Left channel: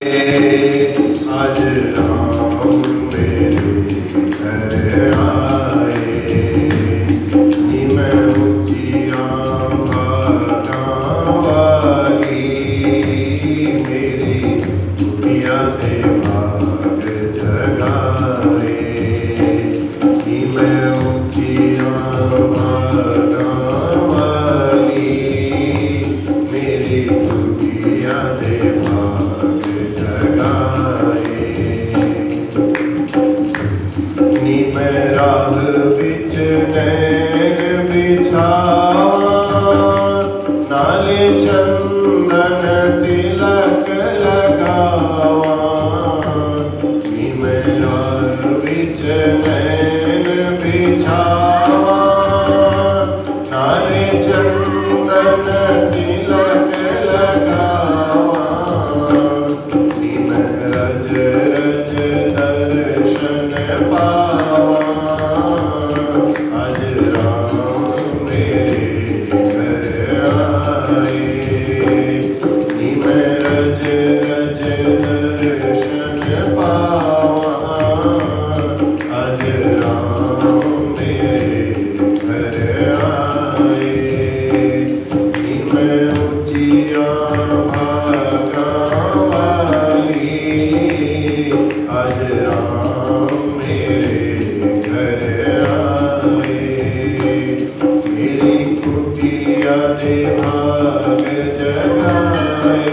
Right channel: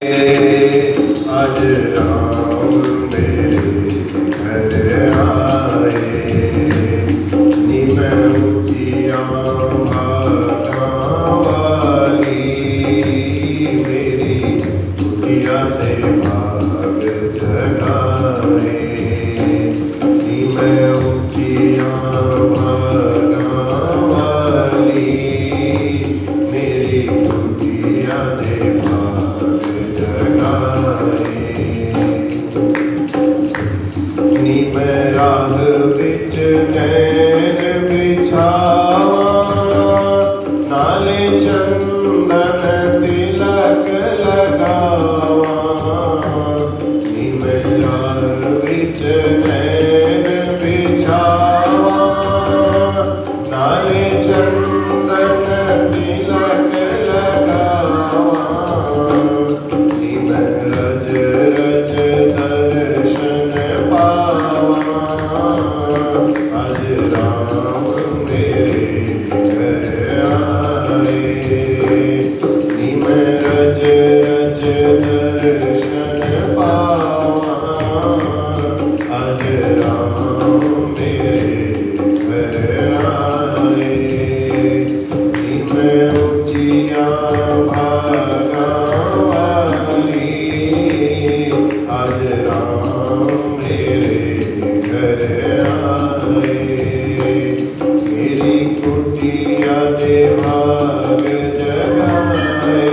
आज राम मेरे घर आए, मैं ऊंचिया भागा वाली, मेरी कुटिया दे भाग जगाए। मैं ऊंचिया भागा वाली, मेरी कुटिया दे भाग जगाए। मैं राह बिच नैन बिछावा, नाले चंदन तिलक लगावा। मैं राह बिच नैन बिछावा, नाले चंदन तिलक लगावा। मैं रज रज दर्शन पावा, आज राम मेरे घर आए। मैं रज रज दर्शन पावा, आज राम मेरे घर आए। मैं ऊंचिया भागा वाली, आज राम मेरे घर आए। मेरी कुटिया दे भाग जगाए,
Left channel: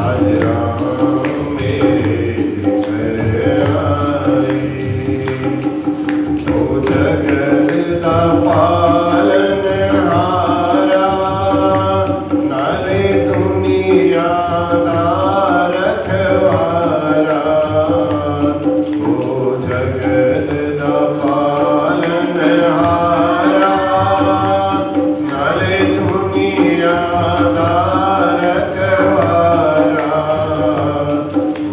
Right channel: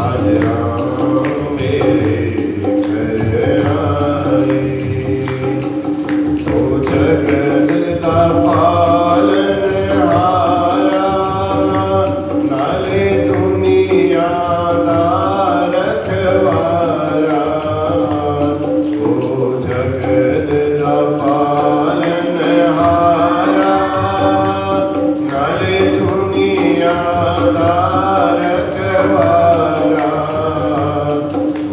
आज राम मेरे घर आए। ओ जगत दा पालनहारा, नाले दुनिया दा रखवारा। ओ जगत दा पालनहारा, नाले दुनिया दा रखवारा।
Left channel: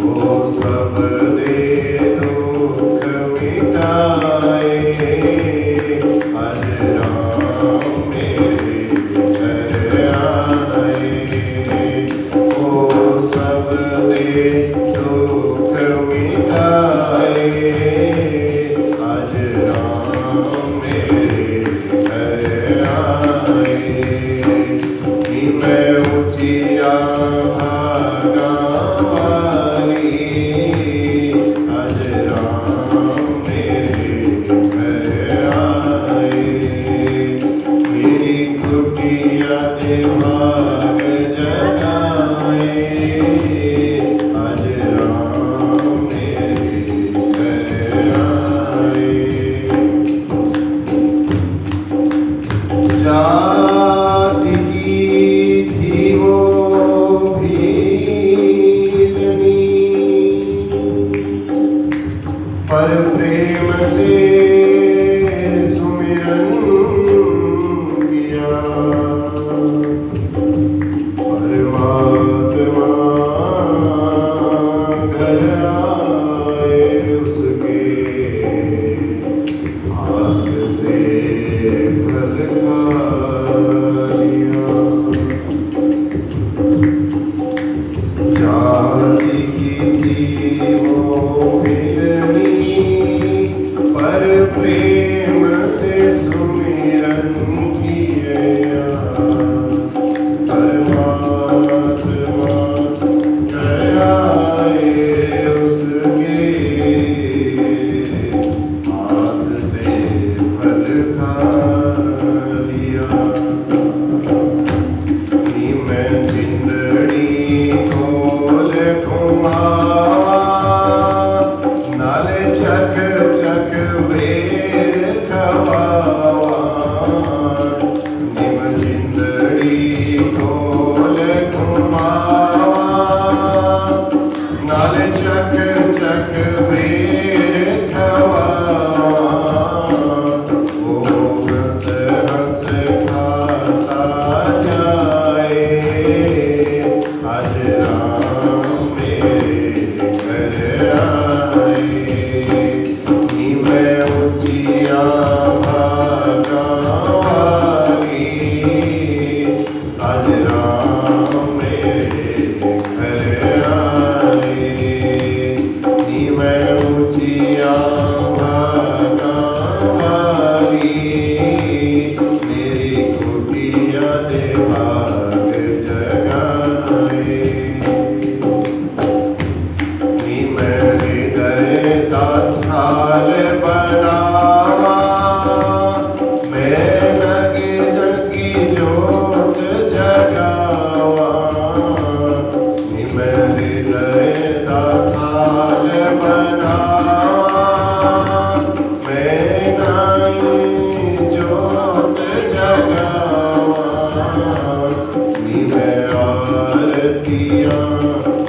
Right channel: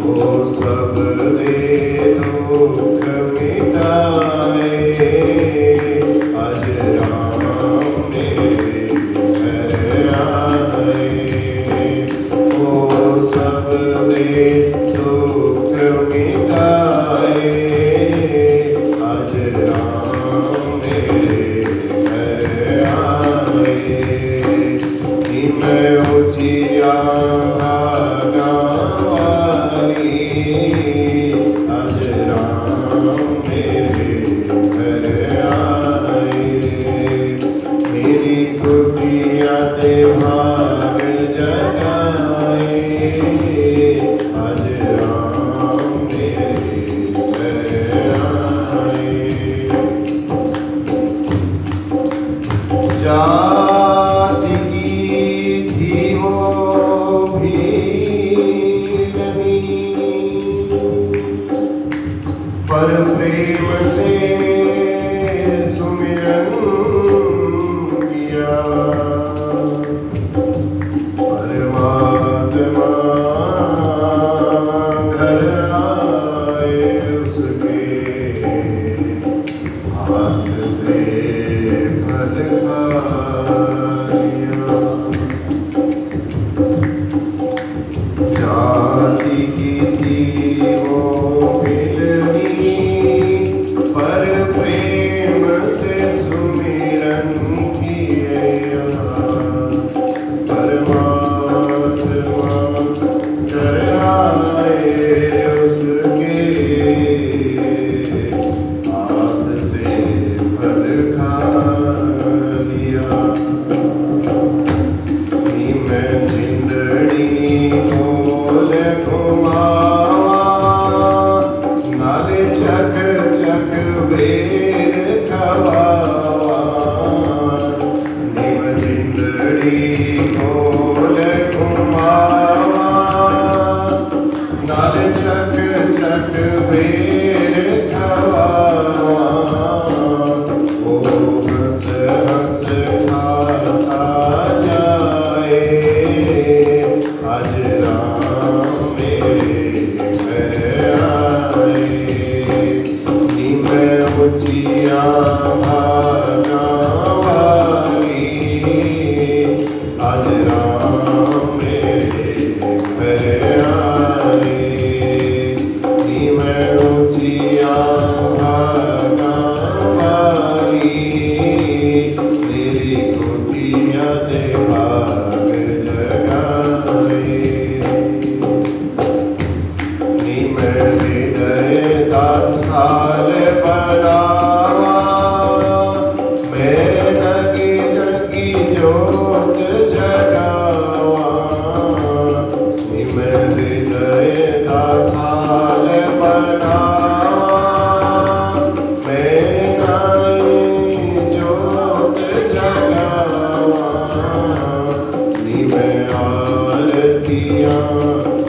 ओ सब दे दुख मिटाए, आज राम मेरे घर आए। ओ सब दे दुख मिटाए, आज राम मेरे घर आए। मैं ऊंचिया भागा वाली, आज राम मेरे घर आए। मेरी कुटिया दे भाग जगाए, आज राम मेरे घर आए। जाति की थी वो भीलनी, पर प्रेम से सुमिरन किया। परमात्मा घर आए, उसके हाथ से फल खा लिया। जाति की थी वो भिलनी, पर प्रेम से सुमिरन किया। परमात्मा घर आए, उसके हाथ से फल खा लिया। मैं जिंदड़ी खोल घुमावा, नाले चक चक बेर खवावा। मैं जिंदड़ी खोल घुमावा, नाले चक चक बेर खवावा। ओ हंस हंस खाता जाए, आज राम मेरे घर आए। मैं ऊंचिया भागा वाली, आज राम मेरे घर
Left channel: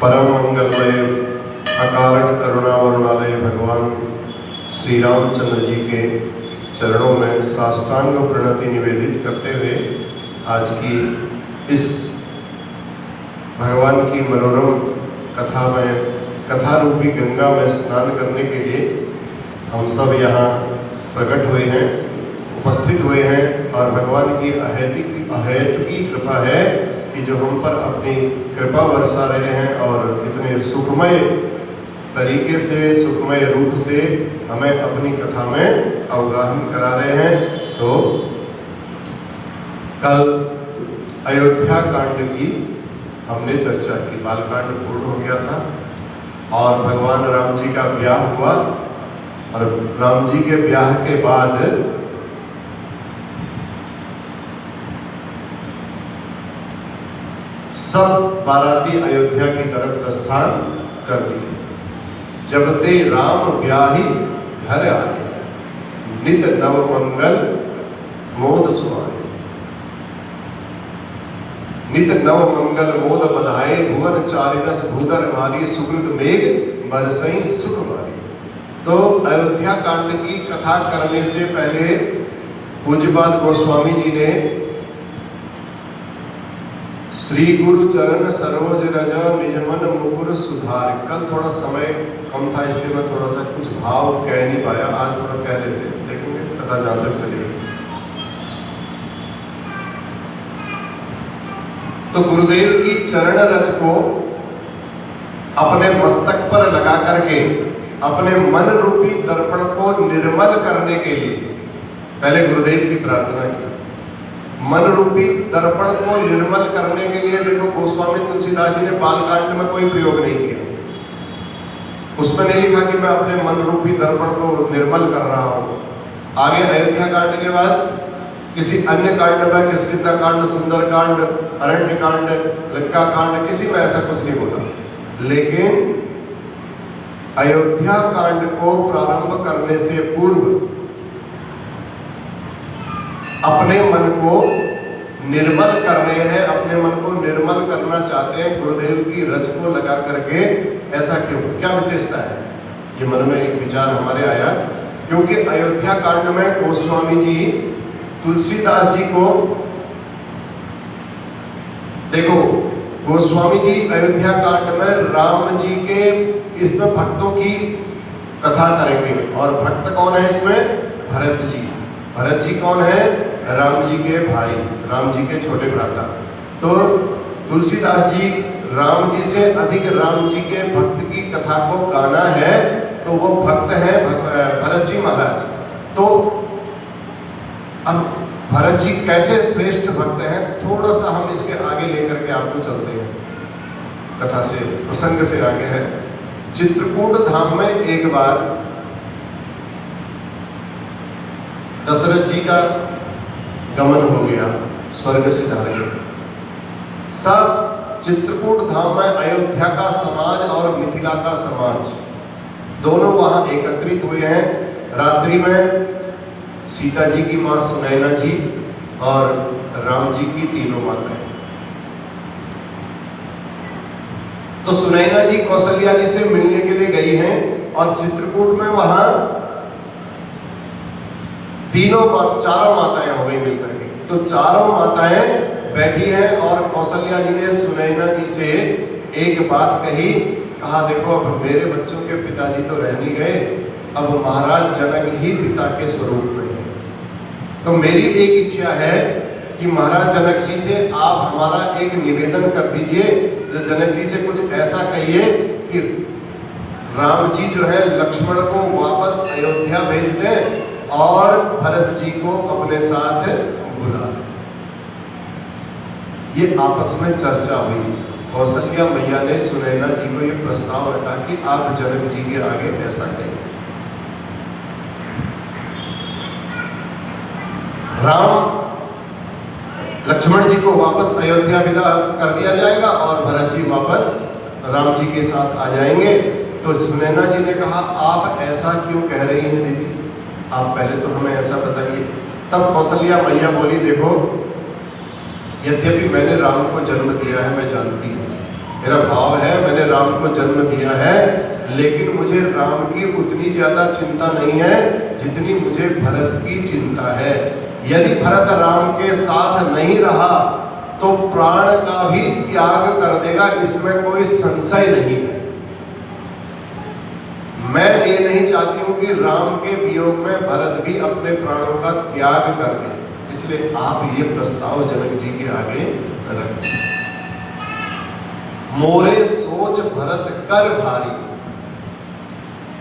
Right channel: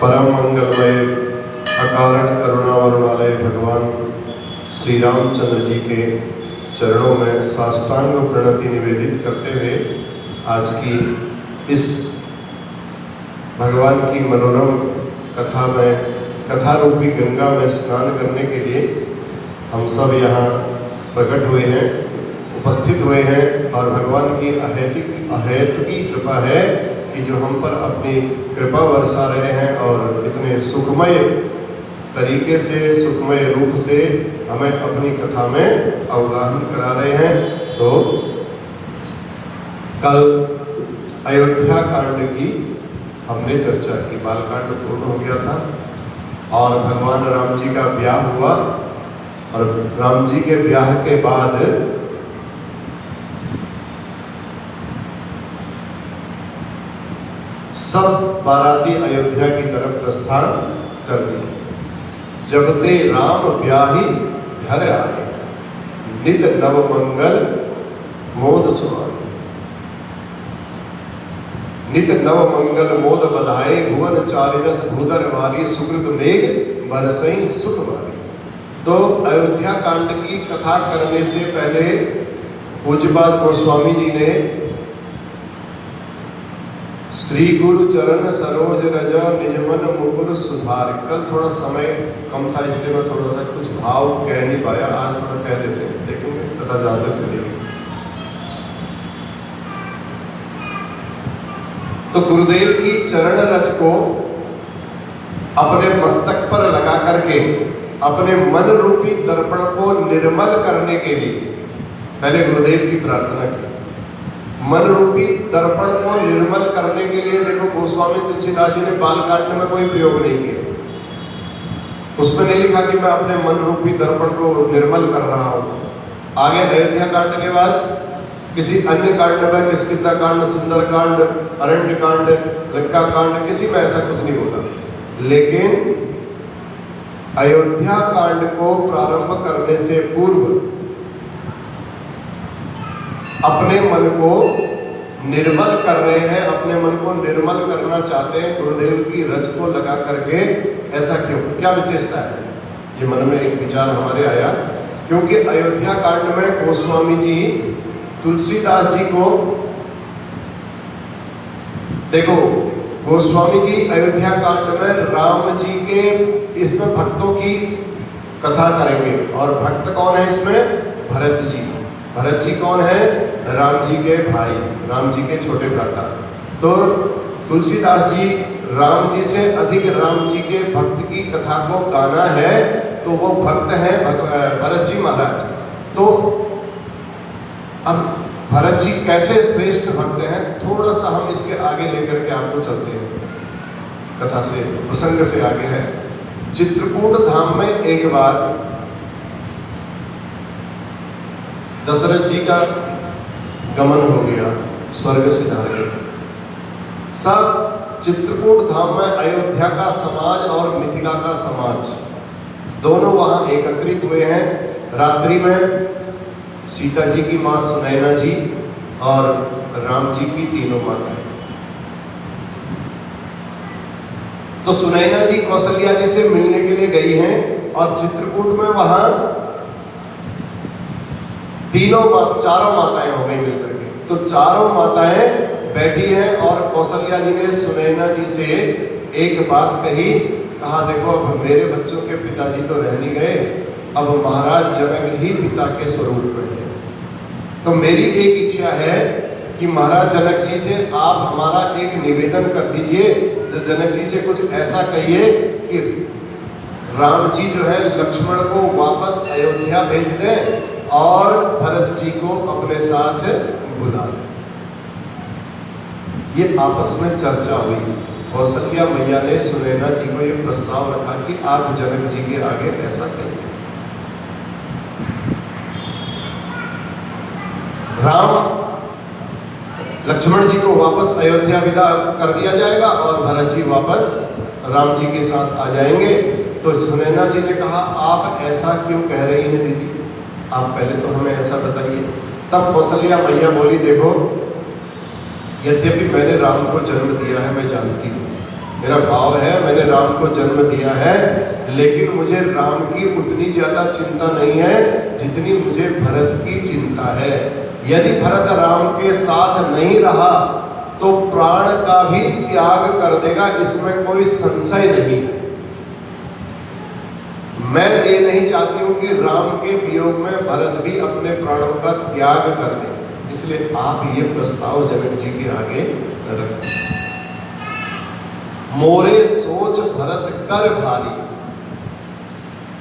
परम मंगलमय अकारण करुणा वरुणालय भगवान श्री रामचंद्र जी के चरणों में साष्टांग प्रणति निवेदित करते हुए आज की इस भगवान की मनोरम कथा रूपी गंगा में स्नान करने के लिए हम सब यहाँ प्रकट हुए हैं, उपस्थित हुए हैं। और भगवान की अहेतुकी कृपा है कि जो हम पर अपनी कृपा बरसा रहे हैं और इतने सुखमय तरीके से, सुखमय रूप से हमें अपनी कथा में अवगाहन करा रहे हैं। तो कल अयोध्या कांड की हमने चर्चा की, बालकांड पूर्ण हो गया था और भगवान राम जी का ब्याह हुआ और राम जी के ब्याह के बाद सब बाराती अयोध्या की तरफ प्रस्थान कर दिए। जब ते राम ब्याही घर आए, नित नव मंगल मोद सुनाए। नित नव मंगल मोद बधाए, भुवन चारिदस भूधर वारी, सुकृत मेघ बरसई सुख मारी। तो अयोध्या कांड की कथा करने से पहले पूज्यपाद गोस्वामी जी ने श्री गुरु चरण सरोज रज निजमन मुकुर सुधार, कल थोड़ा समय कम था इसलिए मैं थोड़ा सा कुछ भाव कह नहीं पाया, आज थोड़ा कह देते हैं, देखेंगे कथा जहां तक चलेगी। तो गुरुदेव की चरण रज को अपने मस्तक पर लगा करके अपने मन रूपी दर्पण को निर्मल करने के लिए पहले गुरुदेव की प्रार्थना की। मन रूपी दर्पण को निर्मल करने के लिए देखो गोस्वामी तुलसीदास जी ने बालकांड में कोई प्रयोग नहीं किया। उसमें नहीं लिखा कि मैं अपने मन रूपी दर्पण को निर्मल कर रहा हूं। आगे अयोध्या कांड के बाद किसी अन्य कांड में, किष्किंधा कांड, सुंदर कांड, अरण्य कांड, लंका कांड, किसी में ऐसा कुछ नहीं होता। लेकिन अयोध्या कांड को प्रारंभ करने से पूर्व अपने मन को निर्मल कर रहे हैं, अपने मन को निर्मल करना चाहते हैं गुरुदेव की रज को लगा करके। ऐसा क्यों, क्या विशेषता है? ये मन में एक विचार हमारे आया, क्योंकि अयोध्या कांड में गोस्वामी जी तुलसीदास जी को, देखो गोस्वामी जी अयोध्या कांड में राम जी के, इसमें भक्तों की कथा करेंगे। और भक्त कौन है इसमें? भरत जी। भरत जी कौन है? राम जी के भाई, राम जी के छोटे भ्राता। तो तुलसीदास जी राम जी से अधिक राम जी के भक्त की कथा को गाना है, तो वो भक्त है भरत जी महाराज। तो अब भरत जी कैसे श्रेष्ठ भक्त हैं, थोड़ा सा हम इसके आगे लेकर के आपको चलते हैं, कथा से, प्रसंग से आगे है। चित्रकूट धाम में एक बार दशरथ जी का गमन हो गया, स्वर्ग सिधार गए। सब चित्रकूट धाम में अयोध्या का समाज और मिथिला का समाज दोनों वहां एकत्रित हुए हैं। रात्रि में सीता जी की मां सुनैना जी और राम जी की तीनों माताएं। तो सुनैना जी कौशल्या जी से मिलने के लिए गई हैं और चित्रकूट में वहां चारों माताएं हो गई मिलकर के। तो चारों माताएं बैठी हैं और कौशल्या जी ने सुनैना जी से एक बात कहा, देखो अब मेरे बच्चों के पिताजी तो रह नहीं गए, अब महाराज जनक ही पिता के स्वरूप में है। तो मेरी एक इच्छा है कि महाराज जनक जी से आप हमारा एक निवेदन कर दीजिए, जो जनक जी से कुछ ऐसा कहिए कि राम जी जो है लक्ष्मण को वापस अयोध्या भेज दें और भरत जी को अपने साथ बुला लें। ये आपस में चर्चा हुई। कौशल्या मैया ने सुनैना जी को ये प्रस्ताव रखा कि आप जनक जी के आगे ऐसा कहिए, लक्ष्मण जी को वापस अयोध्या विदा कर दिया जाएगा और भरत जी वापस राम जी के साथ आ जाएंगे। तो सुनैना जी ने कहा, आप ऐसा क्यों कह रही हैं दीदी, आप पहले तो हमें ऐसा बताइए। तब कौशल्या मैया बोली, देखो यद्यपि मैंने राम को जन्म दिया है, मैं जानती हूँ, मेरा भाव है मैंने राम को जन्म दिया है, लेकिन मुझे राम की उतनी ज्यादा चिंता नहीं है जितनी मुझे भरत की चिंता है। यदि भरत राम के साथ नहीं रहा तो प्राण का भी त्याग कर देगा, इसमें कोई संशय नहीं है। मैं ये नहीं चाहती हूं कि राम के वियोग में भरत भी अपने प्राणों का त्याग कर दे, इसलिए आप ये प्रस्ताव जनक जी के आगे रखें। मोरे सोच भरत कर भारी,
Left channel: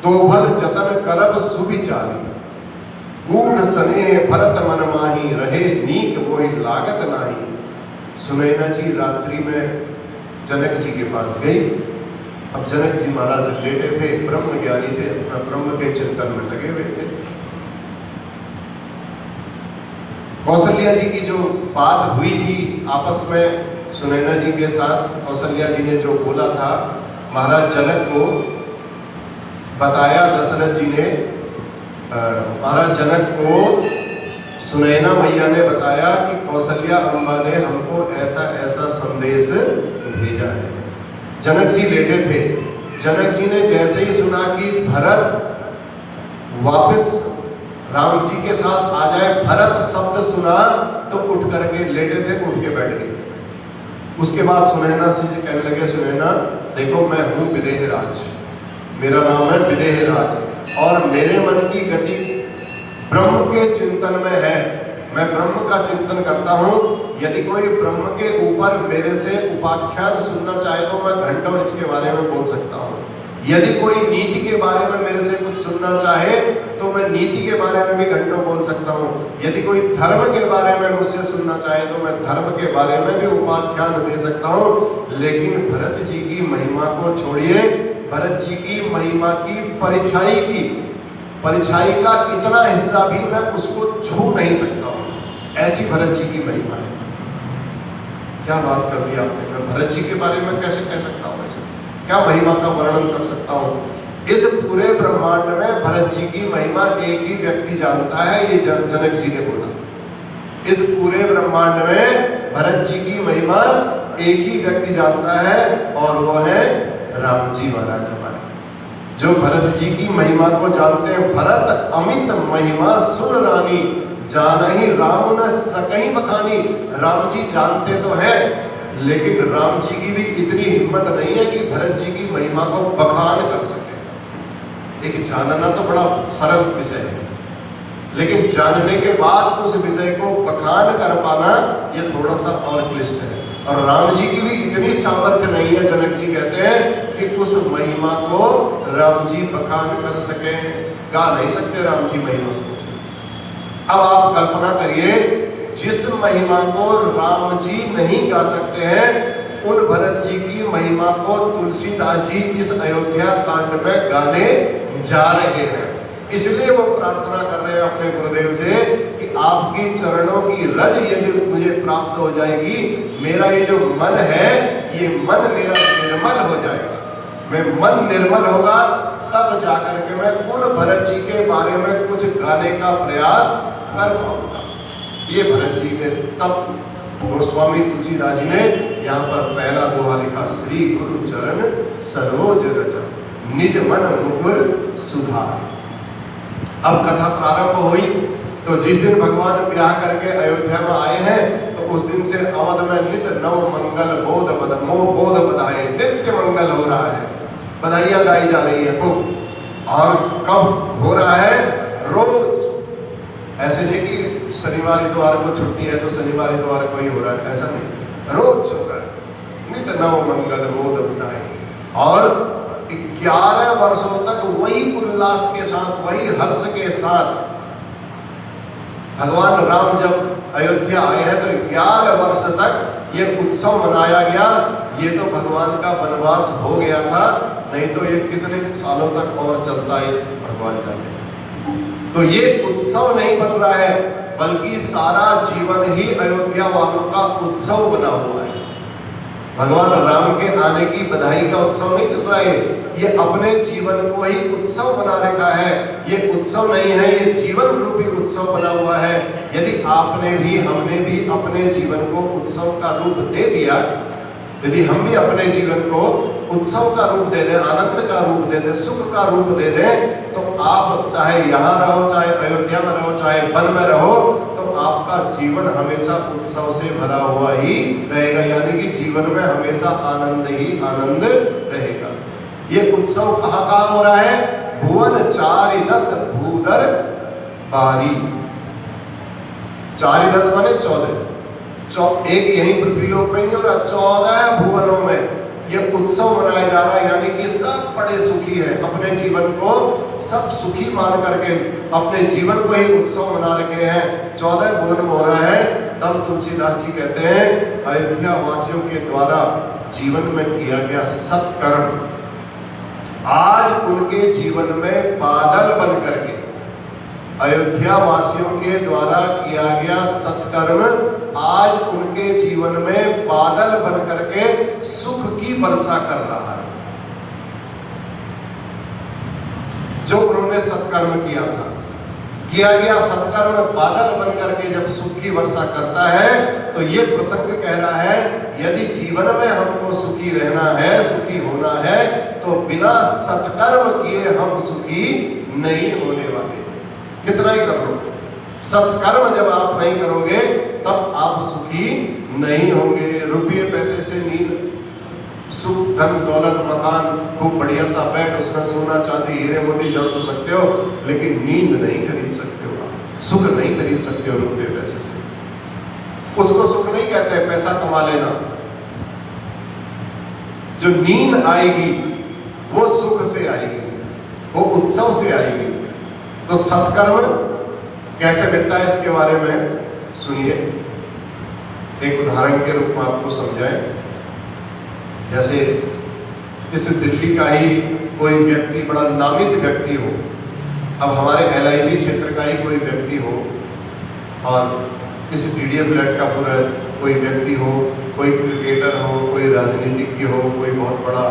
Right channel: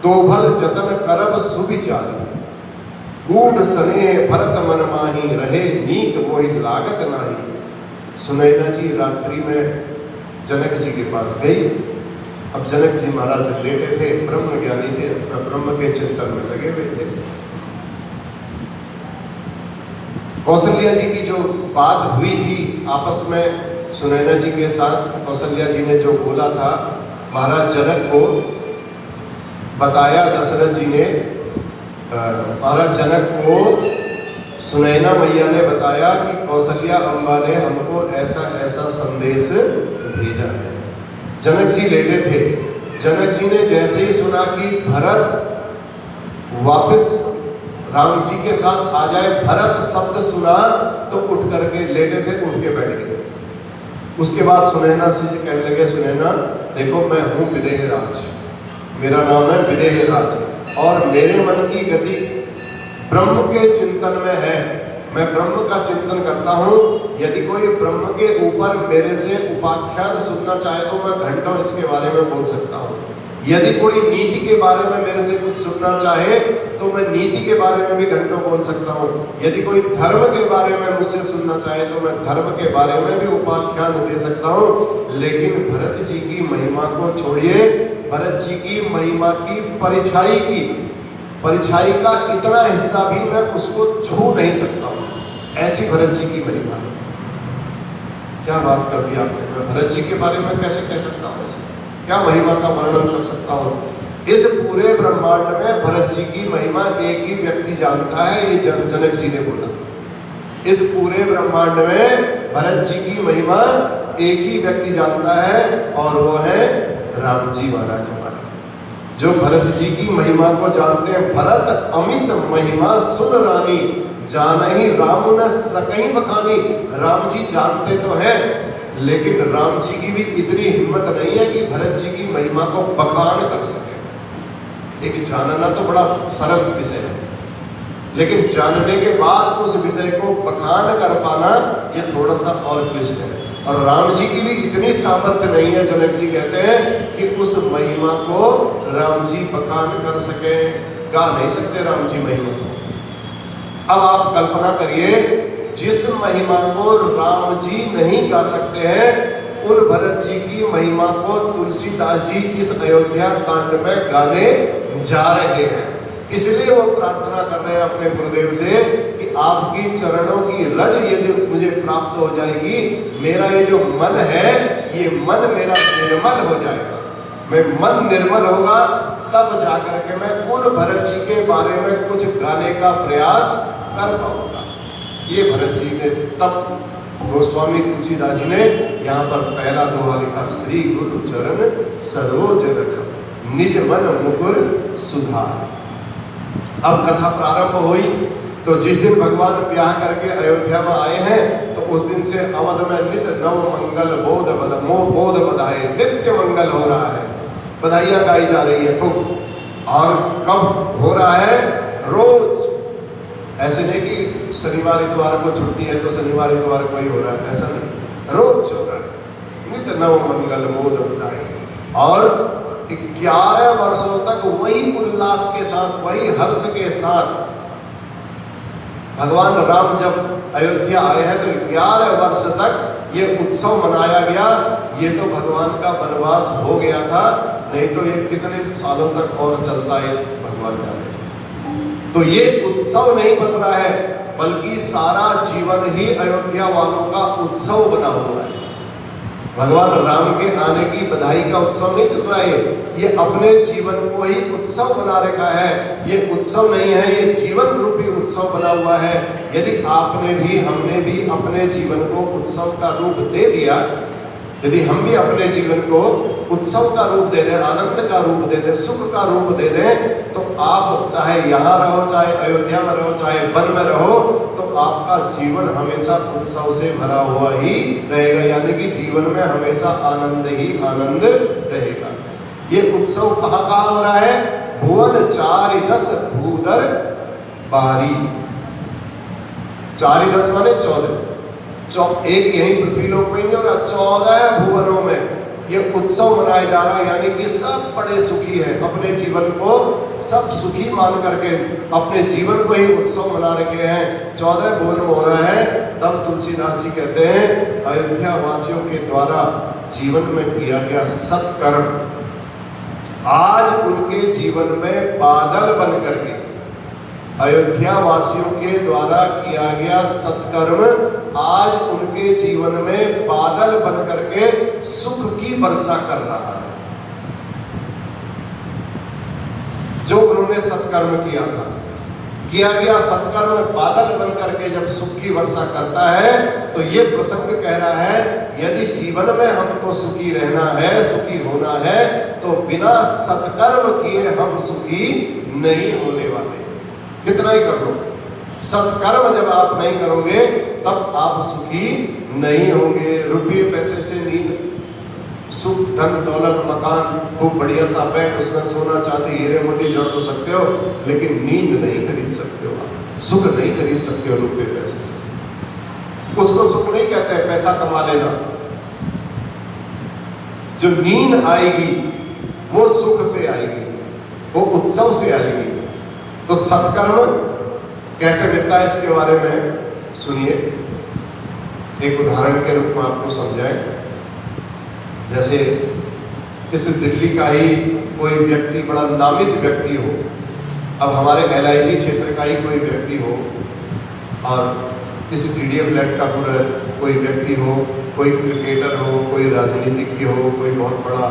तो भल जतन करब सुविचारी। गूढ़ सने भरत मन माही, रहे नीक कोई लागत नाही। सुनैना जी रात्रि में जनक जी के पास गई। अब जनक जी महाराज लेटे थे, ब्रह्म ज्ञानी थे, अपना ब्रह्म के चिंतन में लगे हुए थे। कौशल्या जी की जो बात हुई थी आपस में सुनैना जी के साथ, कौशल्या जी ने जो बोला था महाराज जनक को बताया, दशरथ जी ने महाराज जनक को सुनैना मैया ने बताया कि कौशल्या अम्बा ने हमको ऐसा ऐसा संदेश भेजा है। जनक जी लेटे थे। जनक जी ने जैसे ही सुना कि भरत वापस राम जी के साथ आ जाए, भरत शब्द सुना तो उठ करके लेटे थे, उठ के बैठ गए। उसके बाद सुनैना से कहने लगे, सुनैना देखो मैं हूँ विदेहराज, मेरा नाम है विदेहराज, और मेरे मन की गति ब्रह्म के चिंतन में है। मैं ब्रह्म का चिंतन करता हूँ। यदि कोई ब्रह्म के ऊपर मेरे से उपाख्यान सुनना चाहे तो मैं घंटों इसके बारे में बोल सकता हूँ। यदि कोई नीति के बारे में मेरे से कुछ सुनना चाहे तो मैं नीति के बारे में भी घंटों बोल सकता हूँ। यदि कोई धर्म के बारे में मुझसे सुनना चाहे तो मैं धर्म के बारे में भी उपाख्यान दे सकता हूँ। लेकिन भरत जी की महिमा को छोड़िए, भरत जी की महिमा की परिछाई का इतना हिस्सा भी मैं उसको छू नहीं सकता हूँ। ऐसी भरत जी की महिमा है। क्या बात कर दी आपने, मैं भरत जी के बारे में कैसे कह सकता हूँ, ऐसे क्या महिमा का वर्णन कर सकता हूँ। इस पूरे ब्रह्मांड में भरत जी की महिमा एक ही व्यक्ति जानता है, ये जनक जी ने बोला। इस पूरे ब्रह्मांड में भरत जी की महिमा एक ही व्यक्ति जानता है, और वो है राम जी महाराज हमारे, जो भरत जी की महिमा को जानते हैं। भरत अमित महिमा सुन रानी, जानहि राम न सकहि बखानी। राम जी जानते तो हैं, लेकिन राम जी की भी इतनी हिम्मत नहीं है कि भरत जी की महिमा को बखान कर सके। एक जानना तो बड़ा सरल विषय है, लेकिन जानने के बाद उस विषय को बखान कर पाना ये थोड़ा सा और क्लिष्ट है। और राम जी की भी इतनी सामर्थ्य नहीं है, जनक जी कहते हैं, कि उस महिमा को राम जी बखान कर सके। गा नहीं सकते राम जी महिमा। अब आप कल्पना करिए, जिस महिमा को राम जी नहीं गा सकते हैं, उन भरत जी की महिमा को तुलसीदास जी इस अयोध्या कांड में गाने जा रहे हैं। इसलिए वो प्रार्थना कर रहे हैं अपने गुरुदेव से कि आपकी चरणों की रज ये जो मुझे प्राप्त हो जाएगी, मेरा ये जो मन है, ये मन मेरा निर्मल हो जाएगा। मैं मन निर्मल होगा तब जाकर के मैं उन भरत जी के बारे में कुछ गाने का प्रयास कर पाऊंगा। ये भरत जी ने तब गोस्वामी तुलसीदास जी ने यहाँ पर पहला दोहा लिखा, श्री गुरु चरण सरोज रज निज मन मुकुर सुधार। अब कथा प्रारंभ हुई तो जिस दिन भगवान ब्याह करके अयोध्या में आए हैं, तो उस दिन से अवध में नित्य नव मंगल बोध बधाए, नित्य मंगल हो रहा है, बधाइयां गाई जा रही है खूब। और कब हो रहा है? रोज। ऐसे नहीं कि शनिवार इतवार को छुट्टी है तो शनिवार इतवार को ही हो रहा है, ऐसा नहीं, रोज हो रहा है। नित्य नव मंगल बोध बधाए। और 11 वर्षों तक वही उल्लास के साथ, वही हर्ष के साथ भगवान राम जब अयोध्या आए हैं तो 11 वर्ष तक ये उत्सव मनाया गया। ये तो भगवान का वनवास हो गया था, नहीं तो ये कितने सालों तक और चलता है भगवान जाने। तो ये उत्सव नहीं बन रहा है, बल्कि सारा जीवन ही अयोध्या वालों का उत्सव बना हुआ है। भगवान राम के आने की बधाई का उत्सव नहीं चल रहा है, ये अपने जीवन को ही उत्सव बना रखा है। ये उत्सव नहीं है, ये जीवन रूपी उत्सव बना हुआ है। यदि आपने भी, हमने भी अपने जीवन को उत्सव का रूप दे दिया यदि हम भी अपने जीवन को उत्सव का रूप दे दें, आनंद का रूप दे दें, सुख का रूप दे दें, तो आप चाहे यहाँ रहो, चाहे अयोध्या में रहो, चाहे वन में रहो, तो आपका जीवन हमेशा उत्सव से भरा हुआ ही रहेगा। यानी कि जीवन में हमेशा आनंद ही आनंद रहेगा। ये उत्सव कहाँ कहाँ हो रहा है? भुवन चारि दस भूधर बारी। 4 10 माने 14, एक यही पृथ्वी लोक में और 14 भुवनों में ये उत्सव मनाया जा रहा है। यानी कि सब बड़े सुखी है, अपने जीवन को सब सुखी मान करके अपने जीवन को ही उत्सव मना रखे हैं। 14 भुवन में हो रहा है। तब तुलसीदास जी कहते हैं अयोध्या वासियों के द्वारा जीवन में किया गया सत्कर्म आज उनके जीवन में बादल बन करके, अयोध्या वासियों के द्वारा किया गया सत्कर्म आज उनके जीवन में बादल बन करके सुख की वर्षा कर रहा है। जो उन्होंने सत्कर्म किया था, किया गया सत्कर्म बादल बन करके जब सुख की वर्षा करता है, तो ये प्रसंग कह रहा है यदि जीवन में हमको सुखी रहना है, सुखी होना है, तो बिना सत्कर्म किए हम सुखी नहीं होने वाले। कितना ही कर लो, सत्कर्म जब आप नहीं करोगे तब आप सुखी नहीं होंगे। रुपये पैसे से नींद, सुख, धन, दौलत, मकान, खूब बढ़िया सा बैठ, उसमें सोना चांदी हीरे मोती जड़ तो सकते हो, लेकिन नींद नहीं खरीद सकते हो, आप सुख नहीं खरीद सकते हो रुपये पैसे से। उसको सुख नहीं कहते हैं, पैसा कमा लेना। जो नींद आएगी वो सुख से आएगी, वो उत्सव से आएगी। तो सत्कर्म कैसे मिलता है, इसके बारे में सुनिए। एक उदाहरण के रूप में आपको समझाएं। जैसे इस दिल्ली का ही कोई व्यक्ति, बड़ा नामित व्यक्ति हो, अब हमारे LIG क्षेत्र का ही कोई व्यक्ति हो, और इस PDF फ्लैट का पूरा कोई व्यक्ति हो, कोई क्रिकेटर हो, कोई राजनीतिज्ञ हो, कोई बहुत बड़ा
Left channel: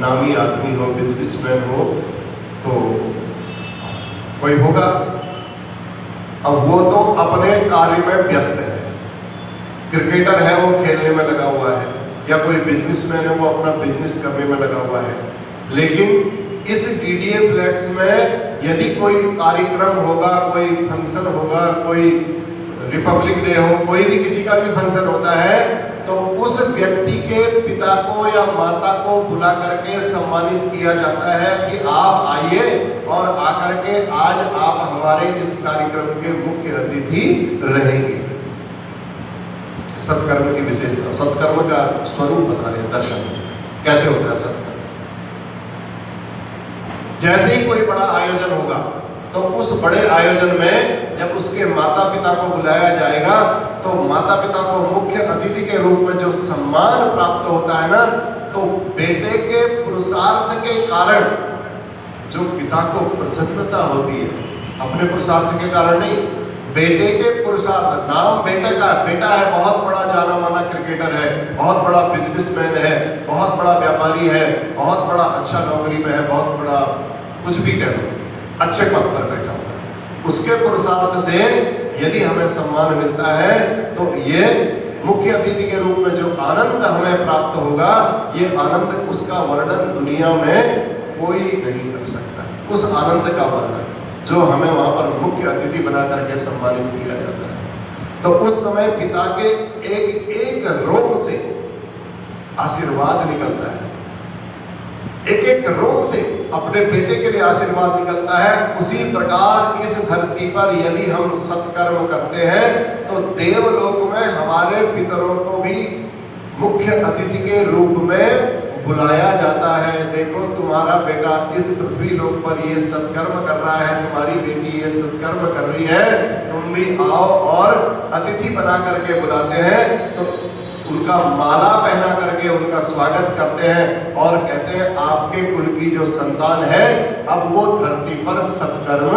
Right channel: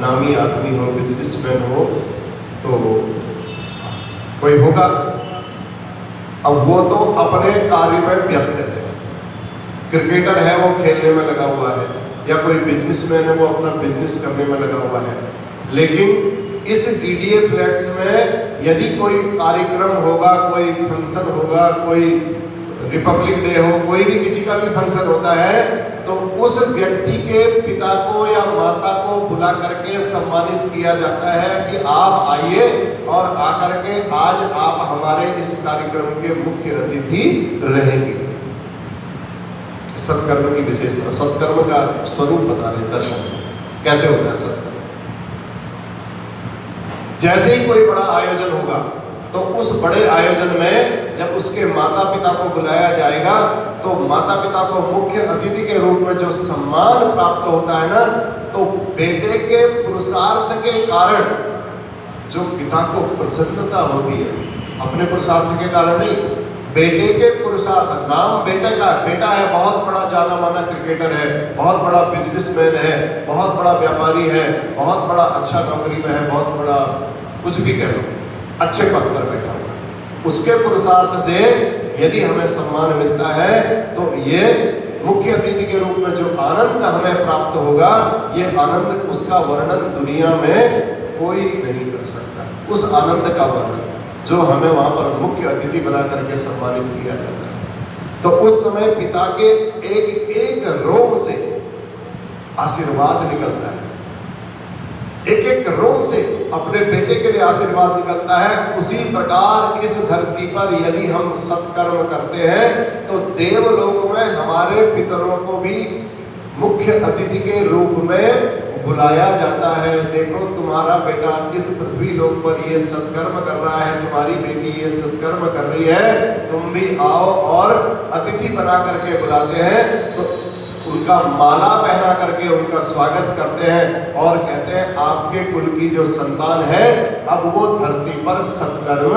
नामी आदमी हो, बिजनेसमैन हो, तो कोई होगा। अब वो तो अपने कार्य में व्यस्त है, क्रिकेटर है वो खेलने में लगा हुआ है, या कोई बिजनेसमैन है वो अपना बिजनेस करने में लगा हुआ है। लेकिन इस DDA फ्लैट्स में यदि कोई कार्यक्रम होगा, कोई फंक्शन होगा, कोई रिपब्लिक डे हो, कोई भी किसी का भी फंक्शन होता है, तो उस व्यक्ति के पिता को या माता को बुला करके सम्मानित किया जाता है कि आप आइए और आकर के आज आप हमारे इस कार्यक्रम के मुख्य अतिथि रहेंगे। सत्कर्म की विशेषता, सत्कर्म का स्वरूप बता रहे, दर्शन कैसे होता है सत्कर्म। जैसे ही कोई बड़ा आयोजन होगा, तो उस बड़े आयोजन में जब उसके माता पिता को बुलाया जाएगा, तो माता पिता को मुख्य अतिथि के रूप में जो सम्मान प्राप्त होता है ना, तो बेटे के पुरुषार्थ के कारण जो पिता को प्रसन्नता होती है, अपने पुरुषार्थ के कारण नहीं, बेटे के पुरुषार्थ। नाम बेटे का, बेटा है बहुत बड़ा जाना माना क्रिकेटर है, बहुत बड़ा बिजनेसमैन है, बहुत बड़ा व्यापारी है, बहुत बड़ा अच्छा नौकरी में है, बहुत बड़ा कुछ भी कह लो, अच्छे पद पर बैठा हुआ है, उसके पुरुषार्थ से यदि हमें सम्मान मिलता है, तो ये मुख्य अतिथि के रूप में जो आनंद हमें प्राप्त होगा, ये आनंद, उसका वर्णन दुनिया में कोई नहीं कर सकता। उस आनंद का वर्णन जो हमें वहां पर मुख्य अतिथि बना करके सम्मानित किया जाता है, तो उस समय पिता के एक एक रोम से आशीर्वाद निकलता है, एक एक रोम से अपने बेटे के लिए आशीर्वाद निकलता है। उसी प्रकार इस धरती पर यदि हम सत्कर्म करते हैं, तो देवलोक में हमारे पितरों को भी मुख्य अतिथि के रूप में बुलाया जाता है। देखो तुम्हारा बेटा इस पृथ्वी लोक पर ये सत्कर्म कर रहा है, तुम्हारी बेटी ये सत्कर्म कर रही है, तुम भी आओ, और अतिथि बना करके बुलाते हैं। तो उनका माला पहना करके उनका स्वागत करते हैं और कहते हैं आपके कुल की जो संतान है, अब वो धरती पर सत्कर्म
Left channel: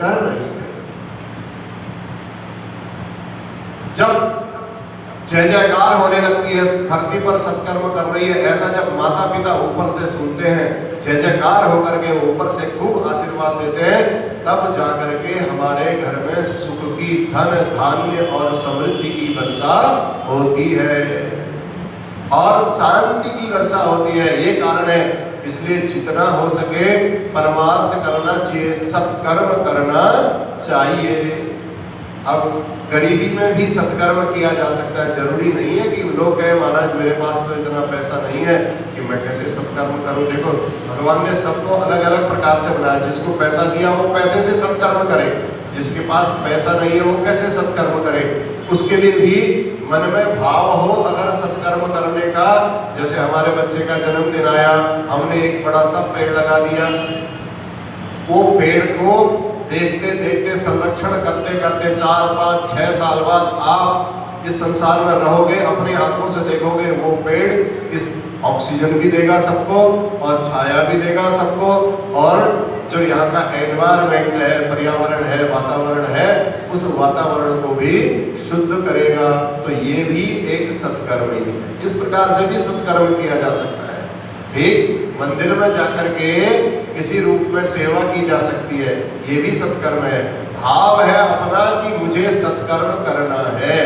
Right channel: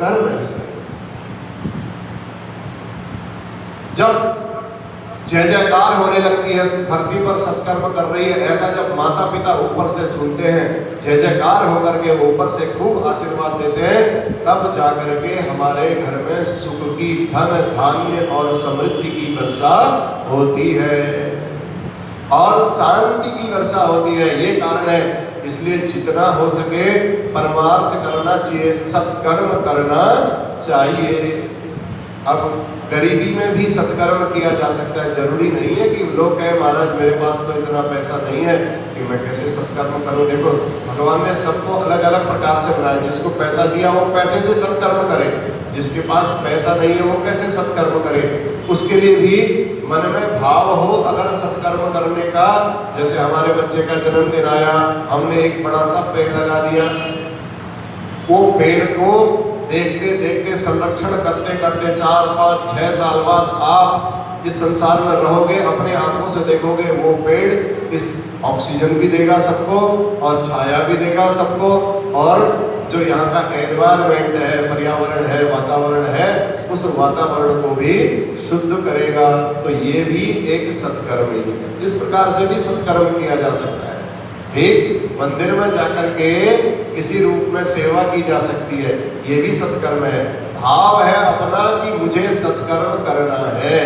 कर रही है। जब जय जयकार होने लगती है, धरती पर सत्कर्म कर रही है, ऐसा जब माता पिता ऊपर से सुनते हैं, जय जयकार होकर के ऊपर से खूब आशीर्वाद देते हैं, तब जाकर के हमारे घर में सुख की, धन धान्य और समृद्धि की वर्षा होती है। और शांति की वर्षा होती है। ये कारण है, इसलिए जितना हो सके परमार्थ करना चाहिए, सत्कर्म करना चाहिए। अब गरीबी में भी सत्कर्म किया जा सकता है। जरूरी नहीं है कि लोग कहें महाराज मेरे पास तो इतना पैसा नहीं है कि मैं कैसे सत्कर्म करूं। देखो भगवान ने सबको अलग अलग प्रकार से बनाया। जिसको पैसा दिया वो पैसे से सत्कर्म करे, जिसके पास पैसा नहीं है वो कैसे सत्कर्म करे। उसके लिए भी मन में भाव हो अगर सत्कर्म करने का। जैसे हमारे बच्चे का जन्मदिन आया, हमने एक बड़ा सा पेड़ लगा दिया। वो पेड़ को देखते देखते संरक्षण करते करते 4, 5, 6 साल बाद आप इस संसार में रहोगे, अपनी आंखों से देखोगे वो पेड़ इस ऑक्सीजन भी देगा सबको और छाया भी देगा सबको, और जो यहाँ का एनवायरनमेंट है, पर्यावरण है, वातावरण है, उस वातावरण को भी शुद्ध करेगा। तो ये भी एक सत्कर्म ही है। इस प्रकार से भी सत्कर्म किया जा सकता है। ठीक, मंदिर में जाकर के किसी रूप में सेवा की जा सकती है, ये भी सत्कर्म है। भाव है अपना कि मुझे सत्कर्म करना है।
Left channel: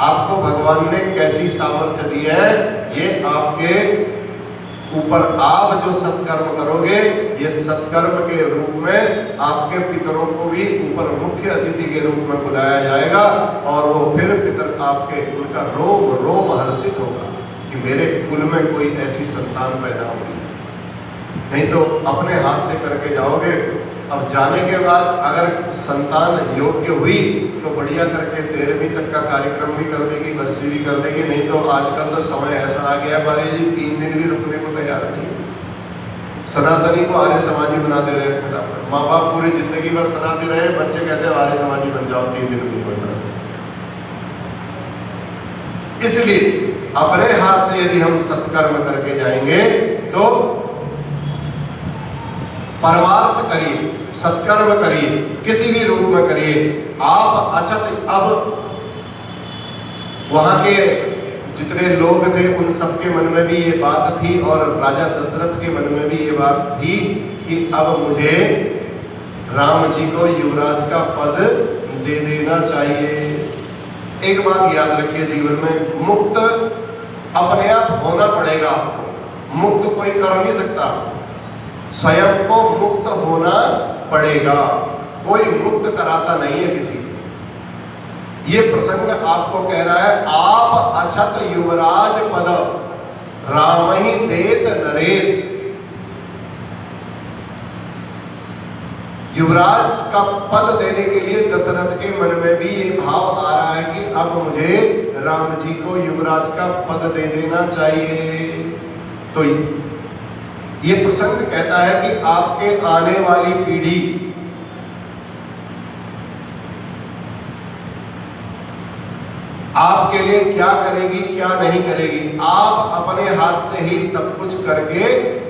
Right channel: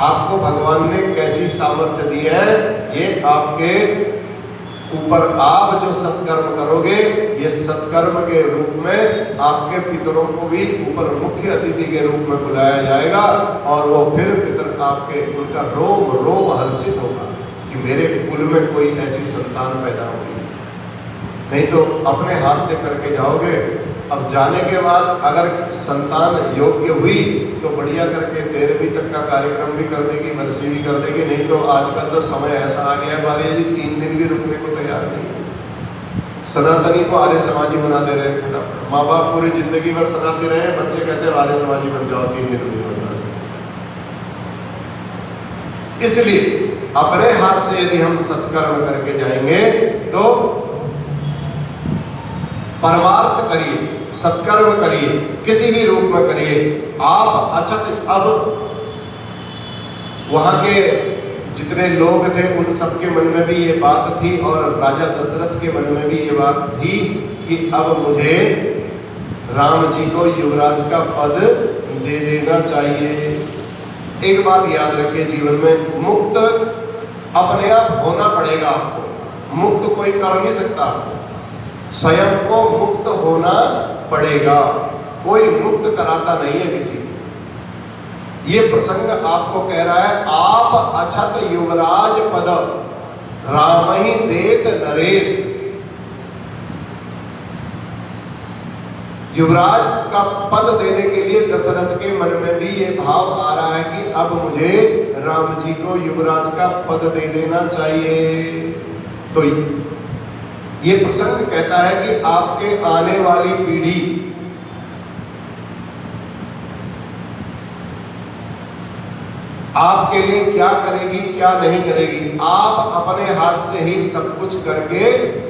आपको भगवान ने कैसी सामर्थ्य दी है, ये आपके ऊपर। आप जो सत्कर्म करोगे, ये सत्कर्म के रूप में आपके पितरों को भी ऊपर मुख्य अतिथि के रूप में बुलाया जाएगा, और वो फिर पितर आपके उनका रोम रोम हर्षित होगा कि मेरे कुल में कोई ऐसी संतान पैदा होगी। नहीं तो अपने हाथ से करके जाओगे। अब जाने के बाद अगर संतान योग्य हुई तो बढ़िया करके 13वीं तक का कार्यक्रम भी कर देगी, बरसी भी कर देगी। नहीं तो आजकल तो समय ऐसा आ गया है बारी जी, 3 दिन भी रुकने को तैयार नहीं है। सनातनी को आर्य समाजी बना दे रहे हैं फटाफट। माँ बाप पूरी जिंदगी भर सनातनी रहे, बच्चे कहते हैं आर्य समाजी बन जाओ 3 दिन रुकने को। इसलिए अपने हाथ से यदि हम सत्कर्म करके जाएंगे तो परमार्थ करिए, सत्कर्म करिए, किसी भी रूप में करिए आप। अच्छा, अब वहां के जितने लोग थे उन सबके मन में भी ये बात थी, और राजा दशरथ के मन में भी ये बात थी कि अब मुझे राम जी को युवराज का पद दे देना चाहिए। एक बात याद रखिए, जीवन में मुक्त अपने आप होना पड़ेगा आपको। मुक्त कोई कर नहीं सकता, स्वयं को मुक्त होना पड़ेगा। कोई मुक्त कराता नहीं है किसी को। ये प्रसंग आपको कह रहा है, आप अछत युवराज पद राम ही देत नरेश। युवराज का पद देने के लिए दशरथ के मन में भी ये भाव आ रहा है कि अब मुझे राम जी को युवराज का पद दे देना चाहिए। तो ये प्रसंग कहता है कि आपके आने वाली पीढ़ी आपके लिए क्या करेगी क्या नहीं करेगी, आप अपने हाथ से ही सब कुछ करके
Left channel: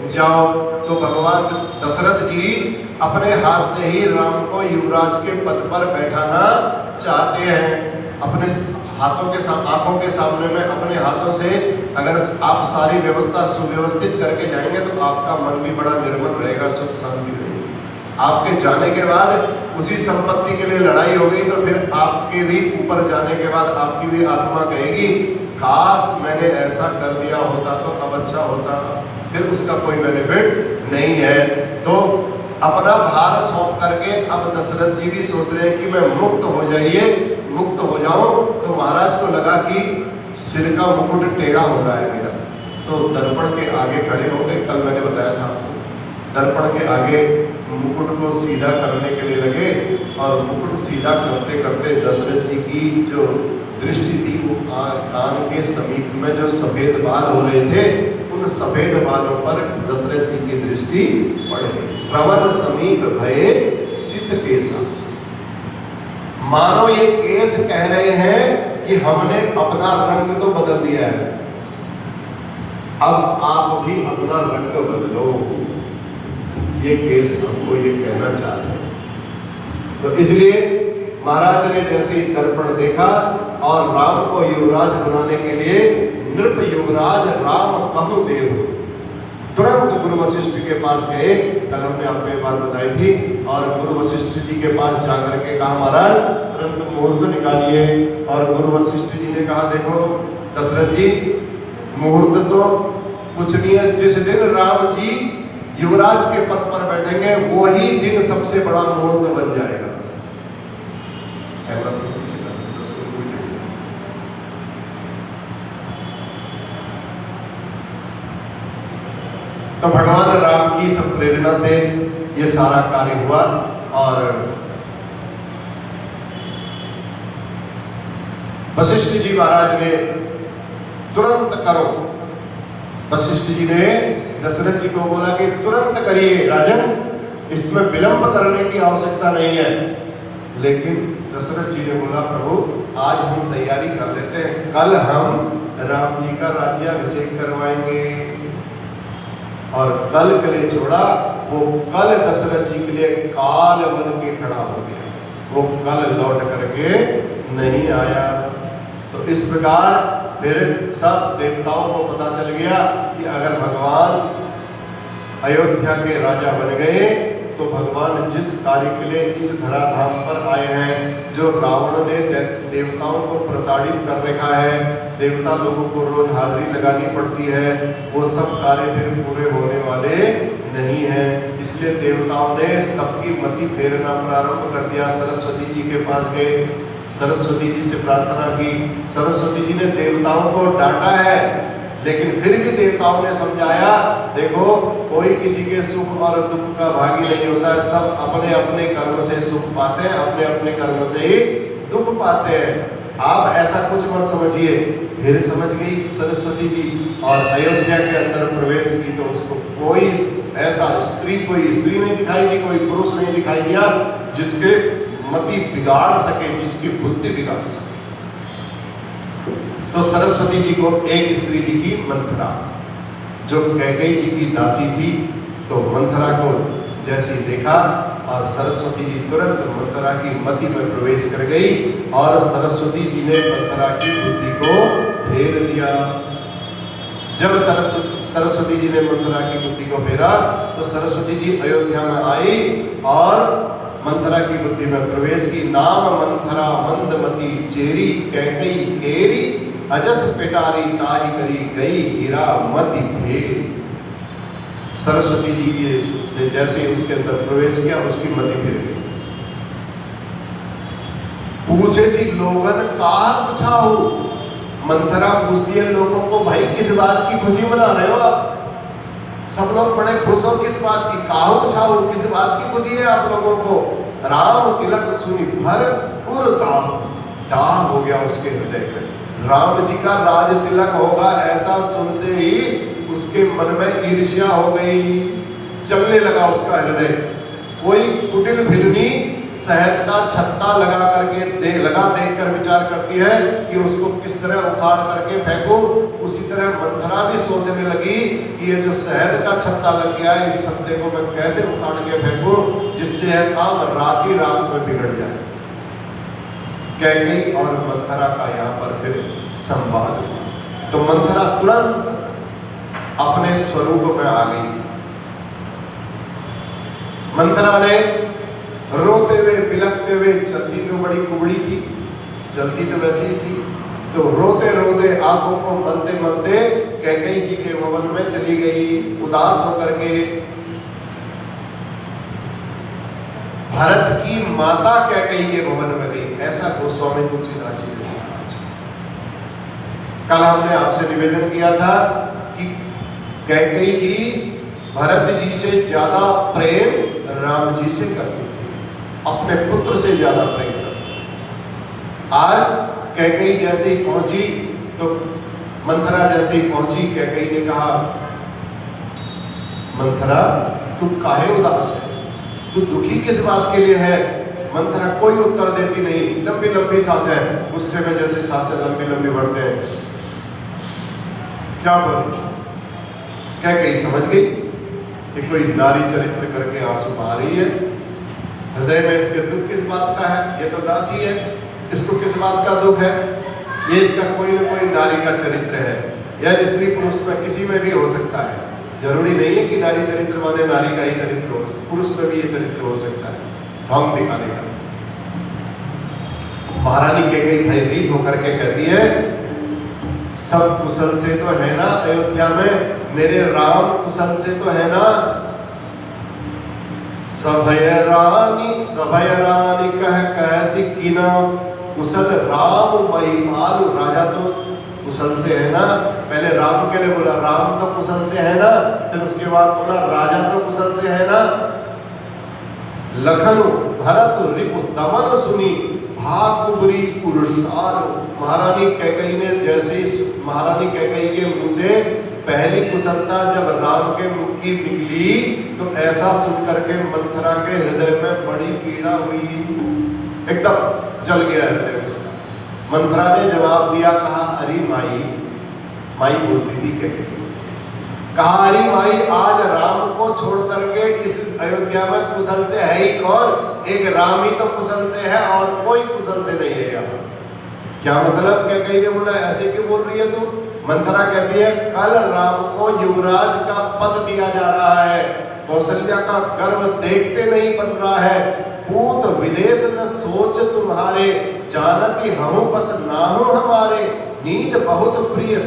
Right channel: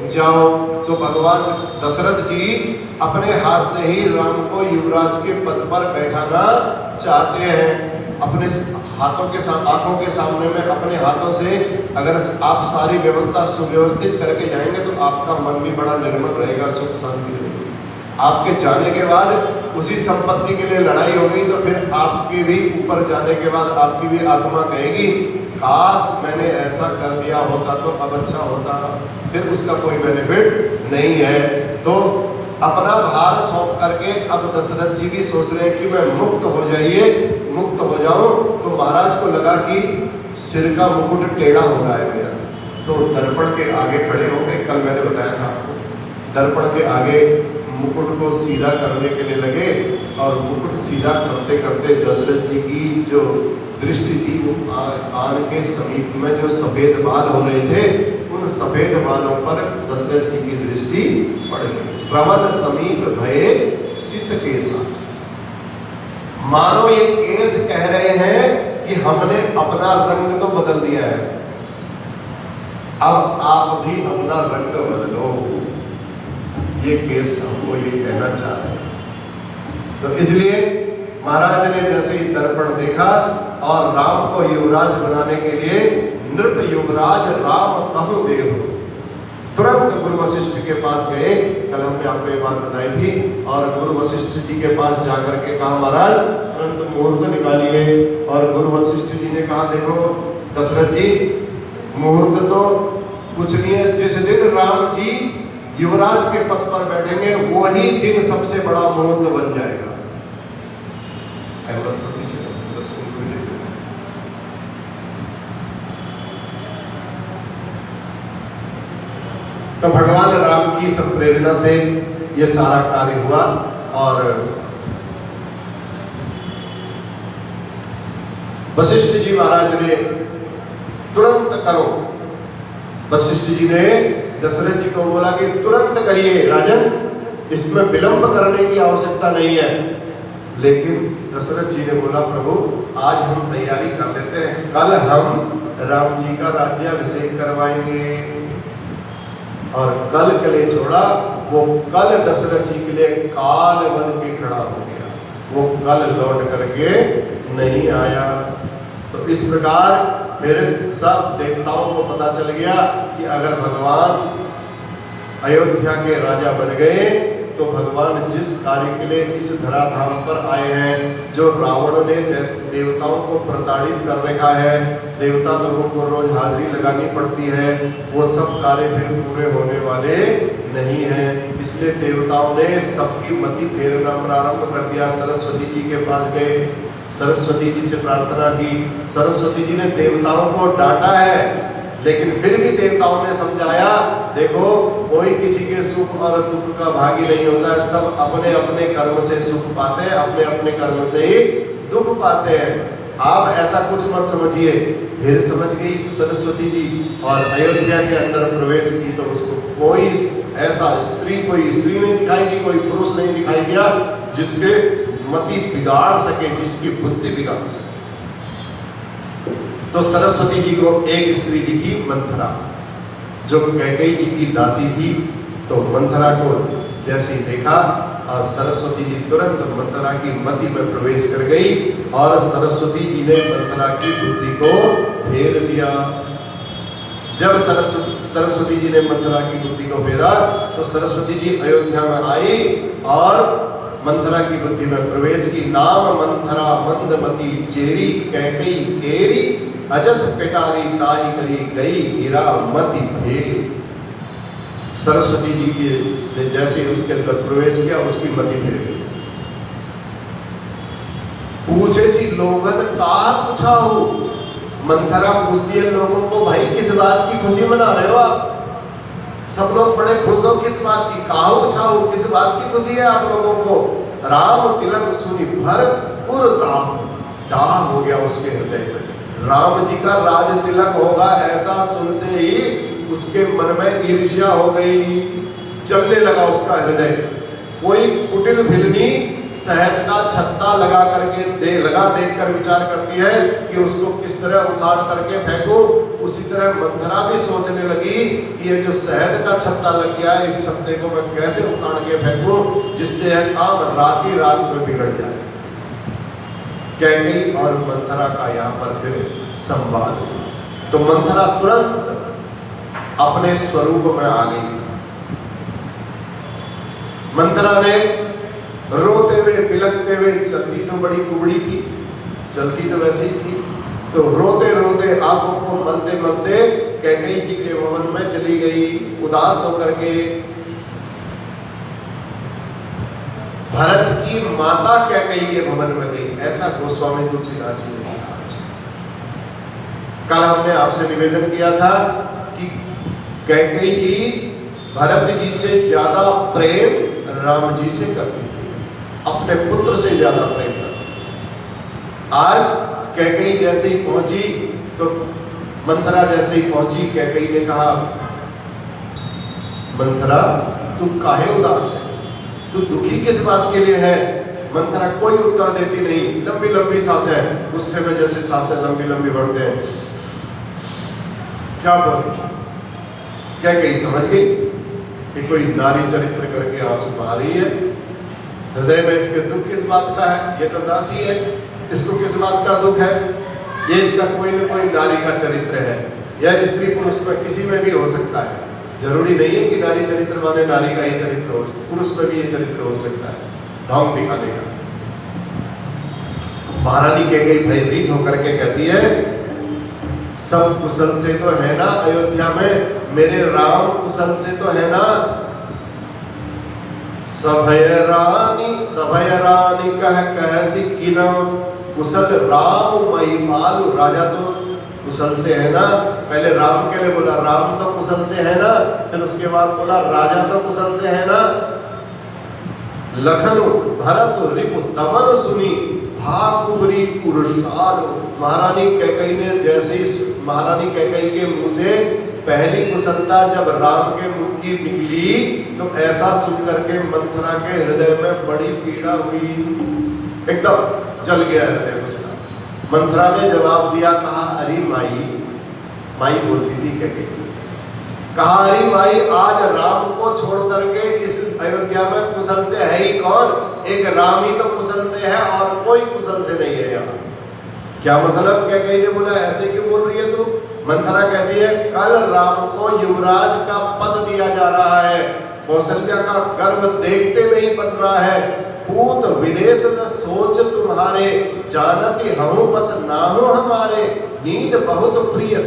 जाओ। तो भगवान दशरथ जी अपने हाथ से ही राम को युवराज के पद पर बैठाना चाहते हैं। अपने हाथों के साथ, आंखों के सामने में अपने हाथों से अगर आप सारी व्यवस्था सुव्यवस्थित करके जाएंगे तो आपका मन भी बड़ा निर्मल रहेगा, सुख शांति रहेगी। आपके जाने के बाद उसी संपत्ति के लिए लड़ाई हो गई तो फिर आपके भी ऊपर जाने के बाद आपकी भी आत्मा कहेगी काश मैंने ऐसा कर दिया होता तो अब अच्छा होता। फिर उसका कोई बेनिफिट नहीं है। तो अपना भार सौंप करके अब दशरथ जी भी सोच रहे हैं कि मैं मुक्त हो जाइए, मुक्त हो जाऊं। तो महाराज को लगा कि सिर का मुकुट टेढ़ा हो रहा है मेरा, तो दर्पण के आगे खड़े हो गए। कल मैंने बताया था आपको, दर्पण के आगे मुकुट को सीधा करने के लिए लगे, और मुकुट सीधा करते करते दशरथ जी की जो दृष्टि थी वो कान के समीप में जो सफेद बाल हो रहे थे उन सफेद बालों पर दशरथ जी की दृष्टि पड़ गई। श्रवण समीप भये सित केसा, मानो ये केस कह रहे हैं कि हमने अपना रंग तो बदल दिया है, अब आप भी अपना रंग बदलो। ये केस हमको ये कहना चाह रहे हैं। तो इसलिए महाराज ने जैसे ही दर्पण देखा और राम को युवराज बनाने के लिए नृप युवराज राम कहूं देव, तुरंत गुरु वशिष्ठ के पास गए। कल हमने आपको ये बात बताई थी। और गुरु वशिष्ठ जी के पास जाकर के कहा महाराज तुरंत मुहूर्त निकालिए। और गुरु वशिष्ठ जी ने कहा देखो दशरथ जी, मुहूर्त तो कुछ नहीं है। जिस दिन राम जी युवराज के पद पर बैठेंगे वही दिन सबसे बड़ा मुहूर्त बन जाएगा। तो भगवान राम की सब प्रेरणा से ये सारा कार्य हुआ और वशिष्ठ जी महाराज ने तुरंत करो। वशिष्ठ जी ने दशरथ जी को बोला कि तुरंत करिए राजन, इसमें विलंब करने की आवश्यकता नहीं है। लेकिन दशरथ जी ने बोला प्रभु आज हम तैयारी कर लेते हैं, कल हम राम जी का राज्याभिषेक करवाएंगे। और कल के लिए छोड़ा, वो कल दशरथ जी के लिए काल बन के खड़ा हो गया, वो कल लौट करके नहीं आया। तो इस प्रकार फिर सब देवताओं को पता चल गया कि अगर भगवान अयोध्या के राजा बन गए तो भगवान जिस कार्य के लिए इस धराधाम पर आए हैं, जो रावण ने देवताओं को प्रताड़ित कर रखा है, देवता लोगों को रोज हाजिरी लगानी पड़ती है, वो सब कार्य फिर पूरे होने वाले नहीं हैं। इसलिए देवताओं ने सबकी मति फेरना प्रारंभ कर दिया। सरस्वती जी के पास गए, सरस्वती जी से प्रार्थना की। सरस्वती जी ने देवताओं को डांटा है, लेकिन फिर भी देवताओं ने समझाया, देखो कोई किसी के सुख और दुख का भागी नहीं होता है, सब अपने अपने कर्म से सुख पाते हैं, अपने अपने कर्म से ही दुख पाते हैं। आप ऐसा कुछ मत समझिए। फिर समझ गई सरस्वती जी और अयोध्या के अंदर प्रवेश की। तो उसको कोई ऐसा कोई स्त्री नहीं दिखाई दी, कोई पुरुष नहीं दिखाई दिया जिसके मति बिगाड़ सके, जिसकी बुद्धि बिगाड़ सके। तो सरस्वती जी को एक स्त्री दिखी, मंथरा, जो कैकेयी जी की दासी थी। तो मंथरा को जैसे ही देखा और सरस्वती जी तुरंत मंथरा की मति में प्रवेश कर गई और सरस्वती जी ने मंथरा की बुद्धि को फेर लिया। जब सरस्वती जी ने मंथरा की बुद्धि को फेरा तो सरस्वती जी अयोध्या में आई और मंथरा की बुद्धि में प्रवेश की। नाम मंथरा मंदमती चेरी कैकेयी केरी, अजस पिटारी ताई करी गई गिरा मति फेर। सरस्वती जी की ने जैसे उसके अंदर प्रवेश किया, उसकी मति फिर गई। पूछे सी लोगन कहा पूछा हो, मंथरा पूछती है लोगों को, भाई किस बात की खुशी मना रहे हो आप? सब लोग बड़े खुश हो, किस बात की? कहा पूछा हो, किस बात की खुशी है आप लोगों को? राम तिलक सुनी भर उर दाह हो गया उसके हृदय में। राम जी का राज तिलक होगा ऐसा सुनते ही उसके मन में ईर्ष्या हो गई, चलने लगा उसका हृदय। कोई कुटिल भिलनी शहद का छत्ता लगा करके देख कर विचार करती है कि उसको किस तरह उखाड़ करके फेंकूं, उसी तरह मंथरा भी सोचने लगी कि ये जो शहद का छत्ता लग गया है, इस छत्ते को मैं कैसे उखाड़ के फेंकूं जिससे यह काम रात ही रात में बिगड़ जाए। कैकेयी और मंथरा का यहाँ पर फिर संवाद हुआ। तो मंथरा तुरंत अपने स्वरूप में आ गई। मंथरा ने रोते हुए बिलखते हुए, चलती तो बड़ी कुबड़ी थी, चलती तो वैसे ही थी, तो रोते रोते आंखों को मलते मलते कैकेयी जी के भवन में चली गई। उदास होकर के भरत की माता कैकेयी के भवन में गई। ऐसा गोस्वामी तुलसीदास जी ने लिखा। कल हमने आपसे निवेदन किया था कि कैकेयी जी भरत जी से ज्यादा प्रेम राम जी से करती थी, अपने पुत्र से ज्यादा प्रेम करती थी। आज कैकेयी जैसे ही पहुंची तो मंथरा जैसे ही पहुंची, कैकेयी ने कहा, मंथरा तू काहे उदास है, तू दुखी किस बात के लिए है? मंथरा कोई उत्तर देती नहीं, लंबी लंबी सांसें, गुस्से में जैसे सांसें लंबी लंबी बढ़ते हैं। क्या बोले? कैकेयी समझ गई कि कोई नारी चरित्र करके आंसू बहा रही है, हृदय में इसके दुख किस बात का है? ये तो दासी है, इसको किस बात का दुख है? ये इसका कोई न कोई नारी का चरित्र है। यह स्त्री पुरुष में किसी में भी हो सकता है, जरूरी नहीं है कि नारी चरित्र माने नारी का ही चरित्र हो, पुरुष में भी ये चरित्र हो सकता है, ढोंग दिखाने का। महारानी कैकेयी भयभीत होकर के कहती है, सब कुशल से तो है ना अयोध्या में, मेरे राम कुशल से तो है ना। सभय रानी कह सिक्किना, कुशल राम महिपाल, राजा तो कुशल से है ना। पहले राम के लिए बोला राम तो कुशल से है ना, फिर उसके बाद बोला राजा तो कुशल से है ना। लखनु भरत रिपु दमन सुनी, भाकुबरी पुरुषालो। महारानी कैकेयी ने जैसे ही महारानी कैकेयी के मुंह से पहली कुशलता जब राम के मुख की निकली, तो ऐसा सुन करके मंथरा के हृदय में बड़ी पीड़ा हुई, एकदम जल गया हृदय उसका। मंथरा ने जवाब दिया, कहा अरे माई, माई बोलती थी कैकेयी, कहा अरे माई, आज राम को छोड़ करके इस अयोध्या में कुशल से है ही कौन? एक राम ही तो कुशल से है और कोई कुशल से नहीं है यहाँ। क्या मतलब? कैकेयी ने बोला ऐसे क्यों बोल रही है तू? मंथरा कहती है, कल राम को युवराज का पद दिया जा रहा है, कौशल्या का गर्व देखते नहीं बन रहा है। पूत विदेश न सोच तुम्हारे, जानती हूँ बस नाहु हमारे। नींद बहुत प्रिय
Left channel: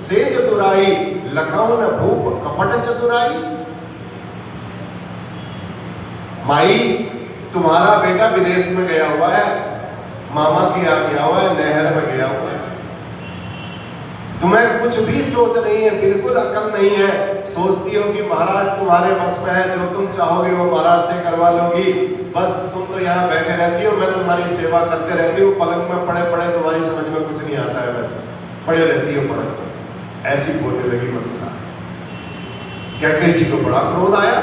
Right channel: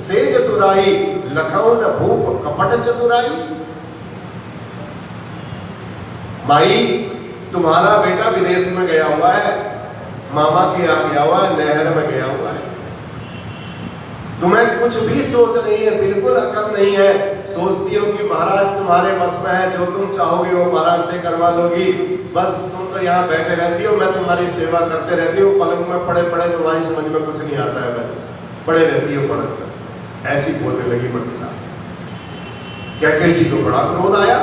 से चतुराई, लखऊ न भूप कपट चतुराई। माई, तुम्हारा बेटा विदेश में गया हुआ है, मामा के यहाँ गया हुआ है, नहर में गया हुआ है। तुम्हें कुछ भी सोच नहीं है, बिल्कुल अकल नहीं है। सोचती हो कि महाराज तुम्हारे बस में है, जो तुम चाहोगे वो महाराज से करवा लोगी। बस तुम तो यहाँ बैठे रहती हो, मैं तुम्हारी सेवा करते रहती हूँ, पलंग में पड़े पड़े तुम्हारी समझ में कुछ नहीं आता है, बस पड़े रहती हो पलंग में। ऐसी बोलने लगी मंथरा। कैकेयी जी को बड़ा क्रोध आया।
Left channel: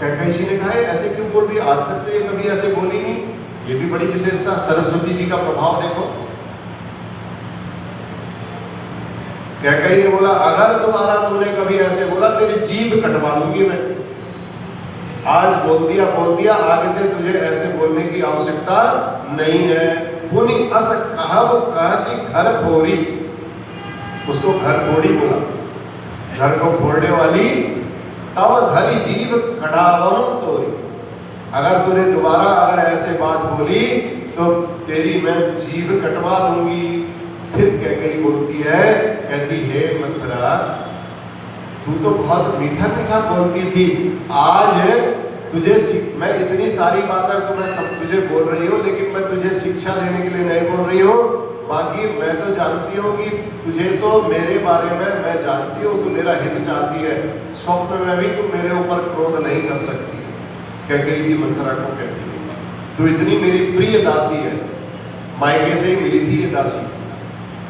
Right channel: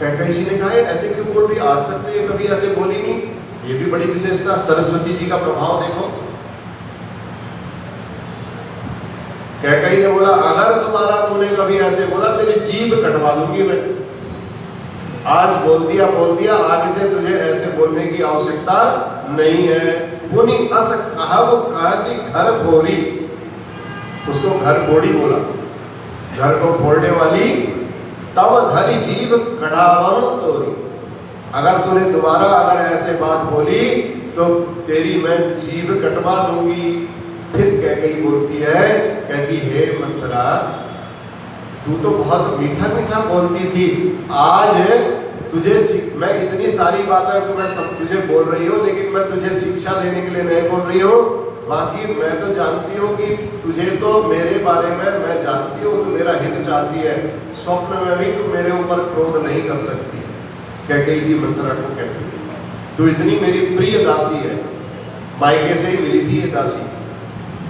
कैकेयी जी ने कहा ऐसे क्यों बोल रही, आज तक तो ये कभी ऐसे बोली नहीं। ये भी बड़ी विशेषता, सरस्वती जी का प्रभाव देखो। कैकेयी ने बोला, अगर तुम्हारा तूने कभी ऐसे बोला तेरी जीभ कटवा दूंगी मैं। आज बोल दिया, आगे से तुझे ऐसे बोलने की आवश्यकता नहीं है। पुनि अस कहब कहसी घर भोरी, उसको घर बोड़ी बोला, घर को फोड़ने वाली। तब धरी जीभ कढ़ावम तोरी, अगर तूने दोबारा अगर ऐसे बात बोली तो तेरी मैं जीभ कटवा दूंगी। फिर कैकेयी बोलती है, कहती है मंथरा, तू तो बहुत मीठा मीठा बोलती थी, आज तुझे मैं इतनी सारी बातें तो मैं सब तुझे बोल रही हूँ, लेकिन मैं तुझे शिक्षा देने के लिए नहीं बोल रही हूँ। बाकी मैं तो जानती हूँ कि तुझे तो मेरे बारे में मैं जानती हूँ, तू मेरा हित चाहती है, स्वप्न में भी तू मेरे ऊपर क्रोध नहीं कर सकती है। कैकेयी जी मंथरा को कहती है, तू इतनी मेरी प्रिय दासी है, मायके से ही मिली थी ये दासी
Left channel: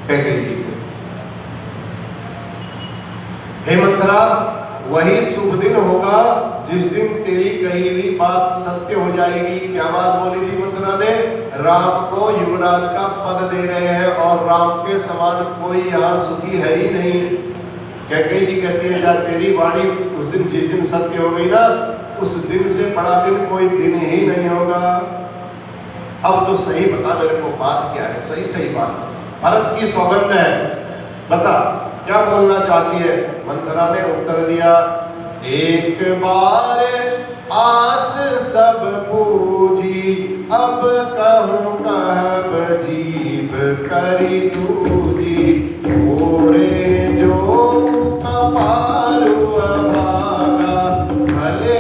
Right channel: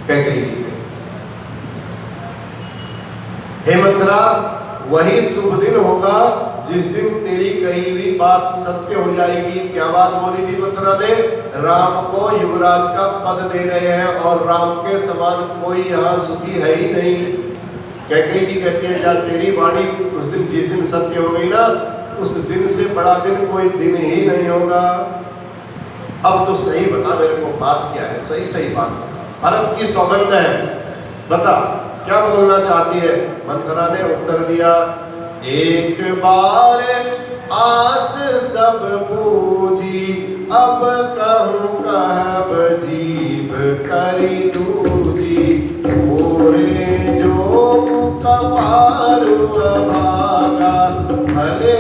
कैकेयी जी को। हे मंथरा, वही शुभ दिन होगा जिस दिन तेरी कही हुई बात सत्य हो जाएगी। क्या बात बोली थी मंथरा ने? राम को युवराज का पद दे रहे हैं और राम के समान कोई यहाँ सुखी है ही नहीं। कैकेयी जी कहते हैं, जब तेरी वाणी उस दिन जिस दिन सत्य हो गई ना, उस दिन से बड़ा दिन कोई दिन ही नहीं होगा। अब तो सही बता मेरे को, बात क्या है? सही सही बात बता, भरत की सौगंध है, बता क्या बोलना चाहती है? मंथरा ने उत्तर दिया, एक बार आस सब पूजी, अब कहूँ कहब जीभ करी दूजी। ओरे जो कपारु अभागा, भले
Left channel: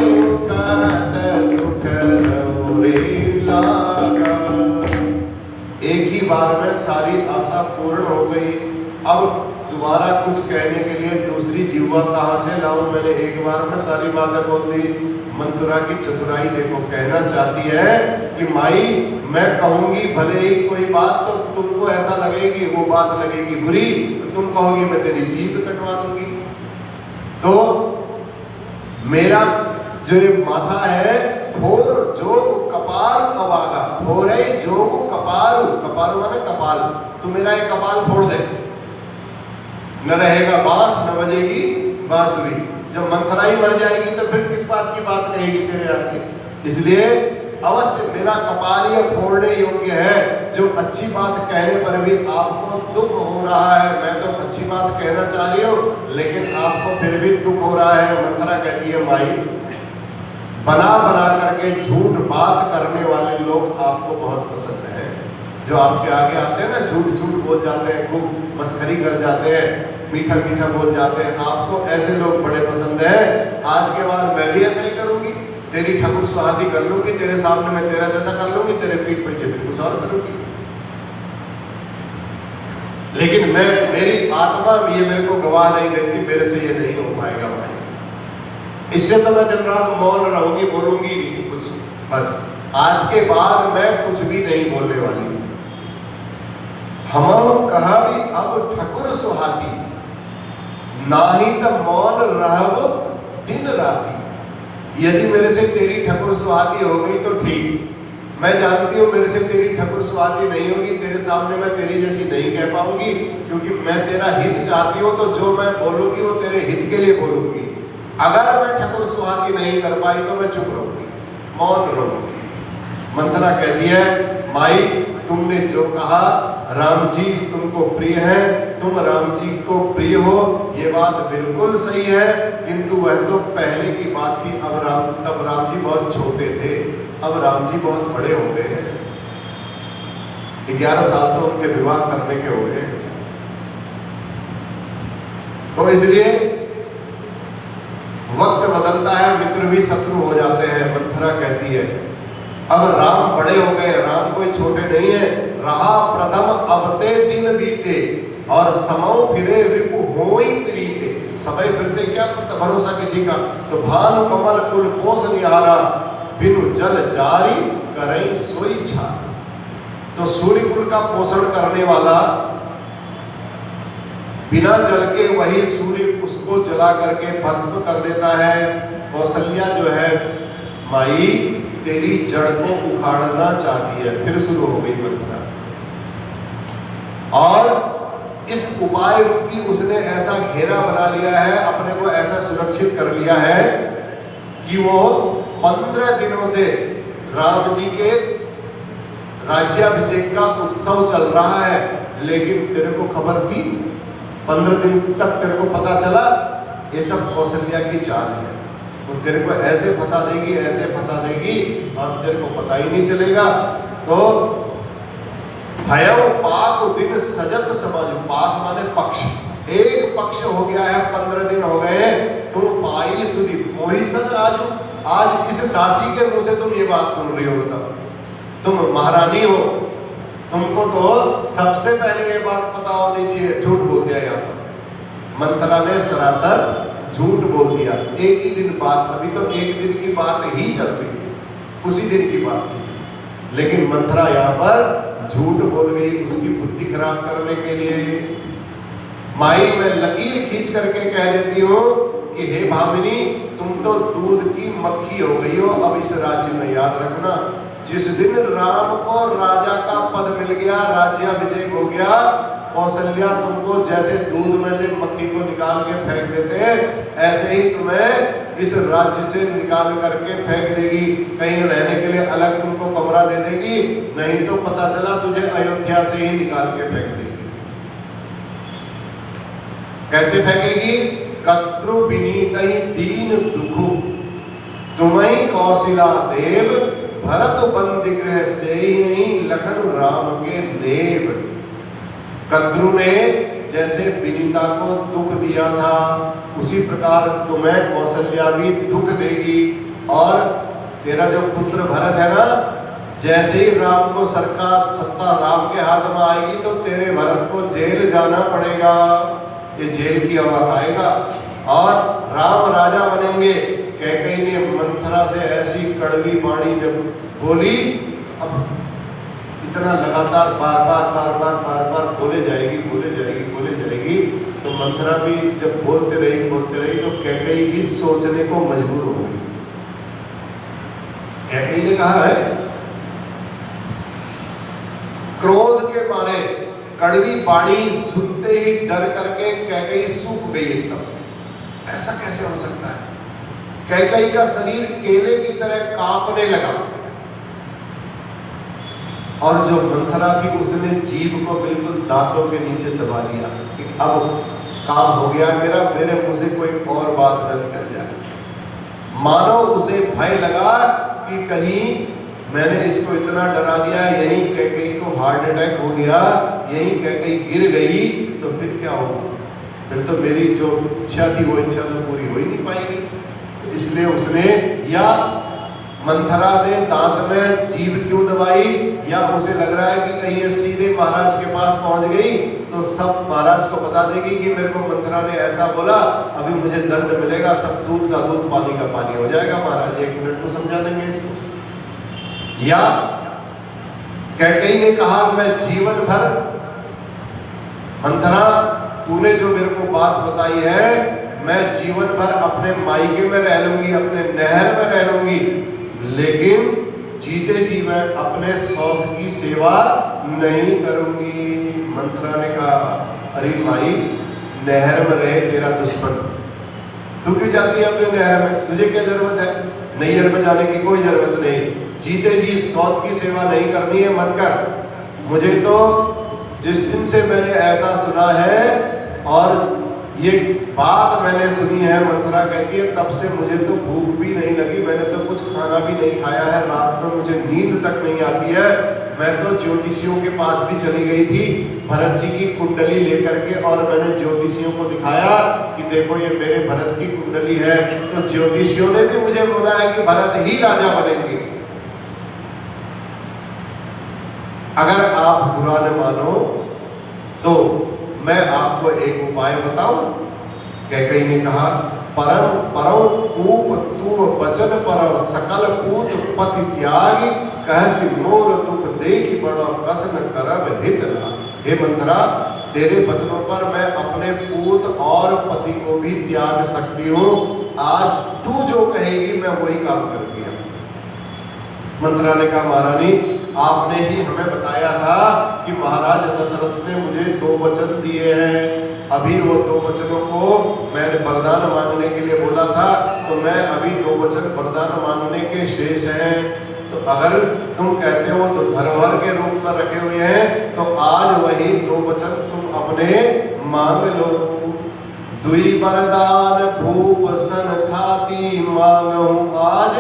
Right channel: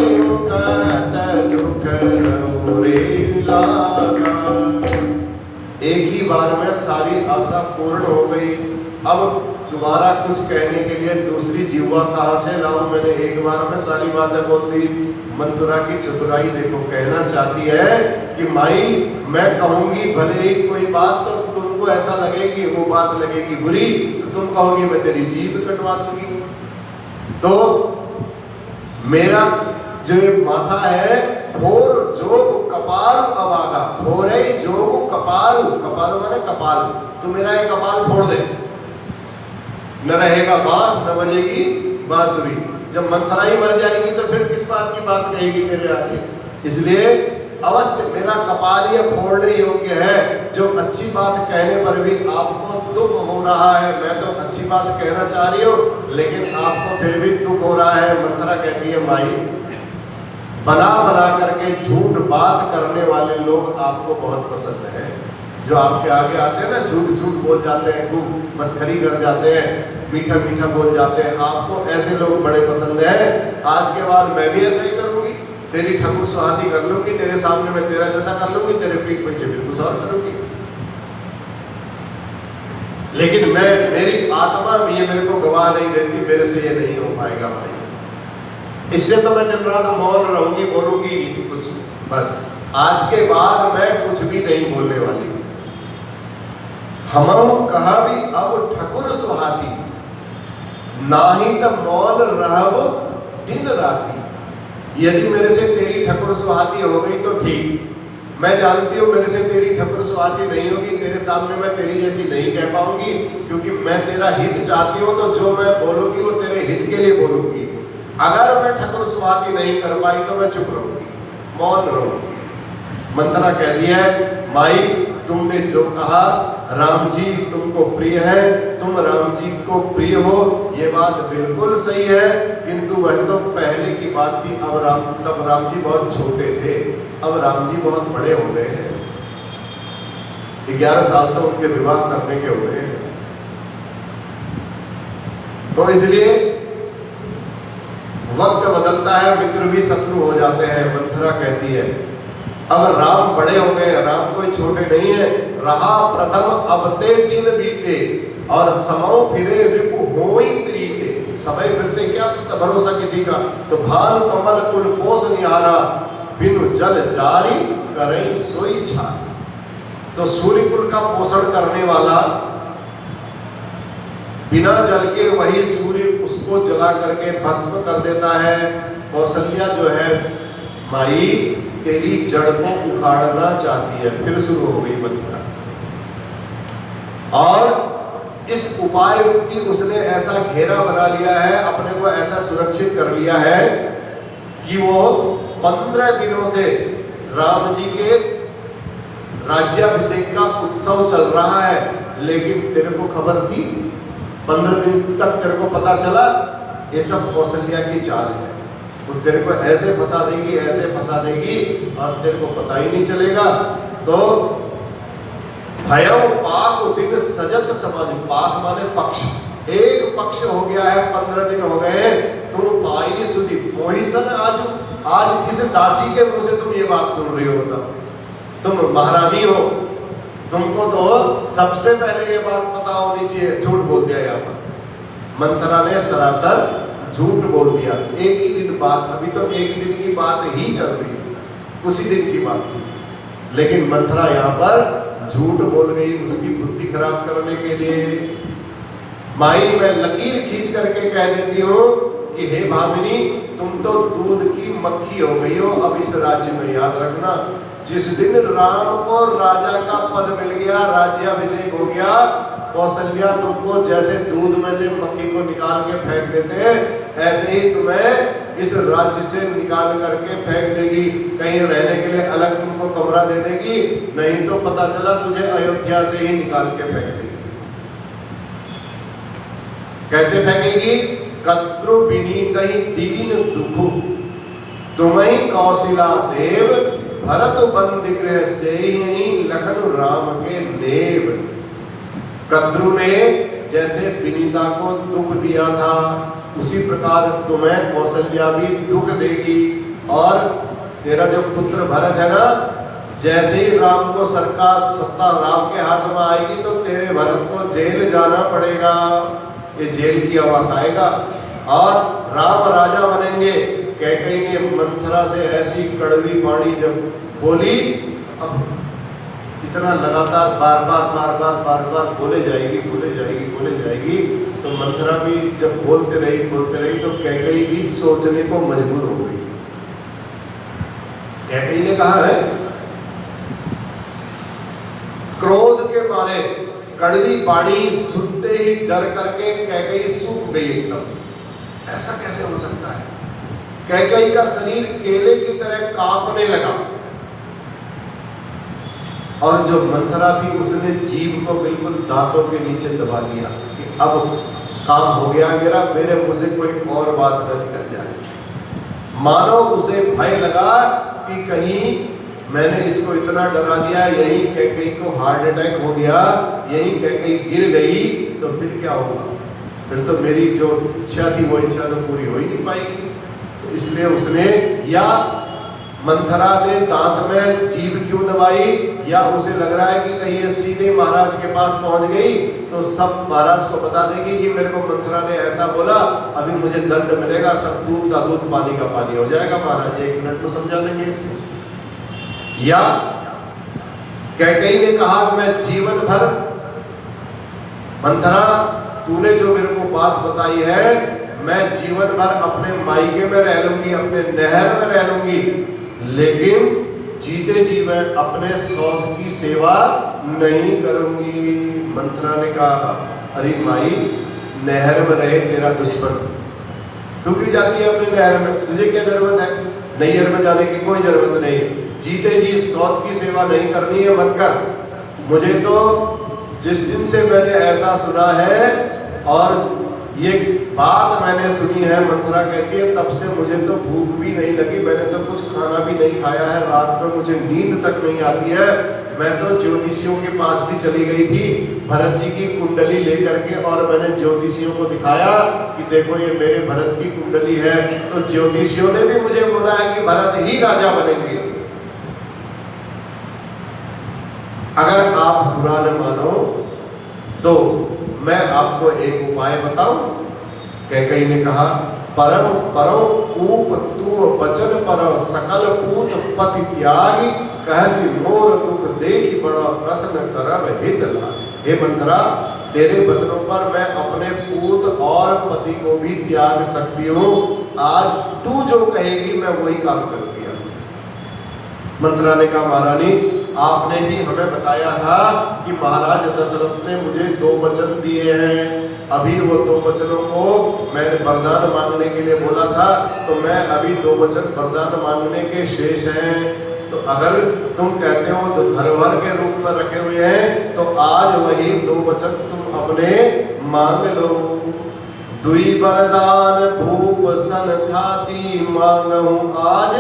कहत दुख रौरे लागा। एक ही बार में सारी आशा पूर्ण हो गई। अब दोबारा कुछ कहने के लिए दूसरी जीवा कहाँ से लाऊं? मैंने एक बार में सारी बातें बोल दी। मंथरा की चतुराई देखो, कहना चाहती है कि माई, मैं कहूंगी भले ही कोई बात, तो तुमको ऐसा लगेगी, वो बात लगेगी बुरी, तो तुम कहोगी मैं तेरी जीभ कटवा दूंगी। तो मेरा जो ये माथा है, फोर जोग कपार अवागा, फोरे जोग कपार, कपार माने कपाल, तू मेरा एक कपाल फोड़ दे, न रहेगा बांस न बजेगी बांसुरी। जब मंथरा ही मर जाएगी तो फिर किस बात की बात कहेगी तेरे आगे? इसलिए अवश्य मेरा कपाल ये फोड़ने योग्य है। जो अच्छी बात कहने पर भी आपको दुख हो रहा है, मैं तो अच्छी बात कहना चाह रही हूँ लेकिन आपको फिर भी दुख हो रहा है। मंथरा कहती है, माई, बना बना करके झूठ बात करने वाले लोग आपको बहुत पसंद है। जो आपके आगे आते हैं ना, झूठ झूठ बोल जाते हैं, खूब मस्करी कर जाते हैं, मीठा मीठा बोल जाते हैं, आपको ऐसे लोग बड़े पसंद हैं। आज के बाद मैं भी ऐसा ही करूंगी, तेरी ठकुर सुहाती कर लूंगी, तेरे सामने मैं तेरा जैसा कर लूंगी, तेरे पीठ पीछे फिर कुछ और करूंगी। लेकिन मेरी आत्मा ये मेरे को गवाह नहीं देती, मेरे से ये नहीं हो पाएगा भाई। इससे तो मैं दिन रात मौन रहूंगी, बोलूंगी नहीं कुछ, बस आज के बाद मैं कुछ भी नहीं बोलने वाली। हम कहा भी अब ठकुर सुहाती, नाही तो मौन रहब दिन राती। यदि मेरे से तेरी ठकुर सुहाती हो गई तो ठीक, मैं जानती हूँ मेरे से तेरी ठकुर सुहाती नहीं होगी, तेरे सामने मैं तेरी जैसी नहीं कह पाऊंगी, क्योंकि मैं तेरा हित चाहती हूँ, तो जो मैं बोलूंगी वो तेरे हित के लिए बोलूंगी। अगर मैं ठकुर सुहाती नहीं कर पाई तो मैं चुप रहूंगी, मौन रहूंगी। मंथरा कहती है, माई तुमने जो कहा, राम जी तुमको प्रिय है, तुम राम जी को प्रिय हो, ये बात बिल्कुल सही है, किंतु वह तो पहले की बात थी। तब राम जी बहुत छोटे थे, अब राम जी बहुत बड़े हो गए हैं। 11 साल तो उनके विवाह करने के हो गए हैं, तो इसलिए वक्त बदलता है, मित्र भी शत्रु हो जाते हैं। मंथरा कहती है, अब राम बड़े हो गए, राम कोई छोटे नहीं है। रहा प्रथम अब ते दिन बीते, और समौ फिरे रिपु होई प्रीते। समय फिरते क्या भरोसा किसी का। तो भानु कमल कुल पोष निहारा, बिनु जल जारी करई सोई छारी। तो सूर्य कुल का पोषण करने वाला, बिना जल के वही सूर्य उसको जला करके भस्म कर देता है। कौशल्या जो है माई तेरी जड़ को उखाड़ना चाहती है। फिर शुरू हो गई मंथरा, और इस उपाय रूपी उसने ऐसा घेरा बना लिया है, अपने को ऐसा सुरक्षित कर लिया है कि वो 15 दिनों से राम जी के राज्याभिषेक का उत्सव चल रहा है। लेकिन तेरे को खबर थी, 15 दिन तक तेरे को पता चला, ये सब कौशल्या की चाल है। वो तेरे को ऐसे फंसा देगी, ऐसे फंसा देगी, और तेरे को पता ही नहीं चलेगा। तो भयव पाक दिन सजत समझ, पाक माने पक्ष, एक पक्ष हो गया है, 15 दिन हो गए, तुम पाई सुधी मोही सज आजू। आज इस दासी के मुंह से तुम ये बात सुन रही हो, बताओ, तुम महारानी हो, तुमको तो सबसे पहले ये बात पता होनी चाहिए। झूठ बोल दिया यहाँ पर मंथरा ने, सरासर झूठ बोल दिया। एक ही दिन बात, अभी तो एक दिन की बात ही चल रही थी, उसी दिन की बात थी, लेकिन मंथरा यहाँ पर झूठ बोल गई उसकी बुद्धि खराब करने के लिए। माई मैं लकीर खींच करके कह देती हूँ कि हे भामिनी, तुम तो दूध की मक्खी हो गई हो। अब इस राज्य में याद रखना, जिस दिन राम को राजा का पद मिल गया, राज्याभिषेक हो गया, कौशल्या तुमको जैसे दूध में से मक्खी को निकाल के फेंक देते हैं, ऐसे ही तुम्हें इस राज्य से निकाल करके फेंक देगी। कहीं रहने के लिए अलग तुमको कमरा दे देगी, नहीं तो पता चला तुझे अयोध्या से ही निकाल के फेंक देगी। कैसे फेंकेगी? कद्रु विनीत ही दीन दुखु, तुम्ही कौशिला देव, भरत बंदी गृह से ही लखन राम के नेव। कद्रु ने जैसे विनीता को दुख दिया था, उसी प्रकार तुम्हें कौशल्या भी दुख देगी। और तेरा जो पुत्र भरत है ना, जैसे ही राम को सरकार सत्ता राम के हाथ में आएगी, तो तेरे भरत को जेल जाना पड़ेगा, ये जेल की हवा खाएगा, और राम राजा बनेंगे। कैकेयी ने मंथरा से ऐसी कड़वी वाणी जब बोली, अब इतना लगातार बार बार बोले जाएगी, तो मंथरा भी जब बोलते रही तो कैकेयी भी सोचने को मजबूर हो गई। कैकेयी ने कहा है, क्रोध के मारे कड़वी वाणी सुनते ही डर करके कैकेयी सूख गई एकदम। ऐसा कैसे हो सकता है? कैकेयी का शरीर केले की तरह कांपने लगा, और जो मंथरा थी उसने जीभ को बिल्कुल दांतों के नीचे दबा लिया कि अब काम हो गया मेरे मुंह से कोई और बात न निकल जाए। मानो उसे भय लगा कि कहीं मैंने इसको इतना डरा दिया, यहीं कैकेयी को हार्ट अटैक हो गया, यहीं कैकेयी गिर गई, तो फिर क्या होगा? फिर तो मेरी जो इच्छा थी वो इच्छा तो पूरी हो ही नहीं पाएगी। तो इसलिए उसने, या मंथरा ने दांत में जीभ क्यों दबाई, या उसे लग रहा है कि कहीं ये सीधे महाराज के पास पहुंच गई तो सब महाराज को बता देगी कि मेरे को मंथरा ने ऐसा बोला, अभी मुझे दंड मिलेगा, सब दूध का दूध पानी का पानी हो जाएगा। महाराज 1 मिनट में समझा देंगे इसको। या कैकेयी ने कहा मैं जीवन भर, मंथरा तूने जो मेरे को बात बताई है, मैं जीवन भर अपने मायके में रह लूंगी, अपने नहर में रह लूंगी, लेकिन जीते जी मैं अपने सौत की सेवा नहीं करूंगी। मंथरा ने कहा अरे माई, नहर में रहे तेरा दुश्मन, तू क्यों जाती है अपने नहर में? तुझे क्या जरूरत है? नैहर में जाने की कोई जरूरत नहीं। जीते जी सौत की सेवा नहीं करनी है, मत कर। मुझे तो जिस दिन से मैंने ऐसा सुना है और ये बात मैंने सुनी है, मंथरा कहती है, तब से मुझे तो भूख भी नहीं लगी, मैंने तो कुछ खाना भी नहीं खाया है, रात में मुझे नींद तक नहीं आती है। मैं तो ज्योतिषियों के पास भी चली गई थी भरत जी की कुंडली लेकर के, और मैंने ज्योतिषियों को दिखाया कि देखो ये मेरे भरत की कुंडली है। तो ज्योतिषियों ने भी मुझे बोला है कि भरत ही राजा बनेंगे। अगर आप बुरा न मानो तो मैं आपको एक उपाय बताऊं। कैकेयी ने कहा परम परम कूप तू बचन पर सकल पूत पति त्यागी, कहसी मोर दुख देखी बड़ा कसन करब हित लागी। हे मंथरा, तेरे वचनों पर मैं अपने पूत और पति को भी त्याग सकती हूँ। आज तू जो कहेगी मैं वही काम करूंगी। मंथरा ने कहा महारानी, आपने ही हमें बताया था कि महाराज दशरथ ने मुझे 2 वचन दिए हैं। अभी वो 2 वचनों को मैंने वरदान मांगने के लिए बोला था, तो मैं अभी 2 वचन वरदान मांगने के शेष हैं। तो अगर तुम कहते हो तो धरोहर के रूप में रखे हुए हैं, तो आज वही 2 वचन तुम अपने मांग लो। दुई वरदान भूप सन थाती, मांगहूं आज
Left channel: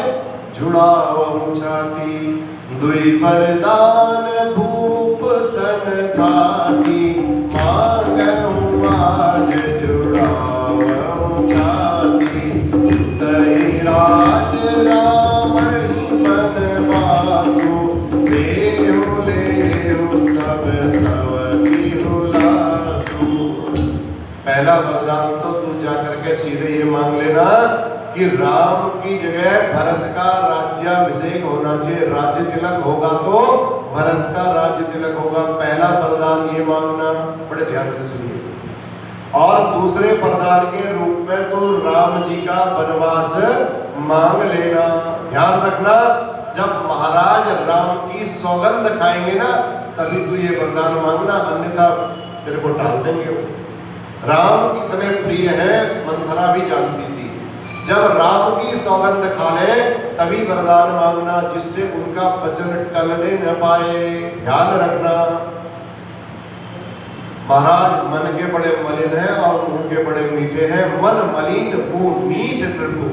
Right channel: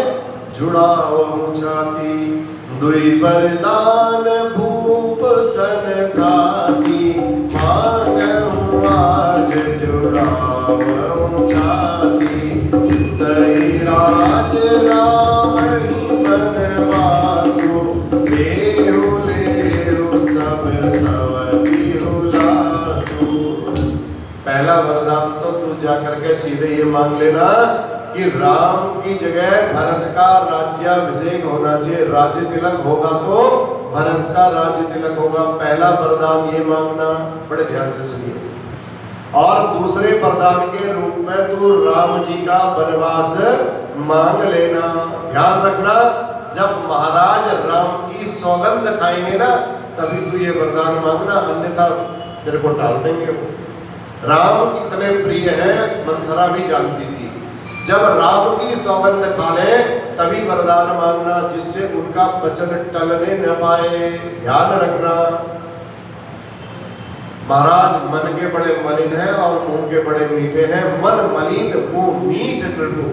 जुड़ावहूं छाती। दुई वरदान भूप सन थाती, मांगहूं आज जुड़ावहूं छाती। सुतई राज राम ही बनवासु, लेहु लेहु सब सवकी हुलासु। पहला वरदान तो तू जाकर के सीधे ये मांग लेना कि राम की जगह भरत का राज्याभिषेक होना चाहिए। राज्य तिलक होगा तो भरत का राज्य तिलक होगा। पहला वरदान ये मांगना, बड़े ध्यान से सुनिए। और दूसरे वरदान के रूप में तो राम जी का वनवास मांग लेना। ध्यान रखना, जब महाराज राम की सौगंध खाएंगे ना, तभी तू ये वरदान मांगना, अन्यथा तेरे को टाल देंगे वो। राम कितने प्रिय हैं मंथरा भी जानती थी। जब राम की सौगंध खा ले तभी वरदान मांगना, जिससे उनका वचन टलने न पाए। ध्यान रखना, महाराज मन के बड़े मलिन हैं और मुंह के बड़े मीठे हैं। मन मलिन मुंह मीठ नृपु,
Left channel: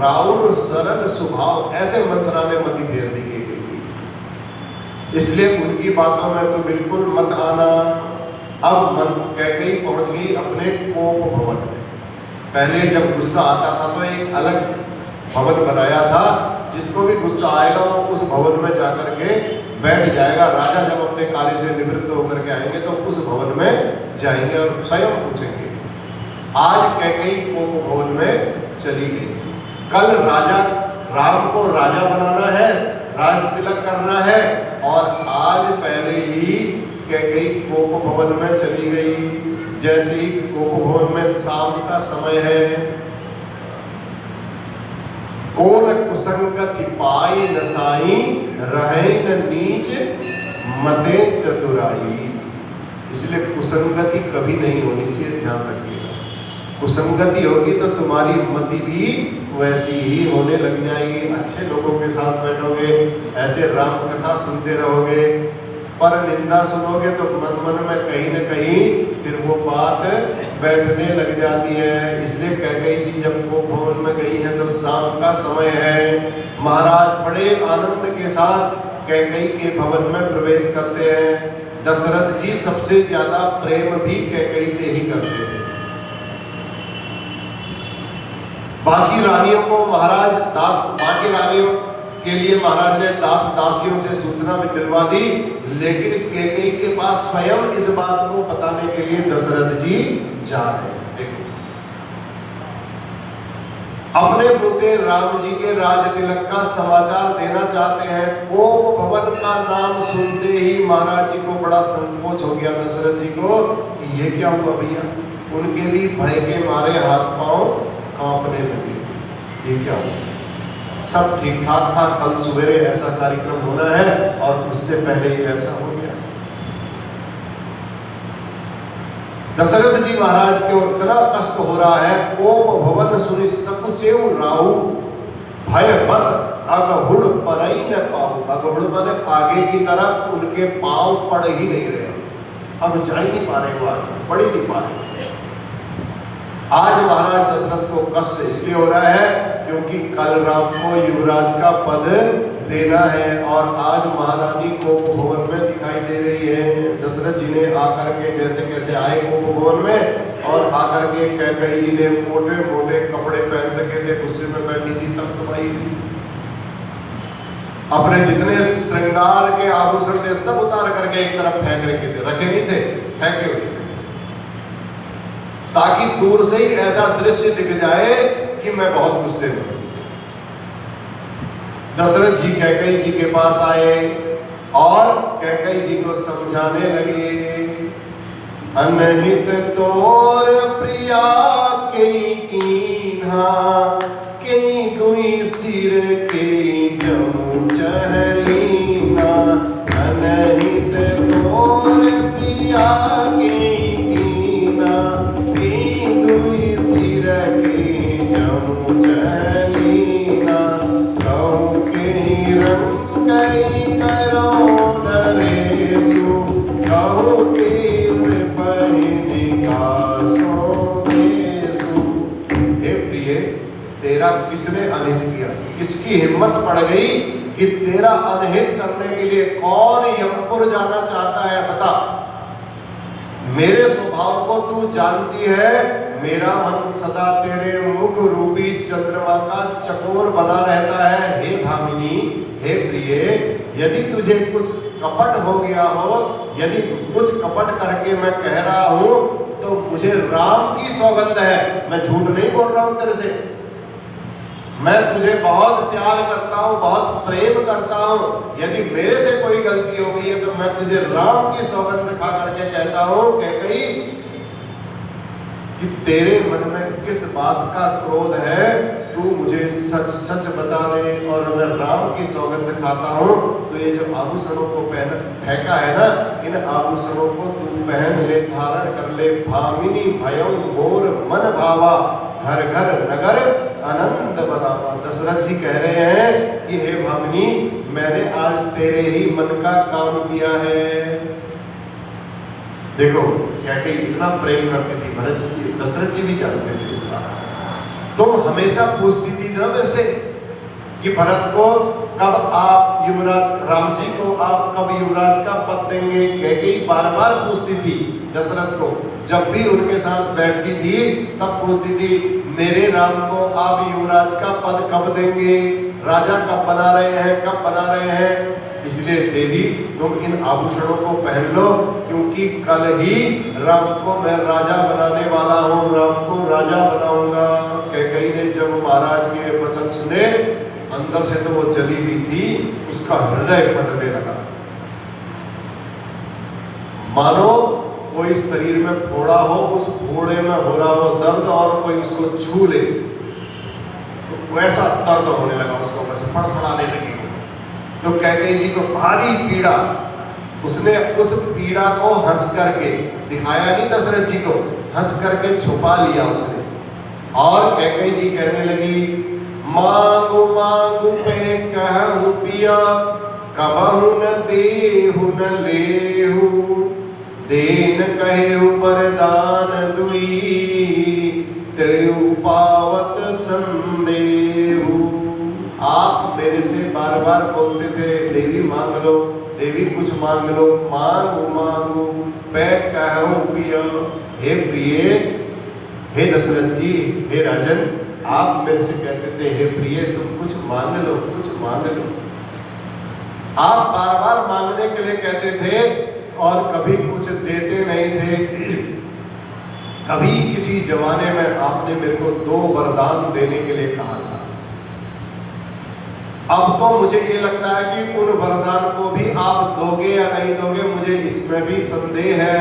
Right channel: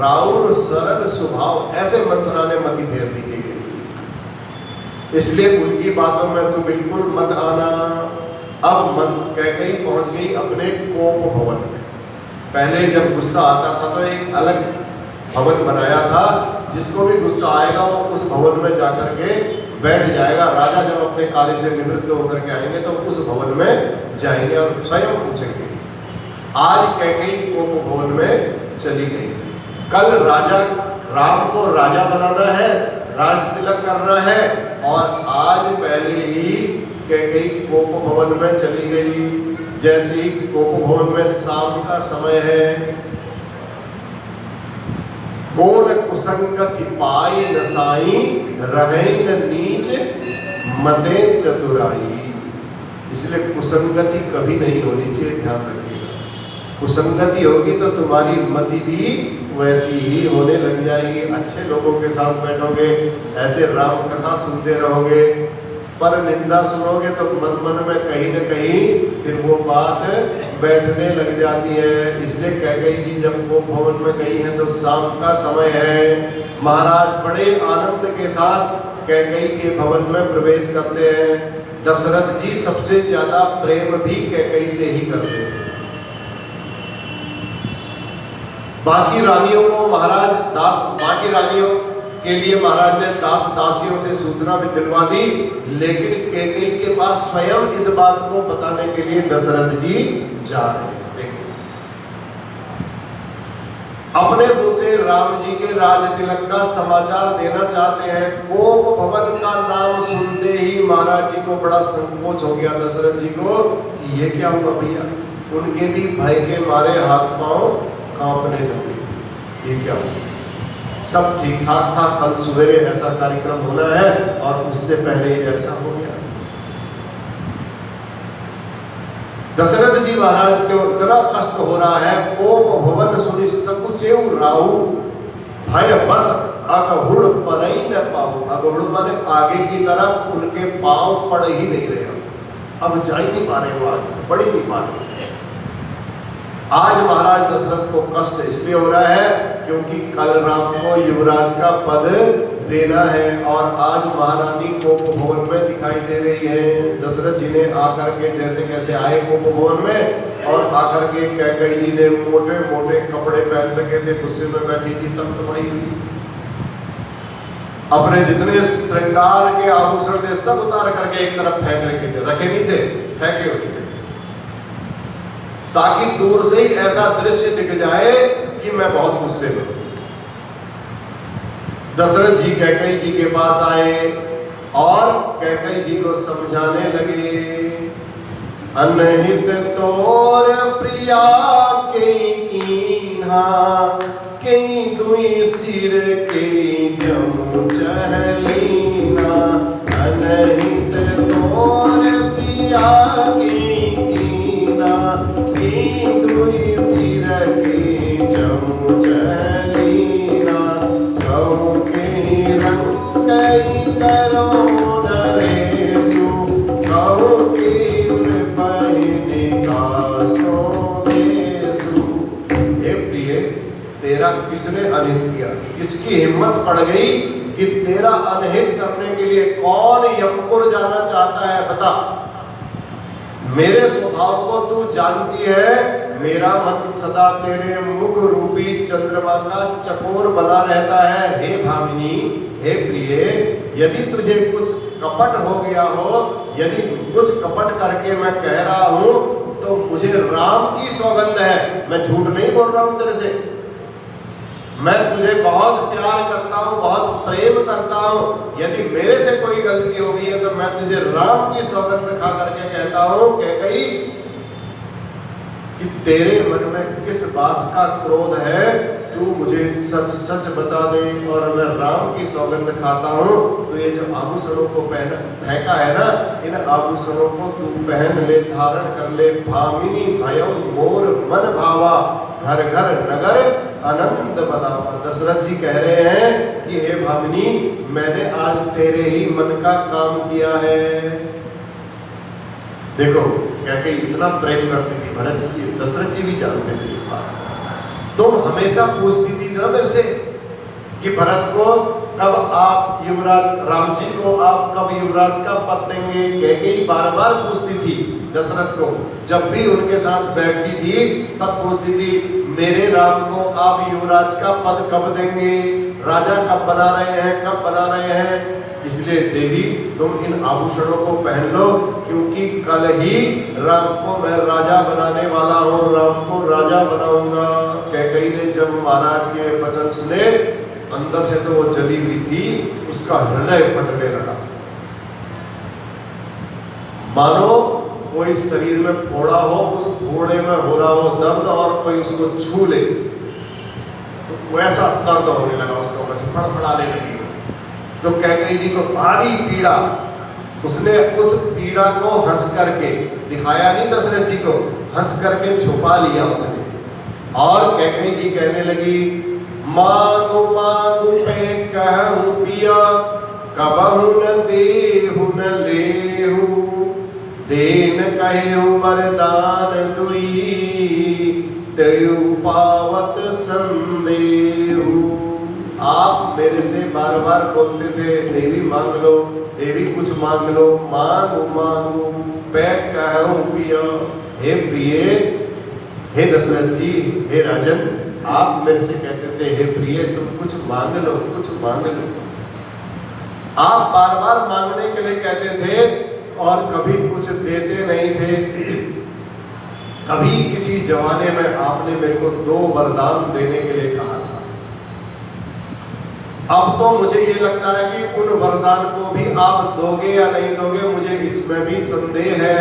राउर सरल स्वभाव, ऐसे मंथरा ने मति फेर दी की गई। इसलिए उनकी बातों में तो बिल्कुल मत आना। अब कैकेयी पहुंच गई अपने कोप भवन में। पहले जब गुस्सा आता था तो एक अलग भवन बनाया था, जिसको भी गुस्सा आएगा वो उस भवन में जाकर के बैठ जाएगा। राजा जब अपने कार्य से निवृत्त होकर के आएंगे तो उस भवन में जाएंगे और स्वयं पूछेंगे। आज कैकेयी कोप भवन में चली गई। कल राजा राम को राजा बनाना है, राज तिलक करना है, और आज पहले ही कैकेयी कोप भवन में चली गई। जैसे ही कोप भवन में शाम का समय है, कोन कुसंगति पाई नसाई, रहे न नीच मते चतुराई। इसलिए कुसंगति कभी नहीं होनी चाहिए, ध्यान रखिएगा। कुसंगति होगी तो तुम्हारी मति भी वैसी ही होने लग जाएगी। अच्छे लोगों के साथ बैठोगे, ऐसे राम कथा सुनते रहोगे, पर निंदा सुनोगे तो मन मन में कहीं न कहीं फिर वो बात बैठने लग जाती है। इसलिए कैकेयी जी जब गोप भवन में गई है तो शाम का समय है। महाराज बड़े आनंद के साथ कैकेयी के भवन में प्रवेश करते हैं। दशरथ जी सबसे ज्यादा प्रेम भी कैकेयी से ही करते हैं। बाकी रानियों को महाराज बाकी रानियों के लिए महाराज ने दासियों से सूचना भी दिलवा दी, लेकिन कैकेयी के पास स्वयं इस बात को बताने के लिए दशरथ जी जा रहे हैं। देखो, अपने मुंह से राम जी के राज तिलक का समाचार देना चाहते हैं। गोप भवन का नाम सुनते ही महाराज जी को बड़ा संकोच हो गया, दशरथ जी को, कि ये क्या हुआ भैया। उनके भी भय के मारे हाथ पांव कांपने लगे। ये क्या हुआ? सब ठीक ठाक था, कल सवेरे ऐसा कार्यक्रम होना है और उससे पहले ही ऐसा हो गया। दशरथ जी महाराज को इतना कष्ट हो रहा है। कोप भवन सुनि सकुचेउ राहु, भय बस अगहुड़ परई न पाऊ। अगहुड़ माने आगे की तरफ उनके पांव पड़ ही नहीं रहे, अब जा ही नहीं पा रहे, वो बढ़ ही नहीं पा रहे। आज महाराज दशरथ को कष्ट इसलिए हो रहा है क्योंकि कल राम को युवराज का पद देना है और आज महारानी कोप भवन में दिखाई दे रही है। दशरथ जी ने आकर के जैसे कैसे आए कोप भवन में, और आकर के कैकेयी जी ने मोटे मोटे कपड़े पहन रखे थे, गुस्से में बैठी थी, तमतमाई थी, अपने जितने श्रृंगार के आभूषण थे सब उतार करके एक तरफ फेंक रखे थे, रखे नहीं थे, फेंके हुए थे, ताकि दूर से ही ऐसा दृश्य दिख जाए कि मैं बहुत गुस्से में हूं। दशरथ जी कैकेयी जी के पास आए और कैकेयी जी को समझाने लगे। अनहित तोर प्रिया के कीन्हा, के दुई सिर के जमु चहलीना। अनहित तोर प्रिया के कीन्हा, के दुई सिर के जमु चहलीना। कहूँ के रंग कई करो नरेशु, कहूँ के तेरा किसने अनहित किया? किसकी हिम्मत पड़ गई कि तेरा अनहित करने के लिए कौन यमपुर जाना चाहता है? बता। मेरे स्वभाव को तू जानती है, मेरा मन सदा तेरे मुख रूपी चंद्रमा का चकोर बना रहता है। हे भामिनी, हे प्रिय, यदि तुझे कुछ कपट हो गया हो, यदि कुछ कपट करके मैं कह रहा हूं, तो मुझे राम की सौगंध है, मैं झूठ नहीं बोल रहा हूं तेरे से। मैं तुझे बहुत प्यार करता हूँ, बहुत प्रेम करता हूँ। यदि मेरे से कोई गलती हो गई है तो मैं तुझे राम की सौगंध खा करके कहता हूँ कैकेयी कि तेरे मन में किस बात का क्रोध है, तू मुझे सच सच बता दे और मैं राम की सौगंध खाता हूँ। तो ये जो आभूषणों को फेंका है ना, इन आभूषणों को तू पहन ले, धारण कर ले। भामिनी भयम मोर मन भावा, घर घर नगर आनंद बदावा। दशरथ जी कह रहे हैं कि हे भामिनी, मैंने आज तेरे ही मन का काम किया है। देखो कैकेयी इतना प्रेम करती थी भरत जी, दशरथ जी भी जानते थे इस बात। तुम हमेशा पूछती थी ना मेरे से कि भरत को कब आप युवराज, राम जी को आप कब युवराज का पद देंगे? कैकेयी बार बार पूछती थी दशरथ को। जब भी उनके साथ बैठती थी तब पूछती थी, मेरे राम को आप युवराज का पद कब देंगे? राजा कब बना रहे हैं, कब बना रहे हैं? इसलिए देवी तुम इन आभूषणों को पहन लो, क्योंकि कल ही राम को मैं राजा बनाने वाला हूँ, राम को राजा बनाऊंगा। कैकेयी ने जब महाराज के वचन सुने, अंदर से तो वो जली हुई थी, उसका हृदय फटने लगा, मानो कोई शरीर में फोड़ा हो, उस फोड़े में हो रहा हो दर्द और कोई उसको छू ले तो वैसा दर्द होने लगा उसको, बस फड़फड़ाने लगी। तो कैकेयी जी को भारी पीड़ा, उसने उस पीड़ा को हंस करके दिखाया नहीं दशरथ जी को, हंस करके छुपा लिया उसने। और कैकेयी जी कहने लगी, मांगू मांगू पे कहूं पिया, कबहु न देहु न लेहु, देन कहु वरदान दुई तेयु पावत संदेहु। आप मेरे से बार बार बोलते थे देवी मांग लो, देवी कुछ मांग लो, मांगो मांगो मैं कहूं पिया। हे प्रिय, हे दशरथ जी, हे राजन, आप मेरे से कहते थे हे प्रिय तुम कुछ मांग लो, कुछ मांग लो। आप बार बार मांगने के लिए कहते थे और कभी कुछ देते नहीं थे। कभी किसी जमाने में आपने मेरे को 2 वरदान देने के लिए कहा था। अब तो मुझे ये लगता है कि उन वरदान को भी आप दोगे या नहीं दोगे, मुझे इसमें भी संदेह है।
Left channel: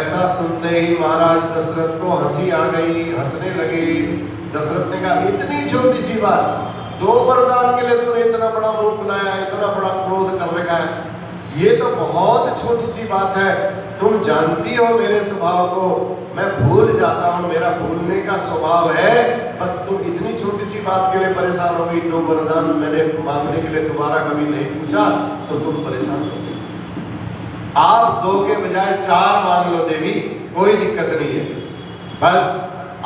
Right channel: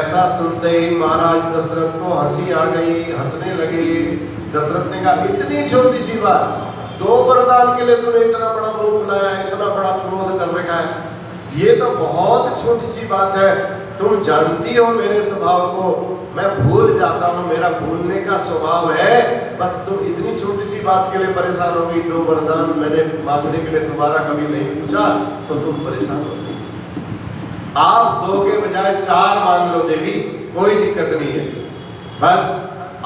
ऐसा सुनते ही महाराज दशरथ को हंसी आ गई, हंसने लगे। दशरथ ने कहा इतनी छोटी सी बात, 2 वरदान के लिए तूने इतना बड़ा मुंह बुलाया, इतना बड़ा क्रोध कर रखा है, ये तो बहुत छोटी सी बात है। तुम जानती हो मेरे स्वभाव को, मैं भूल जाता हूँ, मेरा भूलने का स्वभाव है। बस तुम इतनी छोटी सी बात के लिए परेशान हो गई। 2 वरदान मैंने मांगने के लिए दोबारा कभी नहीं पूछा तो तुम परेशान हो गई। आप 2 के बजाय 4 मांग लो देवी, कोई दिक्कत नहीं है। बस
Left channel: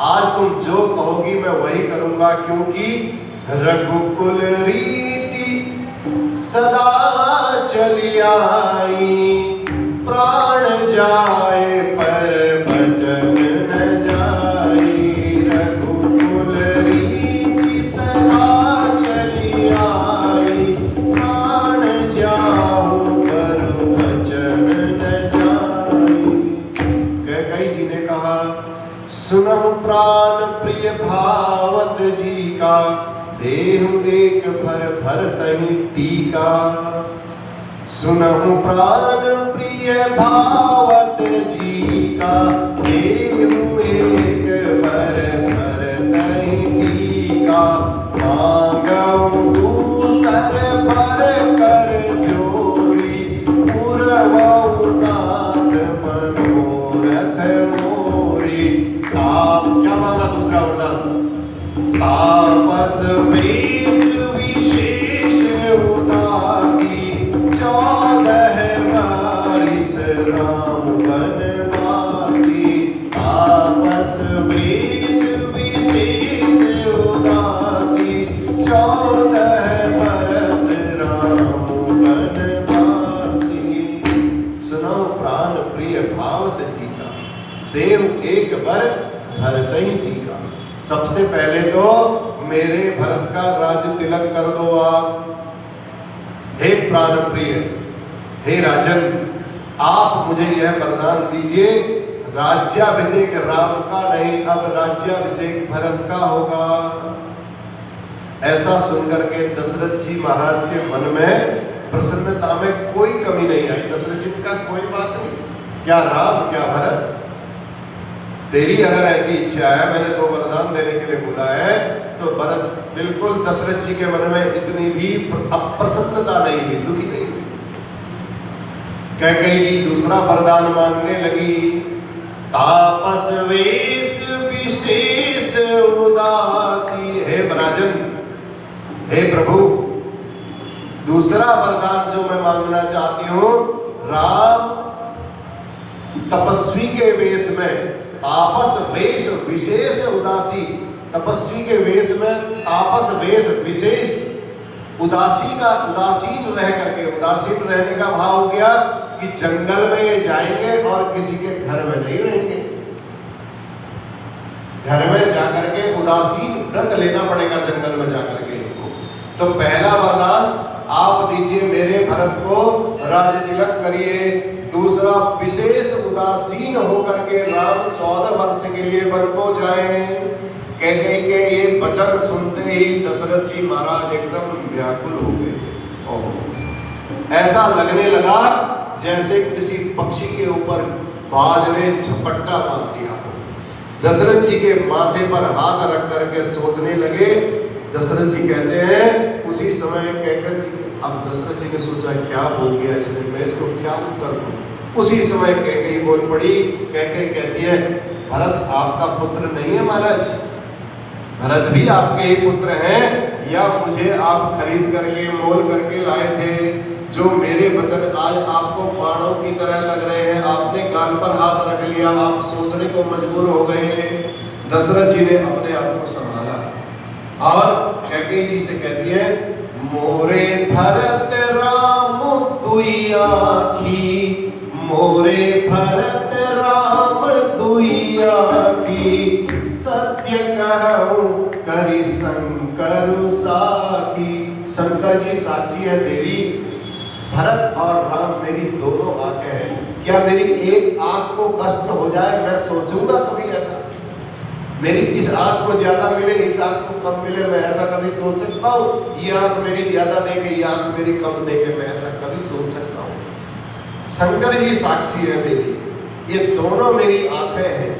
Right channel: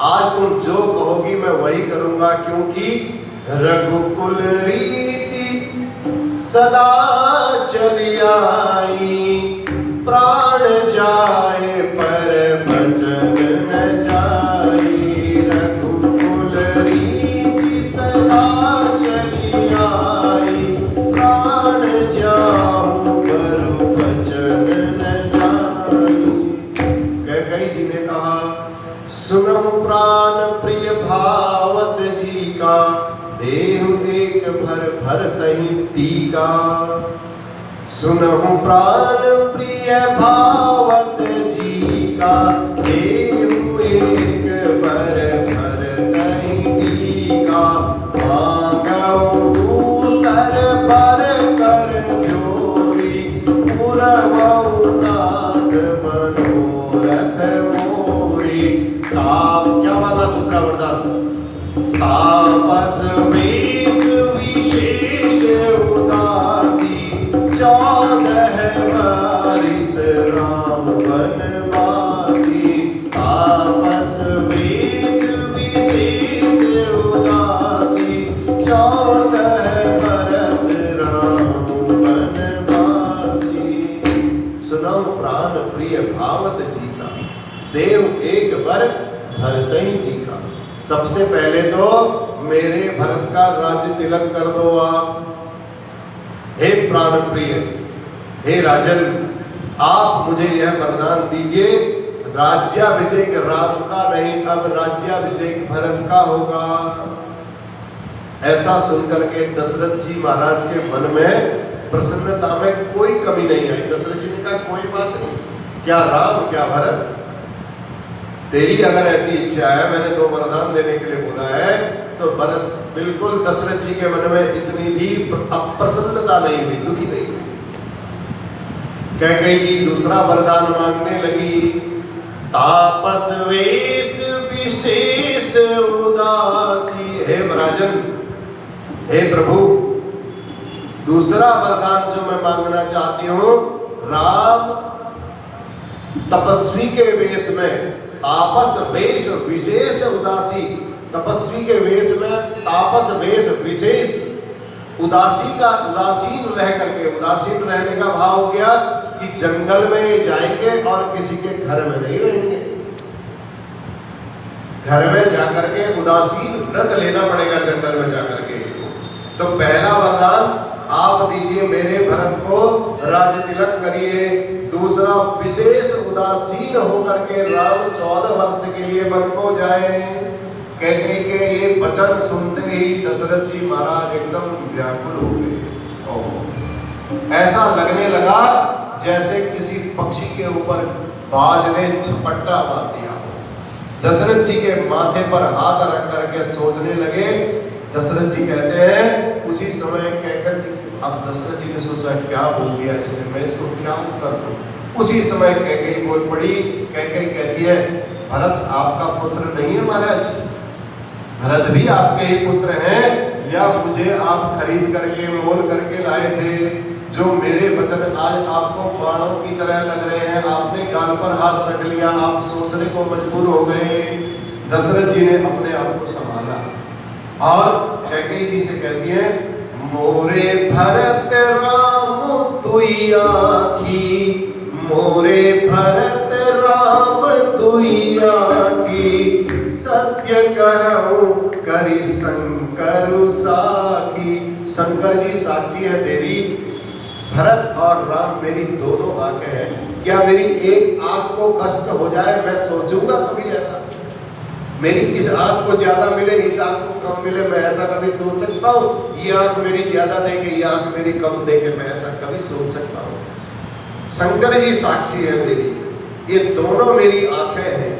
आज तुम जो कहोगी मैं वही करूंगा, क्योंकि रघुकुल रीति सदा चली आई, प्राण जाए पर बचन न जाई। रघुकुल रीति सदा चली आई, प्राण जाऊं पर बचन न जाई। कैकेयी जी ने कहा सुनो प्राण प्रिय भावत जी का, देहु एक भर भरतहि टीका। सुनहु प्राण प्रिय भावत जी का, देहु एक भर भरतहि टीका। मांगऊ दूसर पर कर जोरी, पुरवऊ नाथ मनोरथ मोरी। आप क्या मांगा दूसरा वरदान? तापस वेश विशेष उदासी, 14 वर्ष राम वनवासी। तापस वेश विशेष उदासी, 14 वर्ष राम वनवासी। सुनो प्राण प्रिय भावत जी का, देव एक बर भरतहि टीका। सबसे पहले तो मेरे भरत का राज्य तिलक कर दो आप। हे प्राण प्रिय, हे राजन, आप मुझे यह वरदान दीजिए, राज्याभिषेक राम का नहीं, अब राज्याभिषेक भरत का होगा। ऐसा सुनकर के दशरथ जी महाराज के मन में प्रसन्नता में कोई कमी नहीं आई। दशरथ जी ने कहा कोई बात नहीं, क्या राम क्या भरत, तेरी अगर ऐसी इच्छा है, मैंने 2 वरदान देने के लिए बोला है, तो भरत बिल्कुल दशरथ जी के मन में इतनी भी अप्रसन्नता नहीं हुई, दुखी नहीं हुई। कैकेयी जी दूसरा वरदान मांगने लगी। तापस वेश विशेष उदासी। हे राजन, हे प्रभु, दूसरा वरदान जो मैं मांगना चाहती हूं, राम तपस्वी के वेश में, तापस वेश विशेष उदासी, तपस्वी के वेश में तापस वेश विशेष उदासी का, उदासीन रह करके, उदासीन रहने का भाव हो गया कि जंगल में जाएंगे और किसी के घर में नहीं रहेंगे। घर में जाकर के उदासीन व्रत लेना पड़ेगा जंगल में जाकर के। तो पहला वरदान आप दीजिए मेरे भरत को, राज तिलक करिए। दूसरा, विशेष उदासीन होकर के राम 14 वर्ष के लिए वन को जाए। कहने के ये वचन सुनते ही दशरथ जी महाराज एकदम व्याकुल हो गए। ऐसा लगने लगा जैसे किसी पक्षी के ऊपर बाज ने झपट्टा मार दिया हो। दशरथ जी के माथे पर हाथ रख करके सोचने लगे। दशरथ जी कहते हैं उसी समय कैकेयी जी, अब दशरथ जी ने सोचा क्या बोल गया इसने, मैं इसको क्या उत्तर दूं। उसी समय कैकेयी बोल पड़ी। कैकेयी कहती है भरत आपका पुत्र नहीं है महाराज, भरत भी आपके ही पुत्र हैं, या मुझे आप खरीद करके मोल करके लाए थे। जो मेरे वचन आज आपको बाणों की तरह लग रहे हैं, आपने गाल पर हाथ रख लिया, आप सोचने को मजबूर हो गए हैं। दशरथ जी ने अपने आप को संभाला और कैकेयी जी से कहती है, मोरे भरत राम तुई आखी, मोरे भरत राम तुई आखी, सत्य कहूं करी शंकर साखी। शंकर जी साक्षी है देवी, भरत और राम मेरी दोनों आंखें हैं। क्या मेरी एक आंख को कष्ट हो जाए, मैं सोचूंगा कभी ऐसा? मेरी इस आंख को ज्यादा मिले, इस आंख को कम मिले, मैं ऐसा कभी सोच सकता हूँ? ये आंख मेरी ज्यादा देखे, ये आंख मेरी कम देखे, मैं ऐसा कभी सोच सकता हूँ? शंकर जी साक्षी है देवी, ये दोनों मेरी आंखें हैं,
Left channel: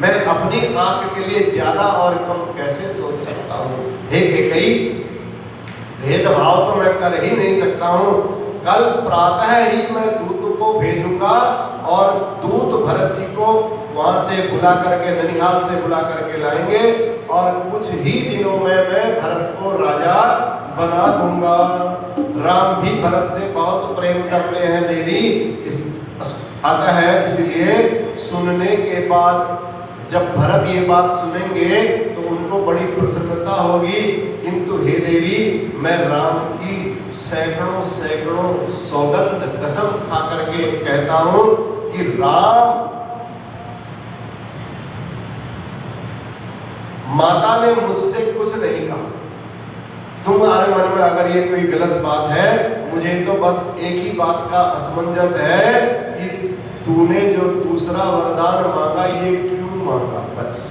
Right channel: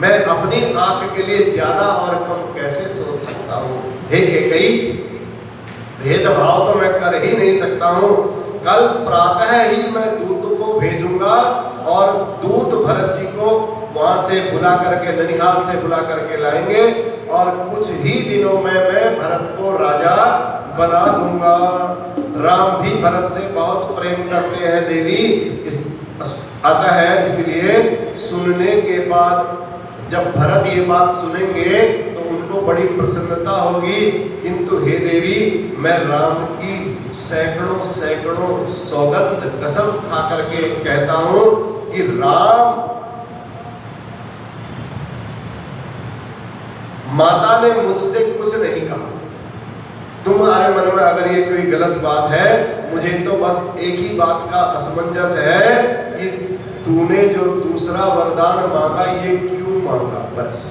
मैं अपनी आंख के लिए ज्यादा और कम कैसे सोच सकता हूँ? हे कैकेयी, भेदभाव तो मैं कर ही नहीं सकता हूँ। कल प्रातः ही मैं दूत को भेजूंगा और दूत भरत जी को वहां से बुला करके, ननिहाल से बुला करके लाएंगे और कुछ ही दिनों में मैं भरत को राजा बना दूंगा। राम भी भरत से बहुत प्रेम करते हैं देवी, इस आता है, इसलिए सुनने के बाद जब भरत ये बात सुनेंगे तो उनको बड़ी प्रसन्नता होगी। किंतु हे देवी, मैं राम की सैकड़ों सैकड़ों सौगंध कसम खा करके कहता हूं कि राम, माता ने मुझसे कुछ नहीं कहा, तुम्हारे मन में अगर ये कोई गलत बात है, मुझे तो बस एक ही बात का असमंजस है कि तूने जो दूसरा वरदान मांगा ये क्यों मांगा, बस।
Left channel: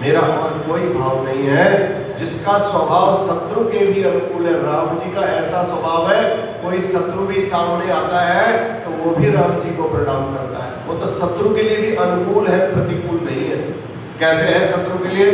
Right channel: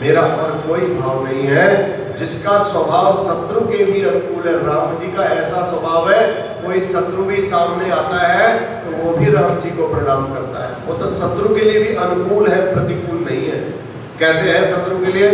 मेरा और कोई भाव नहीं है। जिसका स्वभाव शत्रु के भी अनुकूल है, राम जी का ऐसा स्वभाव है, कोई शत्रु भी सामने आता है तो वो भी राम जी को प्रणाम करता है। वो तो शत्रु के लिए भी अनुकूल है, प्रतिकूल नहीं है। कैसे है शत्रु के लिए?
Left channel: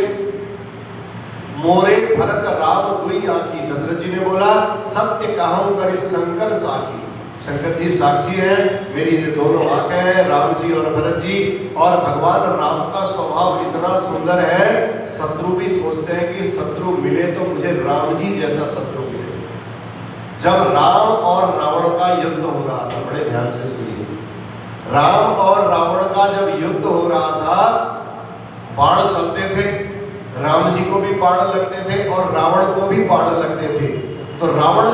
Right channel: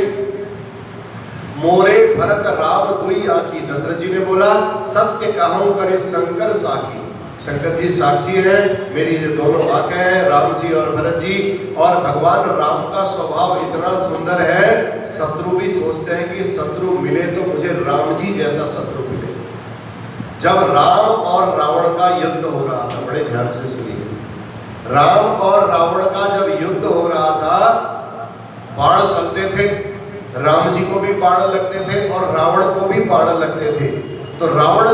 मोरे भरत राम दुई आखी, दशरथ जी ने बोला सत्य कहूं करि शंकर साखी। शंकर जी साक्षी है, मेरी ये दोनों आंखें हैं, राम जी और भरत जी। और भगवान राम का स्वभाव इतना सुंदर है, शत्रु भी सोचते हैं कि शत्रु मिले तो मुझे राम जी जैसा शत्रु मिले। जब राम और रावण का युद्ध हो रहा था, बड़े ध्यान से सुनिए, राम और रावण का जब युद्ध हो रहा था, बाण चलते थे, राम जी को भी बाण लगते थे और रावण को भी बाण लगते थे। तो रावण,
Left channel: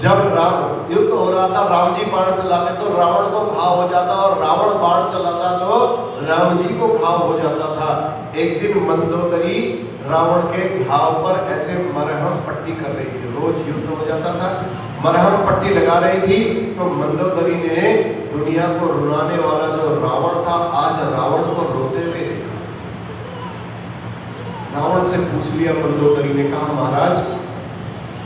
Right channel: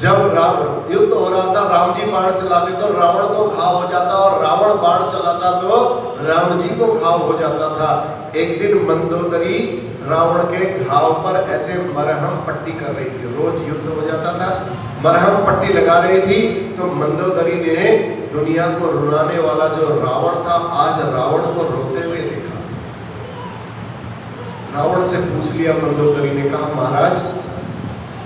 जब राम युद्ध हो रहा था, राम जी बाण चलाते तो रावण को घाव हो जाता, और रावण बाण चलाता तो राम जी को घाव हो जाता था। एक दिन मंदोदरी रावण के घाव पर ऐसे मरहम पट्टी कर रही थी, रोज युद्ध हो जाता था, मरहम पट्टी लगा रही थी। तो मंदोदरी ने दुनिया को रुलाने वाला जो रावण था, आज रावण को रोते हुए देखा। रावण से पूछ लिया मंदोदरी ने, कहा महाराज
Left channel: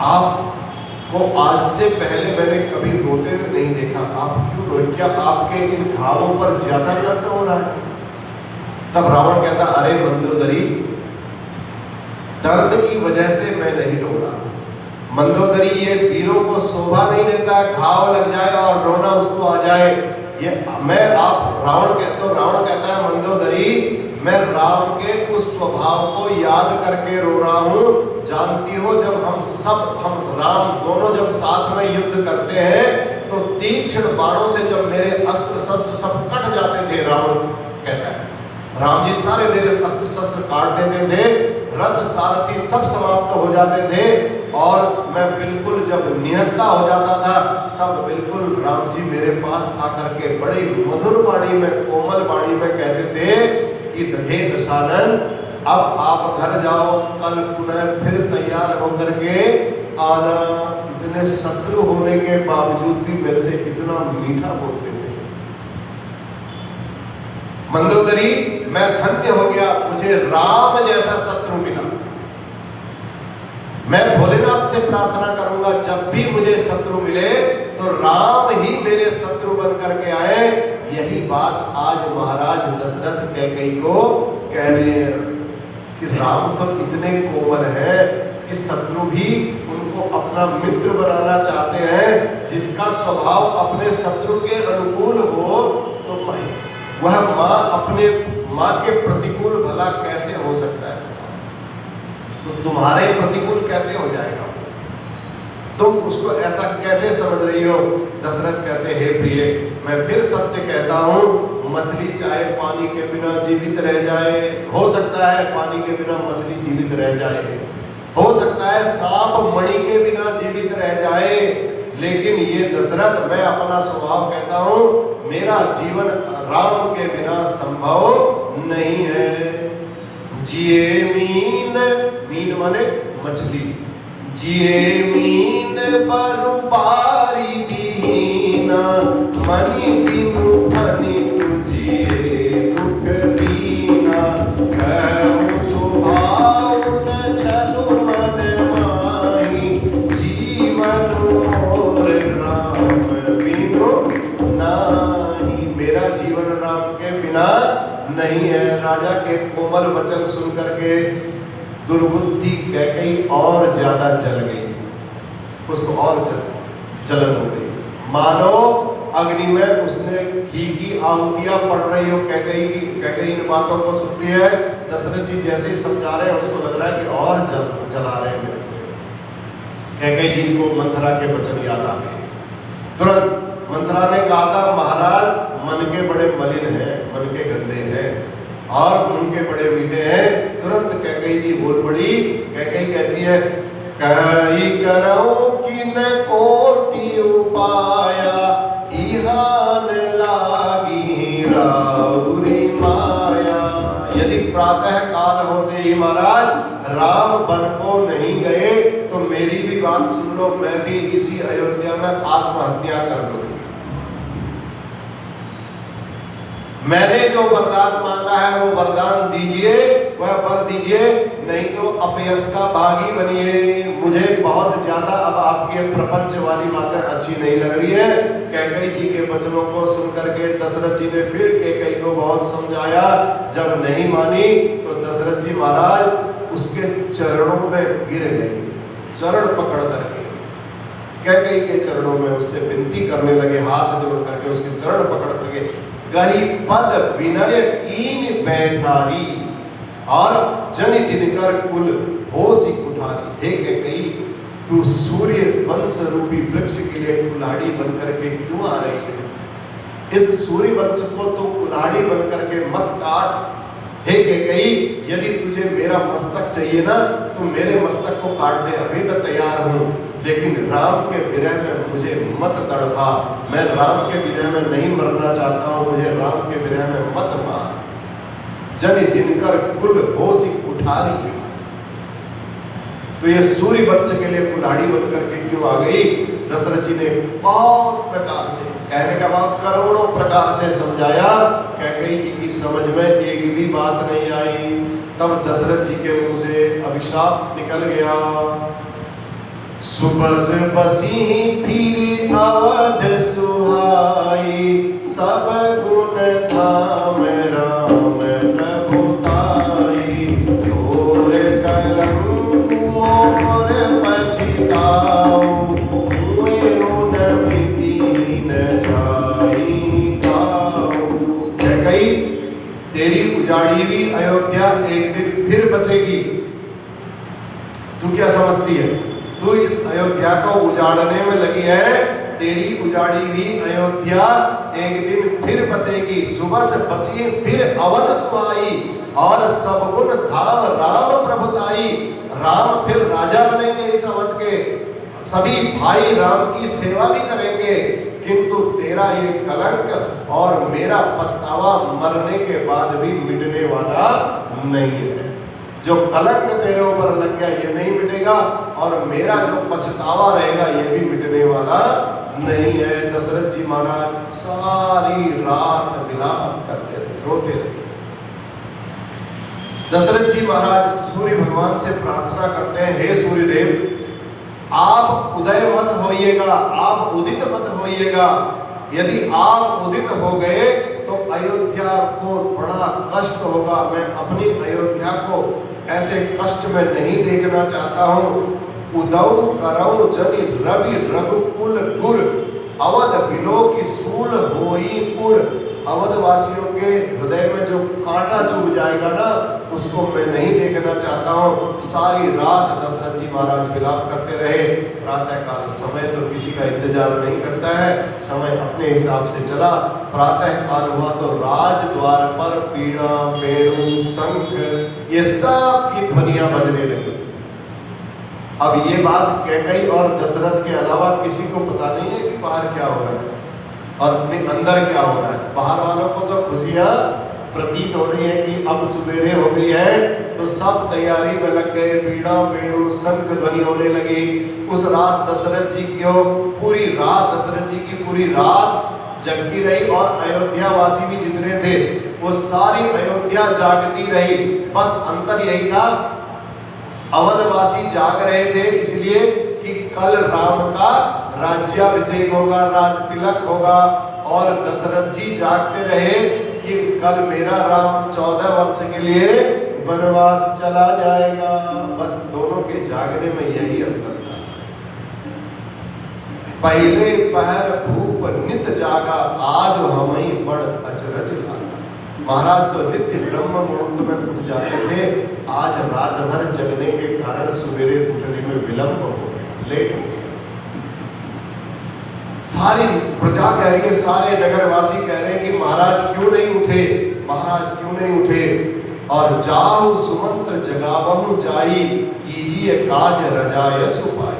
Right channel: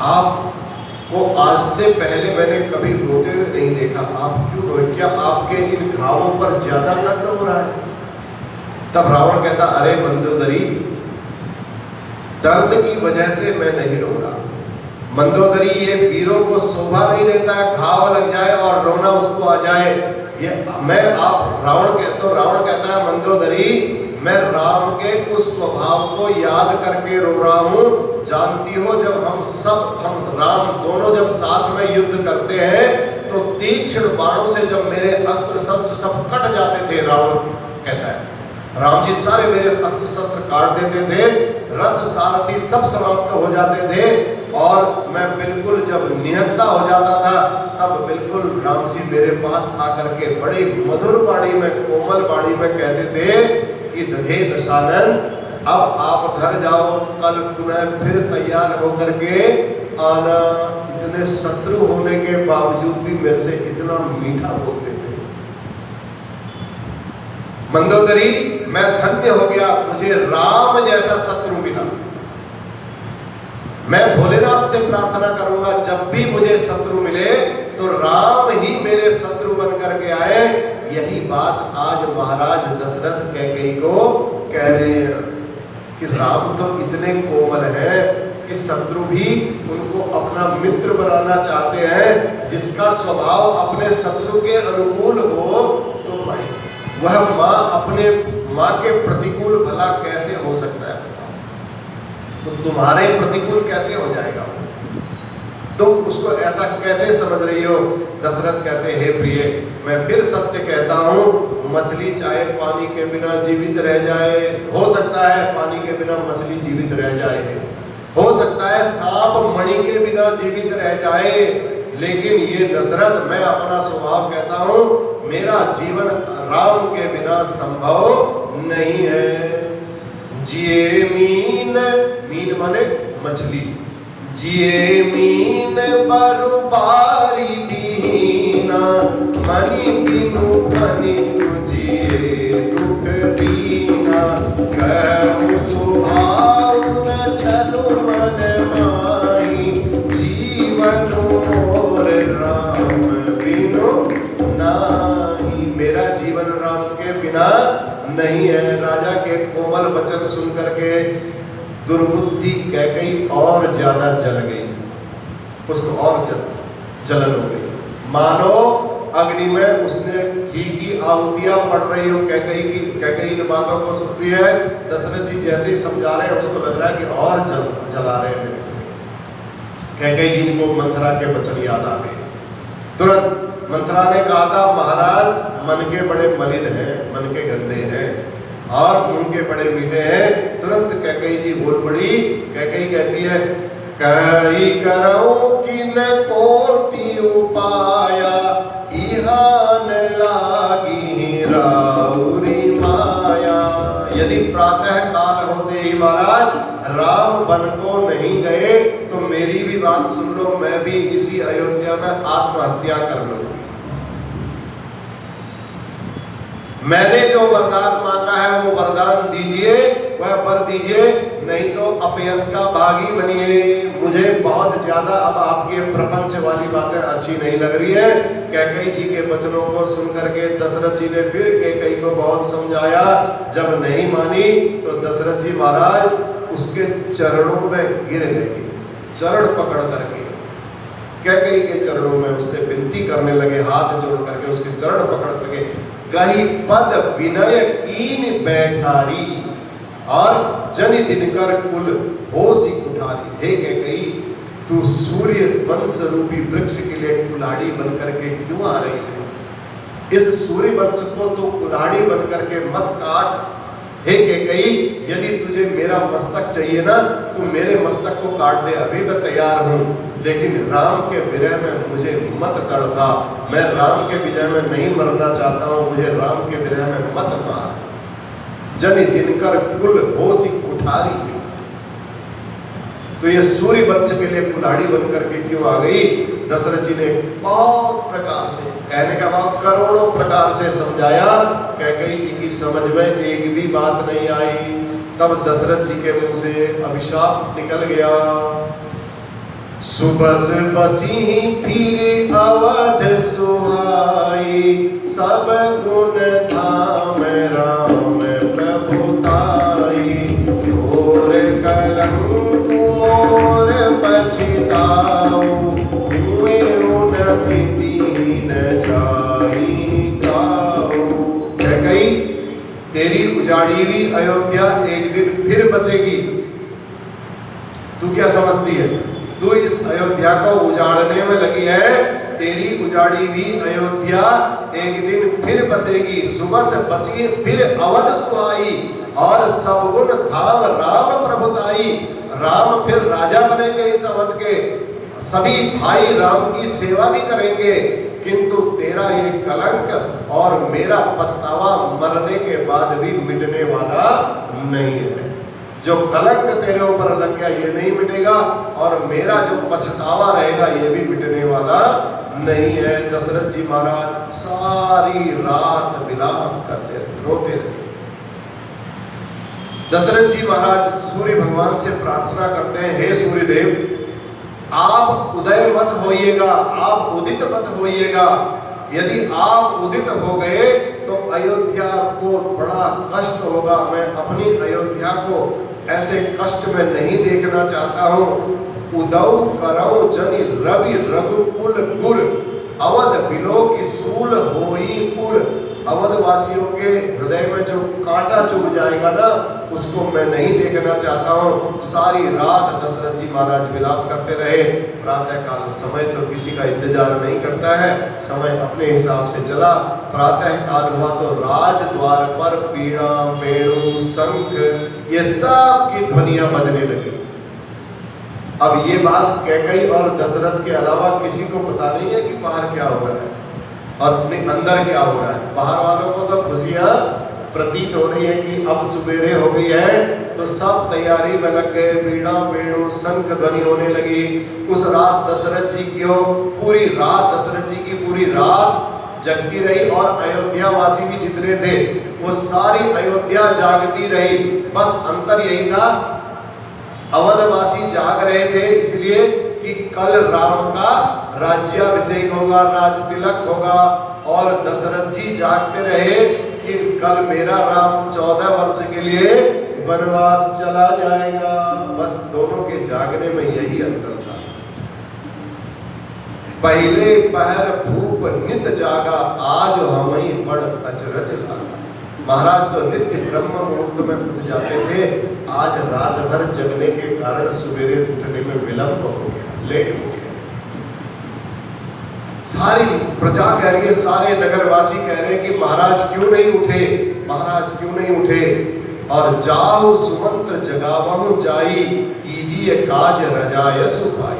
आपको आज से पहले मैंने कभी रोते हुए नहीं देखा, आप क्यों रोए? क्या आपके इन घावों पर ज्यादा दर्द हो रहा है? तब रावण कहता, अरे मंदोदरी, दर्द की वजह से मैं नहीं रो रहा। मंदोदरी, ये वीरों को शोभा नहीं देता है, घाव लग जाए और रोना उसको आ जाए। ये मैं आप रावण कहता है मंदोदरी, मैं राम के उस स्वभाव को याद करके रो रहा हूँ। जानती हो, जब हम राम दोनों जब साथ में युद्ध करते हैं तो तीक्ष्ण बाणों से जब मेरे अस्त्र शस्त्र सब कट जाते थे, रावण कहता है, राम जी सारे मेरे अस्त्र शस्त्र काट देते थे, रथ सारथी सब समाप्त हो जाते थे, और मैं बिल्कुल जब निहत्ता हो जाता था, तब बिल्कुल राम जी मेरे पास आकर के बड़ी मधुर वाणी में, कोमल वाणी में कहते थे कि हे दशानन, अब आप घर जाओ, कल पुनः फिर तैयार होकर के आना। इतने शत्रु होने के बावजूद भी मेरे से इतना मीठा बोलते थे। मंदोदरी, मैं धन्य हो गया, मुझे राम जैसा शत्रु मिला। मैं भोलेनाथ से प्रार्थना करूंगा, जब भी मुझे शत्रु मिले तो राम ही मेरे शत्रु बन करके आए। यही बात आज महाराज दशरथ कैकेयी को कह रहे हैं कि राम तो इतने कोमल है कि शत्रु भी उनको अपना मित्र बनाना चाहते हैं। जिसका स्वभाव अपने शत्रु के अनुकूल हो, तो वह अपने माँ के प्रतिकूल भला कैसे हो सकता है? तो तुम्हारे प्रतिकूल कैसे हो जाएगा? तुम उसको ऐसा कैसे समझ रही हो? दशरथ कहते, हे प्रिय, मैं फिर सत्य कहता हूँ, मछली चाहे पानी के बिना जीवित रह जाए, हो सकता है पानी के बिना मछली जीवित रह जाए, हो सकता है सांप मणि के बिना जीवित रह जाए, लेकिन ये दशरथ, मैं अपना स्वभाव कहता हूँ, मेरा जीवन राम के बिना संभव नहीं है। जिए मीन, मीन माने मछली, जिए मीन बरुबारी दीना, मणि बिनु मणि जिए दुख दीना, कहूँ स्वभाव न चलो मन माही, जीवन मोर राम बिनु नाही। मेरा जीवन राम के बिना नहीं है। राजा के कोमल वचन सुन करके दुर्बुद्धि कैकेयी और ज्यादा जल गई, उसको और जलन हो गई, मानो अग्नि में उसने घी की आहुतियां पड़ रही हो। कैकेयी इन बातों को सुन रही है, दशरथ जी जैसे ही समझा रहे हैं उसको लग रहा है कि और जला रहे हैं। कैकेयी जी को मंथरा के वचन याद आ गए। तुरंत मंथरा ने कहा था, महाराज मन के बड़े मलिन हैं, मन के गंदे हैं और उनके बड़े मीठे हैं। तुरंत कैकेयी जी बोल पड़ी। कैकेयी कहती है, कई करो कि न कोटि उपाया, इहान लागी राउरी माया। यदि प्रातः काल होते ही महाराज राम वन को नहीं गए तो मेरी भी बात सुन लो, मैं भी इसी अयोध्या में आत्महत्या कर लूं। मैंने जो वरदान मांगा है वो वरदान दीजिए, वह वर दीजिए, नहीं तो अपयश का भागी बनिए। मुझे बहुत ज्यादा अब आपके प्रपंच वाली बातें अच्छी नहीं लग रही है। कैकेयी जी के वचनों को सुनकर के दशरथ जी ने फिर कैकेयी को बहुत समझाया। जब नहीं मानी तो दशरथ जी महाराज उसके चरणों में गिर गए, चरण पकड़ करके कैकेयी के चरणों में उससे विनती करने लगे, हाथ जोड़ करके उसके चरण पकड़ करके, गही पद विनय कीन बैठारी, और जन दिनकर कुल होसी कुठारी। हे कैकेयी, तू सूर्य वंश रूपी वृक्ष के लिए कुल्हाड़ी बन करके क्यों आ रही है? इस सूर्य वंश को तू कुल्हाड़ी बन करके मत काट। हे कैकेयी, यदि तुझे मेरा मस्तक चाहिए ना, तो मेरे मस्तक को काट दे, अभी मैं तैयार हूँ, लेकिन राम के विरह में मुझे मत तड़पा। मैं राम के विरह में नहीं मरना चाहता हूँ, मुझे राम के विरह में मत मार। जन दिनकर कुल होसी कुठारी। तो ये सूर्य वंश के लिए कुल्हाड़ी बन करके क्यों आ गई? दशरथ जी ने बहुत प्रकार से, कहने का भाव करोड़ों प्रकार से समझाया। कैकेयी जी की समझ में एक भी बात नहीं आई। तब दशरथ जी के मुंह से अभिशाप निकल गया। सुबस बसी फिर अवध सुहाई, सब गुण धाम राम प्रभुताई, तोर कलंक मोर पछताऊ, हुए उन दीन जाई गाऊ। कैकेयी, तेरी उजाड़ी हुई अयोध्या एक दिन फिर बसेगी। तू क्या समझती है? तू इस अयोध्या को उजाड़ने में लगी है। तेरी उजाड़ी हुई अयोध्या एक दिन फिर बसेगी। सुबह से बसी फिर अवध सुहाई, और सब गुण धाम राम प्रभुताई। राम फिर राजा बनेंगे इस अवध के, सभी भाई राम की सेवा भी करेंगे। किंतु तेरा ये कलंक और मेरा पछतावा मरने के बाद भी मिटने वाला नहीं है। जो कलंक तेरे ऊपर लग गया ये नहीं मिटेगा, और मेरा जो पछतावा रहेगा ये भी मिटने वाला नहीं है। दशरथ जी महाराज सारी रात विलाप करते रहे, रोते रहे। दशरथ जी महाराज सूर्य भगवान से प्रार्थना करते हैं, हे सूर्यदेव, आप उदय मत होइएगा, आप उदित मत होइएगा। यदि आप उदित हो गए तो अयोध्या को बड़ा कष्ट होगा। मैं अपनी अयोध्या को ऐसे कष्ट में नहीं देखना चाहता हूँ। उदौ करौ जनि रवि रघुकुल गुर, अवध बिलो की सूल होई पुर। अवधवासियों के हृदय में जो कांटा चुभ जाएगा ना, उसको मैं नहीं देखना चाहता हूँ। सारी रात दशरथ जी महाराज विलाप करते रहे। प्रातः काल समय तो किसी का इंतजार नहीं करता है, समय अपने हिसाब से चला। प्रातः काल हुआ तो राज द्वार पर पीड़ा, वेणु, शंख, ये सब की ध्वनियां बजने लगी। अब ये बात कैकेयी और दशरथ के अलावा किसी को पता नहीं है कि बाहर क्या हो रहा है और अंदर क्या हो रहा है। बाहर वालों को तो खुशियां प्रतीत हो रही है कि अब सुबेरे हो गई है, तो सब तैयारी में लग गए। पीड़ा, वेणु, शंख ध्वनि होने लगी। उस रात दशरथ जी की पूरी रात, दशरथ जी की पूरी रात जगती रही और अयोध्या वासी भी जितने थे वो सारी अयोध्या जागती रही। बस अंतर यही था, अवधवासी जाग रहे थे इसलिए कि कल राम का राज्याभिषेक होगा, राज तिलक होगा, और दशरथ जी जागते रहे कि कल मेरा राम 14 वर्ष के लिए वनवास चला जाएगा। बस दोनों के जागने में यही अंतर था। पहले पहर भूप नित जागा, आज हमई बड़ अचरज लागा। महाराज तो नित्य ब्रह्म मुहूर्त में उठ जाते थे, आज रात भर जगने के कारण सवेरे उठने में विलंब हो गया, लेट हो गया। सारी प्रजा कह रही है, सारे नगरवासी कह रहे हैं कि महाराज क्यों नहीं उठे, महाराज क्यों नहीं उठे। और जाहु सुमंत्र जगावहु जाई, कीजिए काज रजायस उपाय।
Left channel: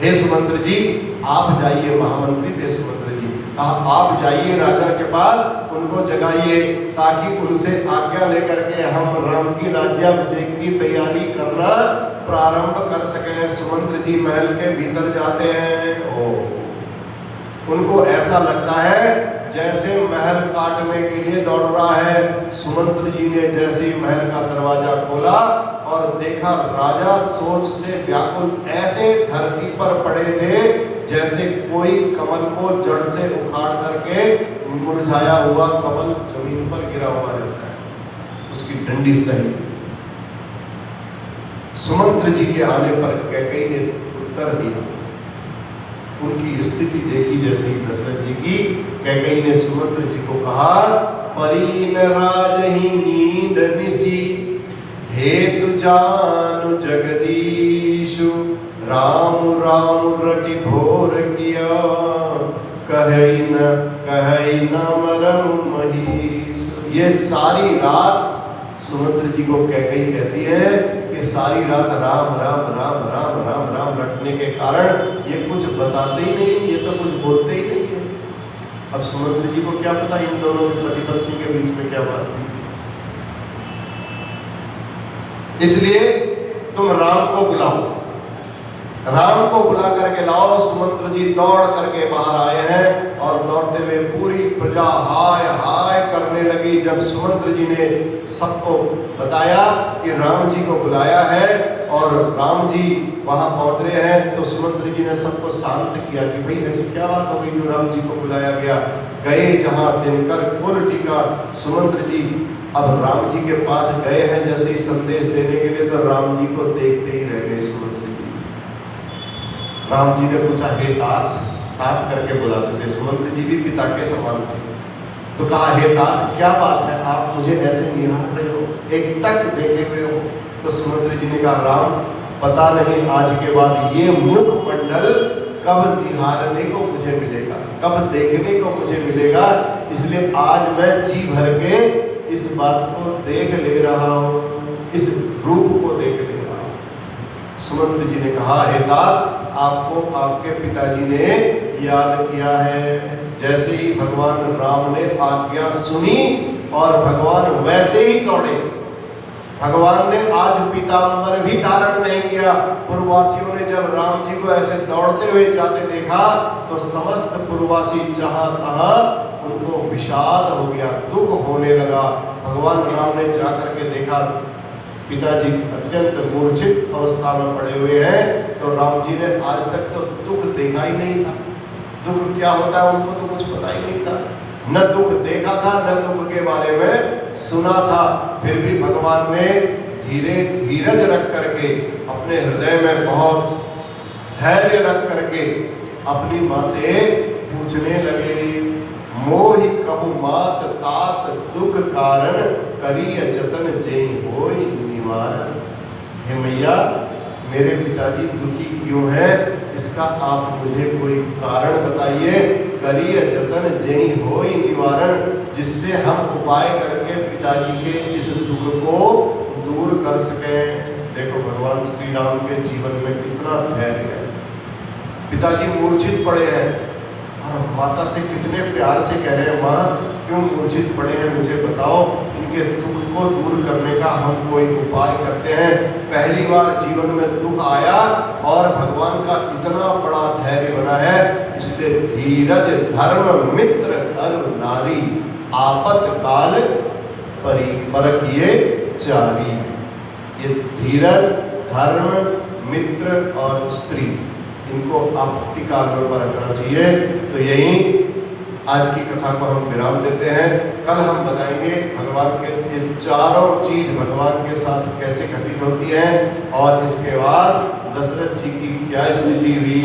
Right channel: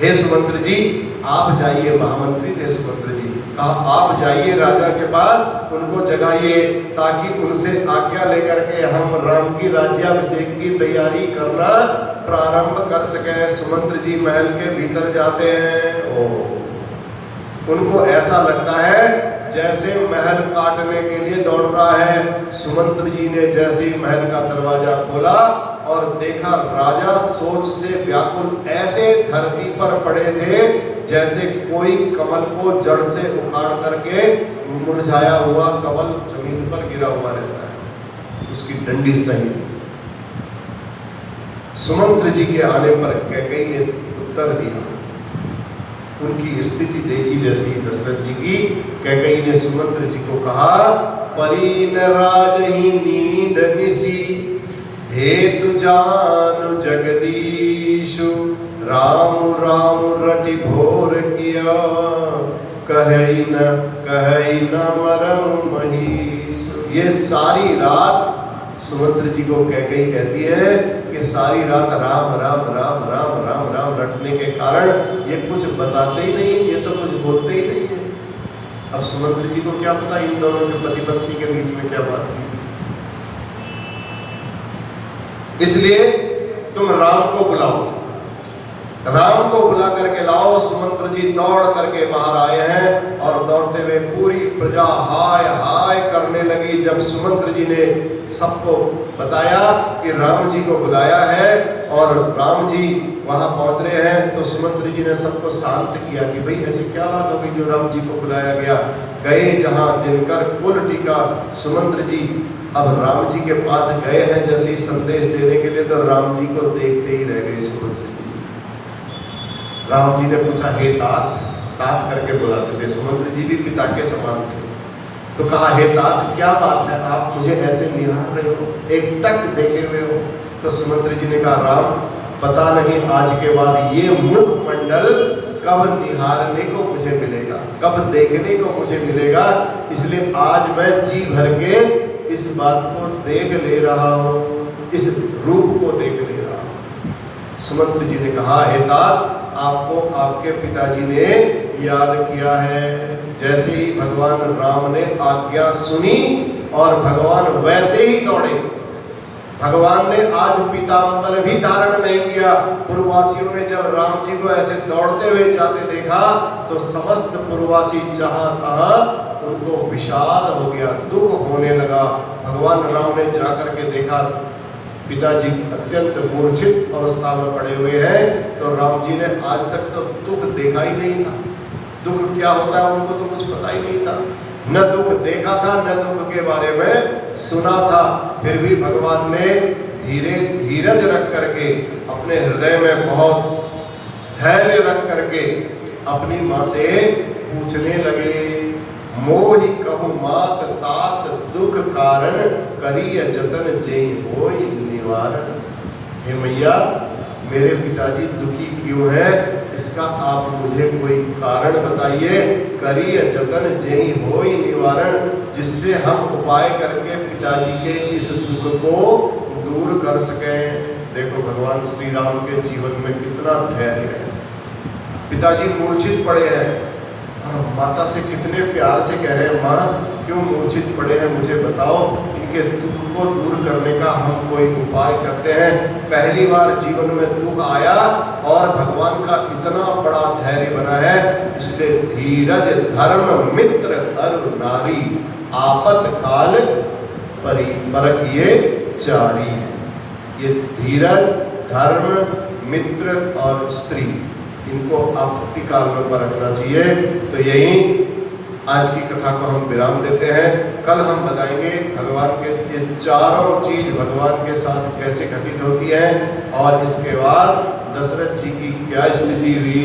हे सुमंत्र जी आप जाइए, महामंत्री थे सुमंत्र जी, कहा आप जाइए राजा के पास, उनको जगाइए ताकि उनसे आज्ञा लेकर के हम राम की राज्याभिषेक की तैयारी करना प्रारंभ कर सके। सुमंत्र जी महल के भीतर जाते हैं। उनको ऐसा लगता है जैसे महल काटने के लिए दौड़ रहा है। सुमंत्र जी ने जैसे ही महल का दरवाजा खोला और देखा, राजा सोच से व्याकुल ऐसे धरती पर पड़े थे जैसे कोई कमल को जड़ से उखाड़ करके मुरझाया हुआ कमल जमीन पर गिरा हुआ रहता है, उसकी डंडी सही। सुमंत्र जी के आने पर कैकेयी ने उत्तर दिया। उनकी स्थिति देखी जैसे ही दशरथ जी की, कैकेयी ने सुमंत्र जी को कहा, परी न राजहि नींद निसी, हेतु जानु जगदीशु, राम राम रटि भोर किया, कहई न मरम महीश। ये सारी रात सुमंत्र जी को कैकेयी कहती है कि सारी रात राम राम राम राम राम राम रटने के कारण ये कुछ बताते ही नहीं, ये तो कुछ बोलते ही नहीं है। अब सुमंत्र जी को क्या पता इन दोनों की पति पत्नी के बीच में क्या बात हुई। इसलिए तुम राम को बुलाओ, राम को बुला करके लाओ। सुमंत्र जी दौड़ करके बाहर आए हैं और दौड़ते हुए पूरी प्रजा हाय हाय करने लगी। जब सुमंत्र जी ने सबको बताया कि राम जी को बुलाया है और राम जी वहां पहुंच रहे हैं, तो सुमंत्र जी ने सबको शांत किया कि भाई ऐसी क्या बात होगी जो राम जी को बुलाया गया। गए जहां दिनकर कुल टीका, सुमंत्र जी अब राम जी के पास गए हैं जैसे ही संदेश देने के लिए, तो राम जी को देखते ही रह गए सुमंत्र जी। राम जी ने पूछा, हे तात, तात करके बुलाते थे, सुमंत्र जी भी पिता के समान थे। तो कहा, हे तात क्या बात है, आप मुझे ऐसे निहार रहे हो, एक टक देखे हुए हो। तो सुमंत्र जी ने कहा, राम पता नहीं आज के बाद ये मुखमंडल कब निहारने को मुझे मिलेगा, कब देखने को मुझे मिलेगा, इसलिए आज मैं जी भर के इस बात को देख ले रहा हूँ, इस रूप को देख ले रहा हूँ। सुमंत्र जी ने कहा, हे तात आपको आपके पिताजी ने याद किया है। जैसे ही भगवान राम ने आज्ञा सुनी और भगवान वैसे ही दौड़े। भगवान ने आज पीताम्बर भी धारण नहीं किया। पूर्ववासियों ने जब राम जी को ऐसे दौड़ते हुए जाते देखा तो समस्त पूर्ववासी जहां तहां उनको विषाद हो गया, दुख होने लगा। भगवान राम ने जाकर के देखा पिताजी अत्यंत मूर्छित अवस्था में पड़े हुए हैं, तो राम जी ने आज तक तो दुख देखा ही नहीं था। दुख क्या होता है उनको तो कुछ पता ही नहीं था, न दुख देखा था न दुख के बारे में सुना था। फिर भी भगवान ने धीरज रख करके, अपने हृदय में बहुत धैर्य रख करके अपनी माँ से पूछने लगे, मोहि कहु मात तात दुख कारण, करिय जतन जेहि होई निवारण। हे मैया, मेरे पिताजी दुखी क्यों है, इसका आप मुझे कोई कारण बताइए। करिय जतन जेहि होई निवारण, जिससे हम उपाय करके पिताजी के इस दुख को दूर कर सकें। देखो भगवान श्री राम के जीवन में कितना धैर्य है। पिताजी मूर्छित पड़े हैं और माता से कितने प्यार से कह रहे हैं, माँ क्यों मूर्छित पड़े हैं, मुझे बताओ, इनके दुख को दूर करने का हम कोई उपाय करते हैं। पहली बार जीवन में दुख आया और भगवान का इतना बड़ा धैर्य बना है, इसलिए धीरज धर्म मित्र अरु नारी, आपत काल परखिए चारी। ये धीरज, धर्म, मित्र और स्त्री, इनको आपत्ति काल में परखना चाहिए। तो यही आज की कथा को हम विराम देते हैं। कल हम बताएंगे भगवान के ये चारों चीज भगवान के साथ कैसे घटित होती है, और इसके बाद दशरथ जी की क्या स्थिति हुई,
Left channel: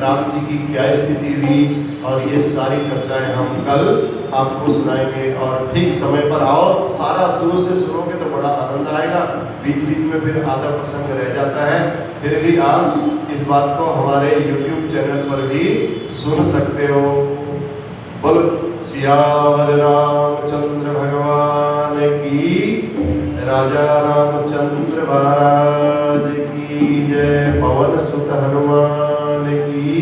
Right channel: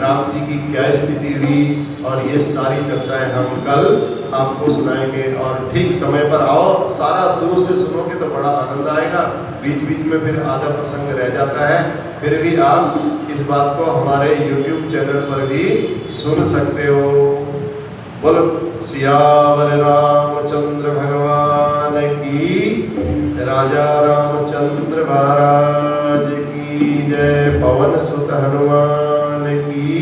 राम जी की क्या स्थिति हुई, और ये सारी चर्चाएं हम कल आपको सुनाएंगे। और ठीक समय पर आओ, सारा शुरू से सुनोगे तो बड़ा आनंद आएगा। बीच बीच में फिर आधा प्रसंग रह जाता है, फिर भी आप इस बात को हमारे YouTube चैनल पर भी सुन सकते हो। बोलो सियावर रामचंद्र भगवान की, राजा रामचंद्र महाराज की जय, पवन सुत हनुमान की।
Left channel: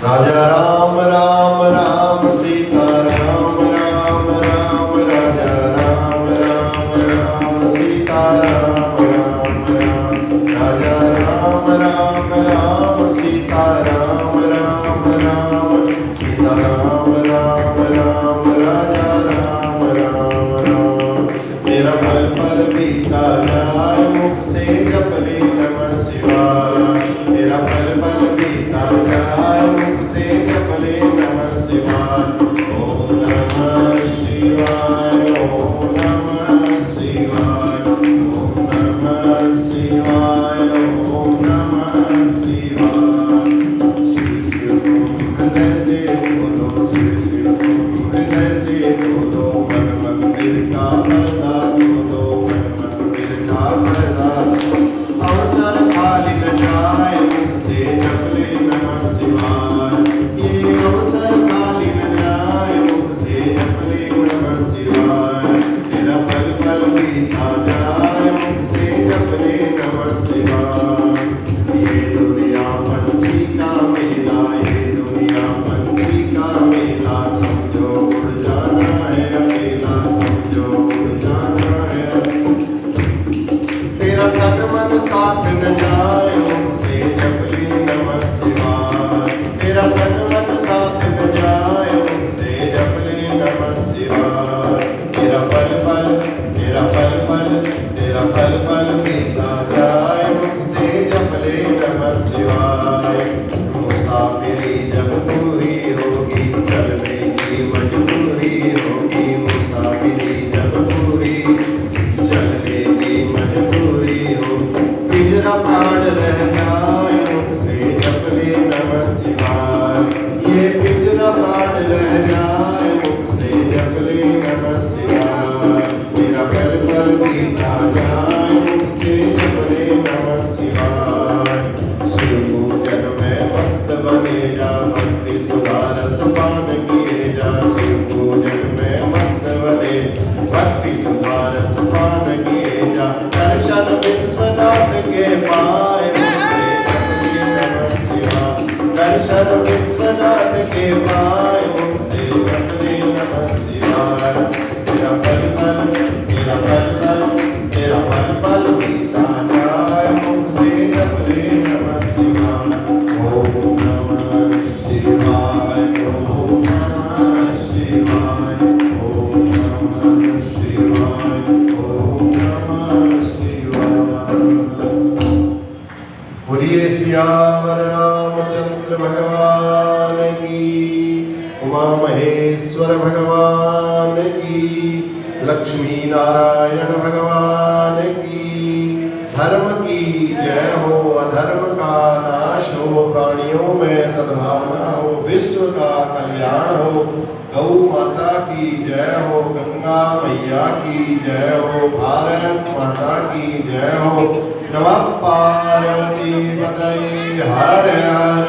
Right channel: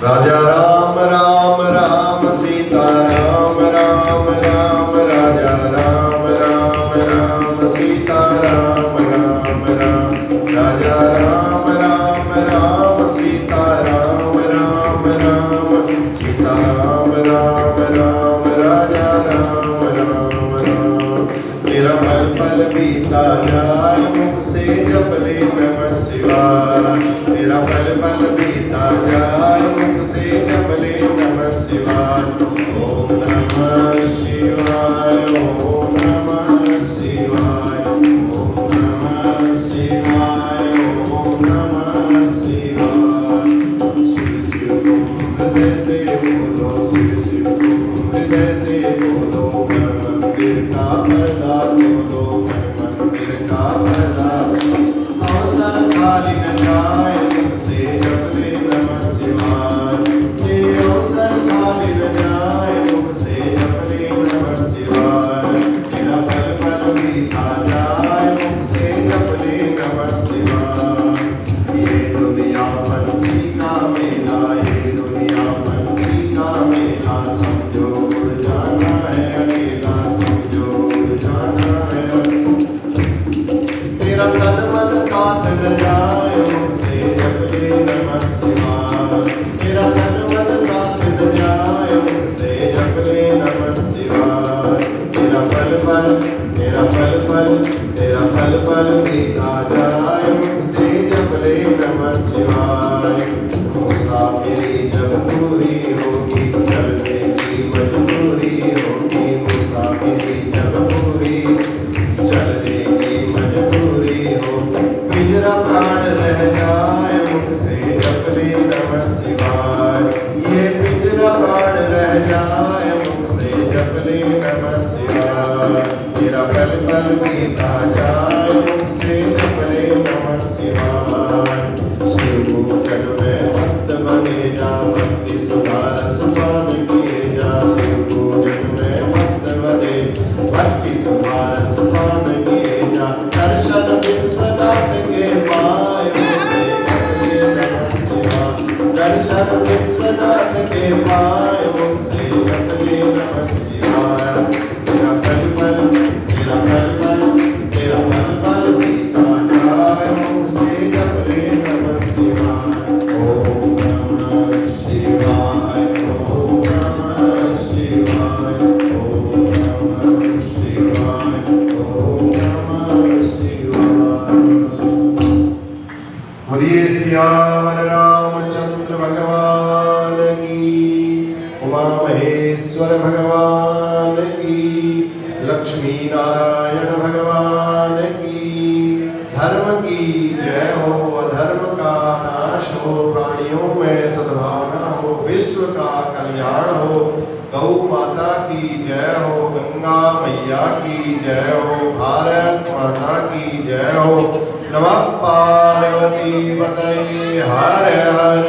राजा राम राम राम सीता राम राम राम, राजा राम राम राम सीता राम राम राम, राजा राम राम राम सीता राम राम राम, सीता राम राम राम, राजा राम राम राम। मेरा पल पल बीता जाए, मुख से जप ले नमः शिवाय। मेरा पल पल बीता जाए, मुख से जप ले नमः शिवाय। ओम नमः शिवाय, ओम नमः शिवाय, ओम नमः शिवाय, ओम नमः शिवाय। शिव शिव तुम हृदय से बोलो, शिव शिव तुम हृदय से बोलो, पर मंदिर का पर्दा खोलो, पर मंदिर का लक्ष्मी नारायण भगवान की। धर्म की जय हो, अधर्म का नाश हो, प्राणियों में सद्भावना हो, विश्व का कल्याण हो। गौ माता की जय हो, गंगा मैया की जय हो, भारत माता की जय हो। नमः पार्वती पतये हर हर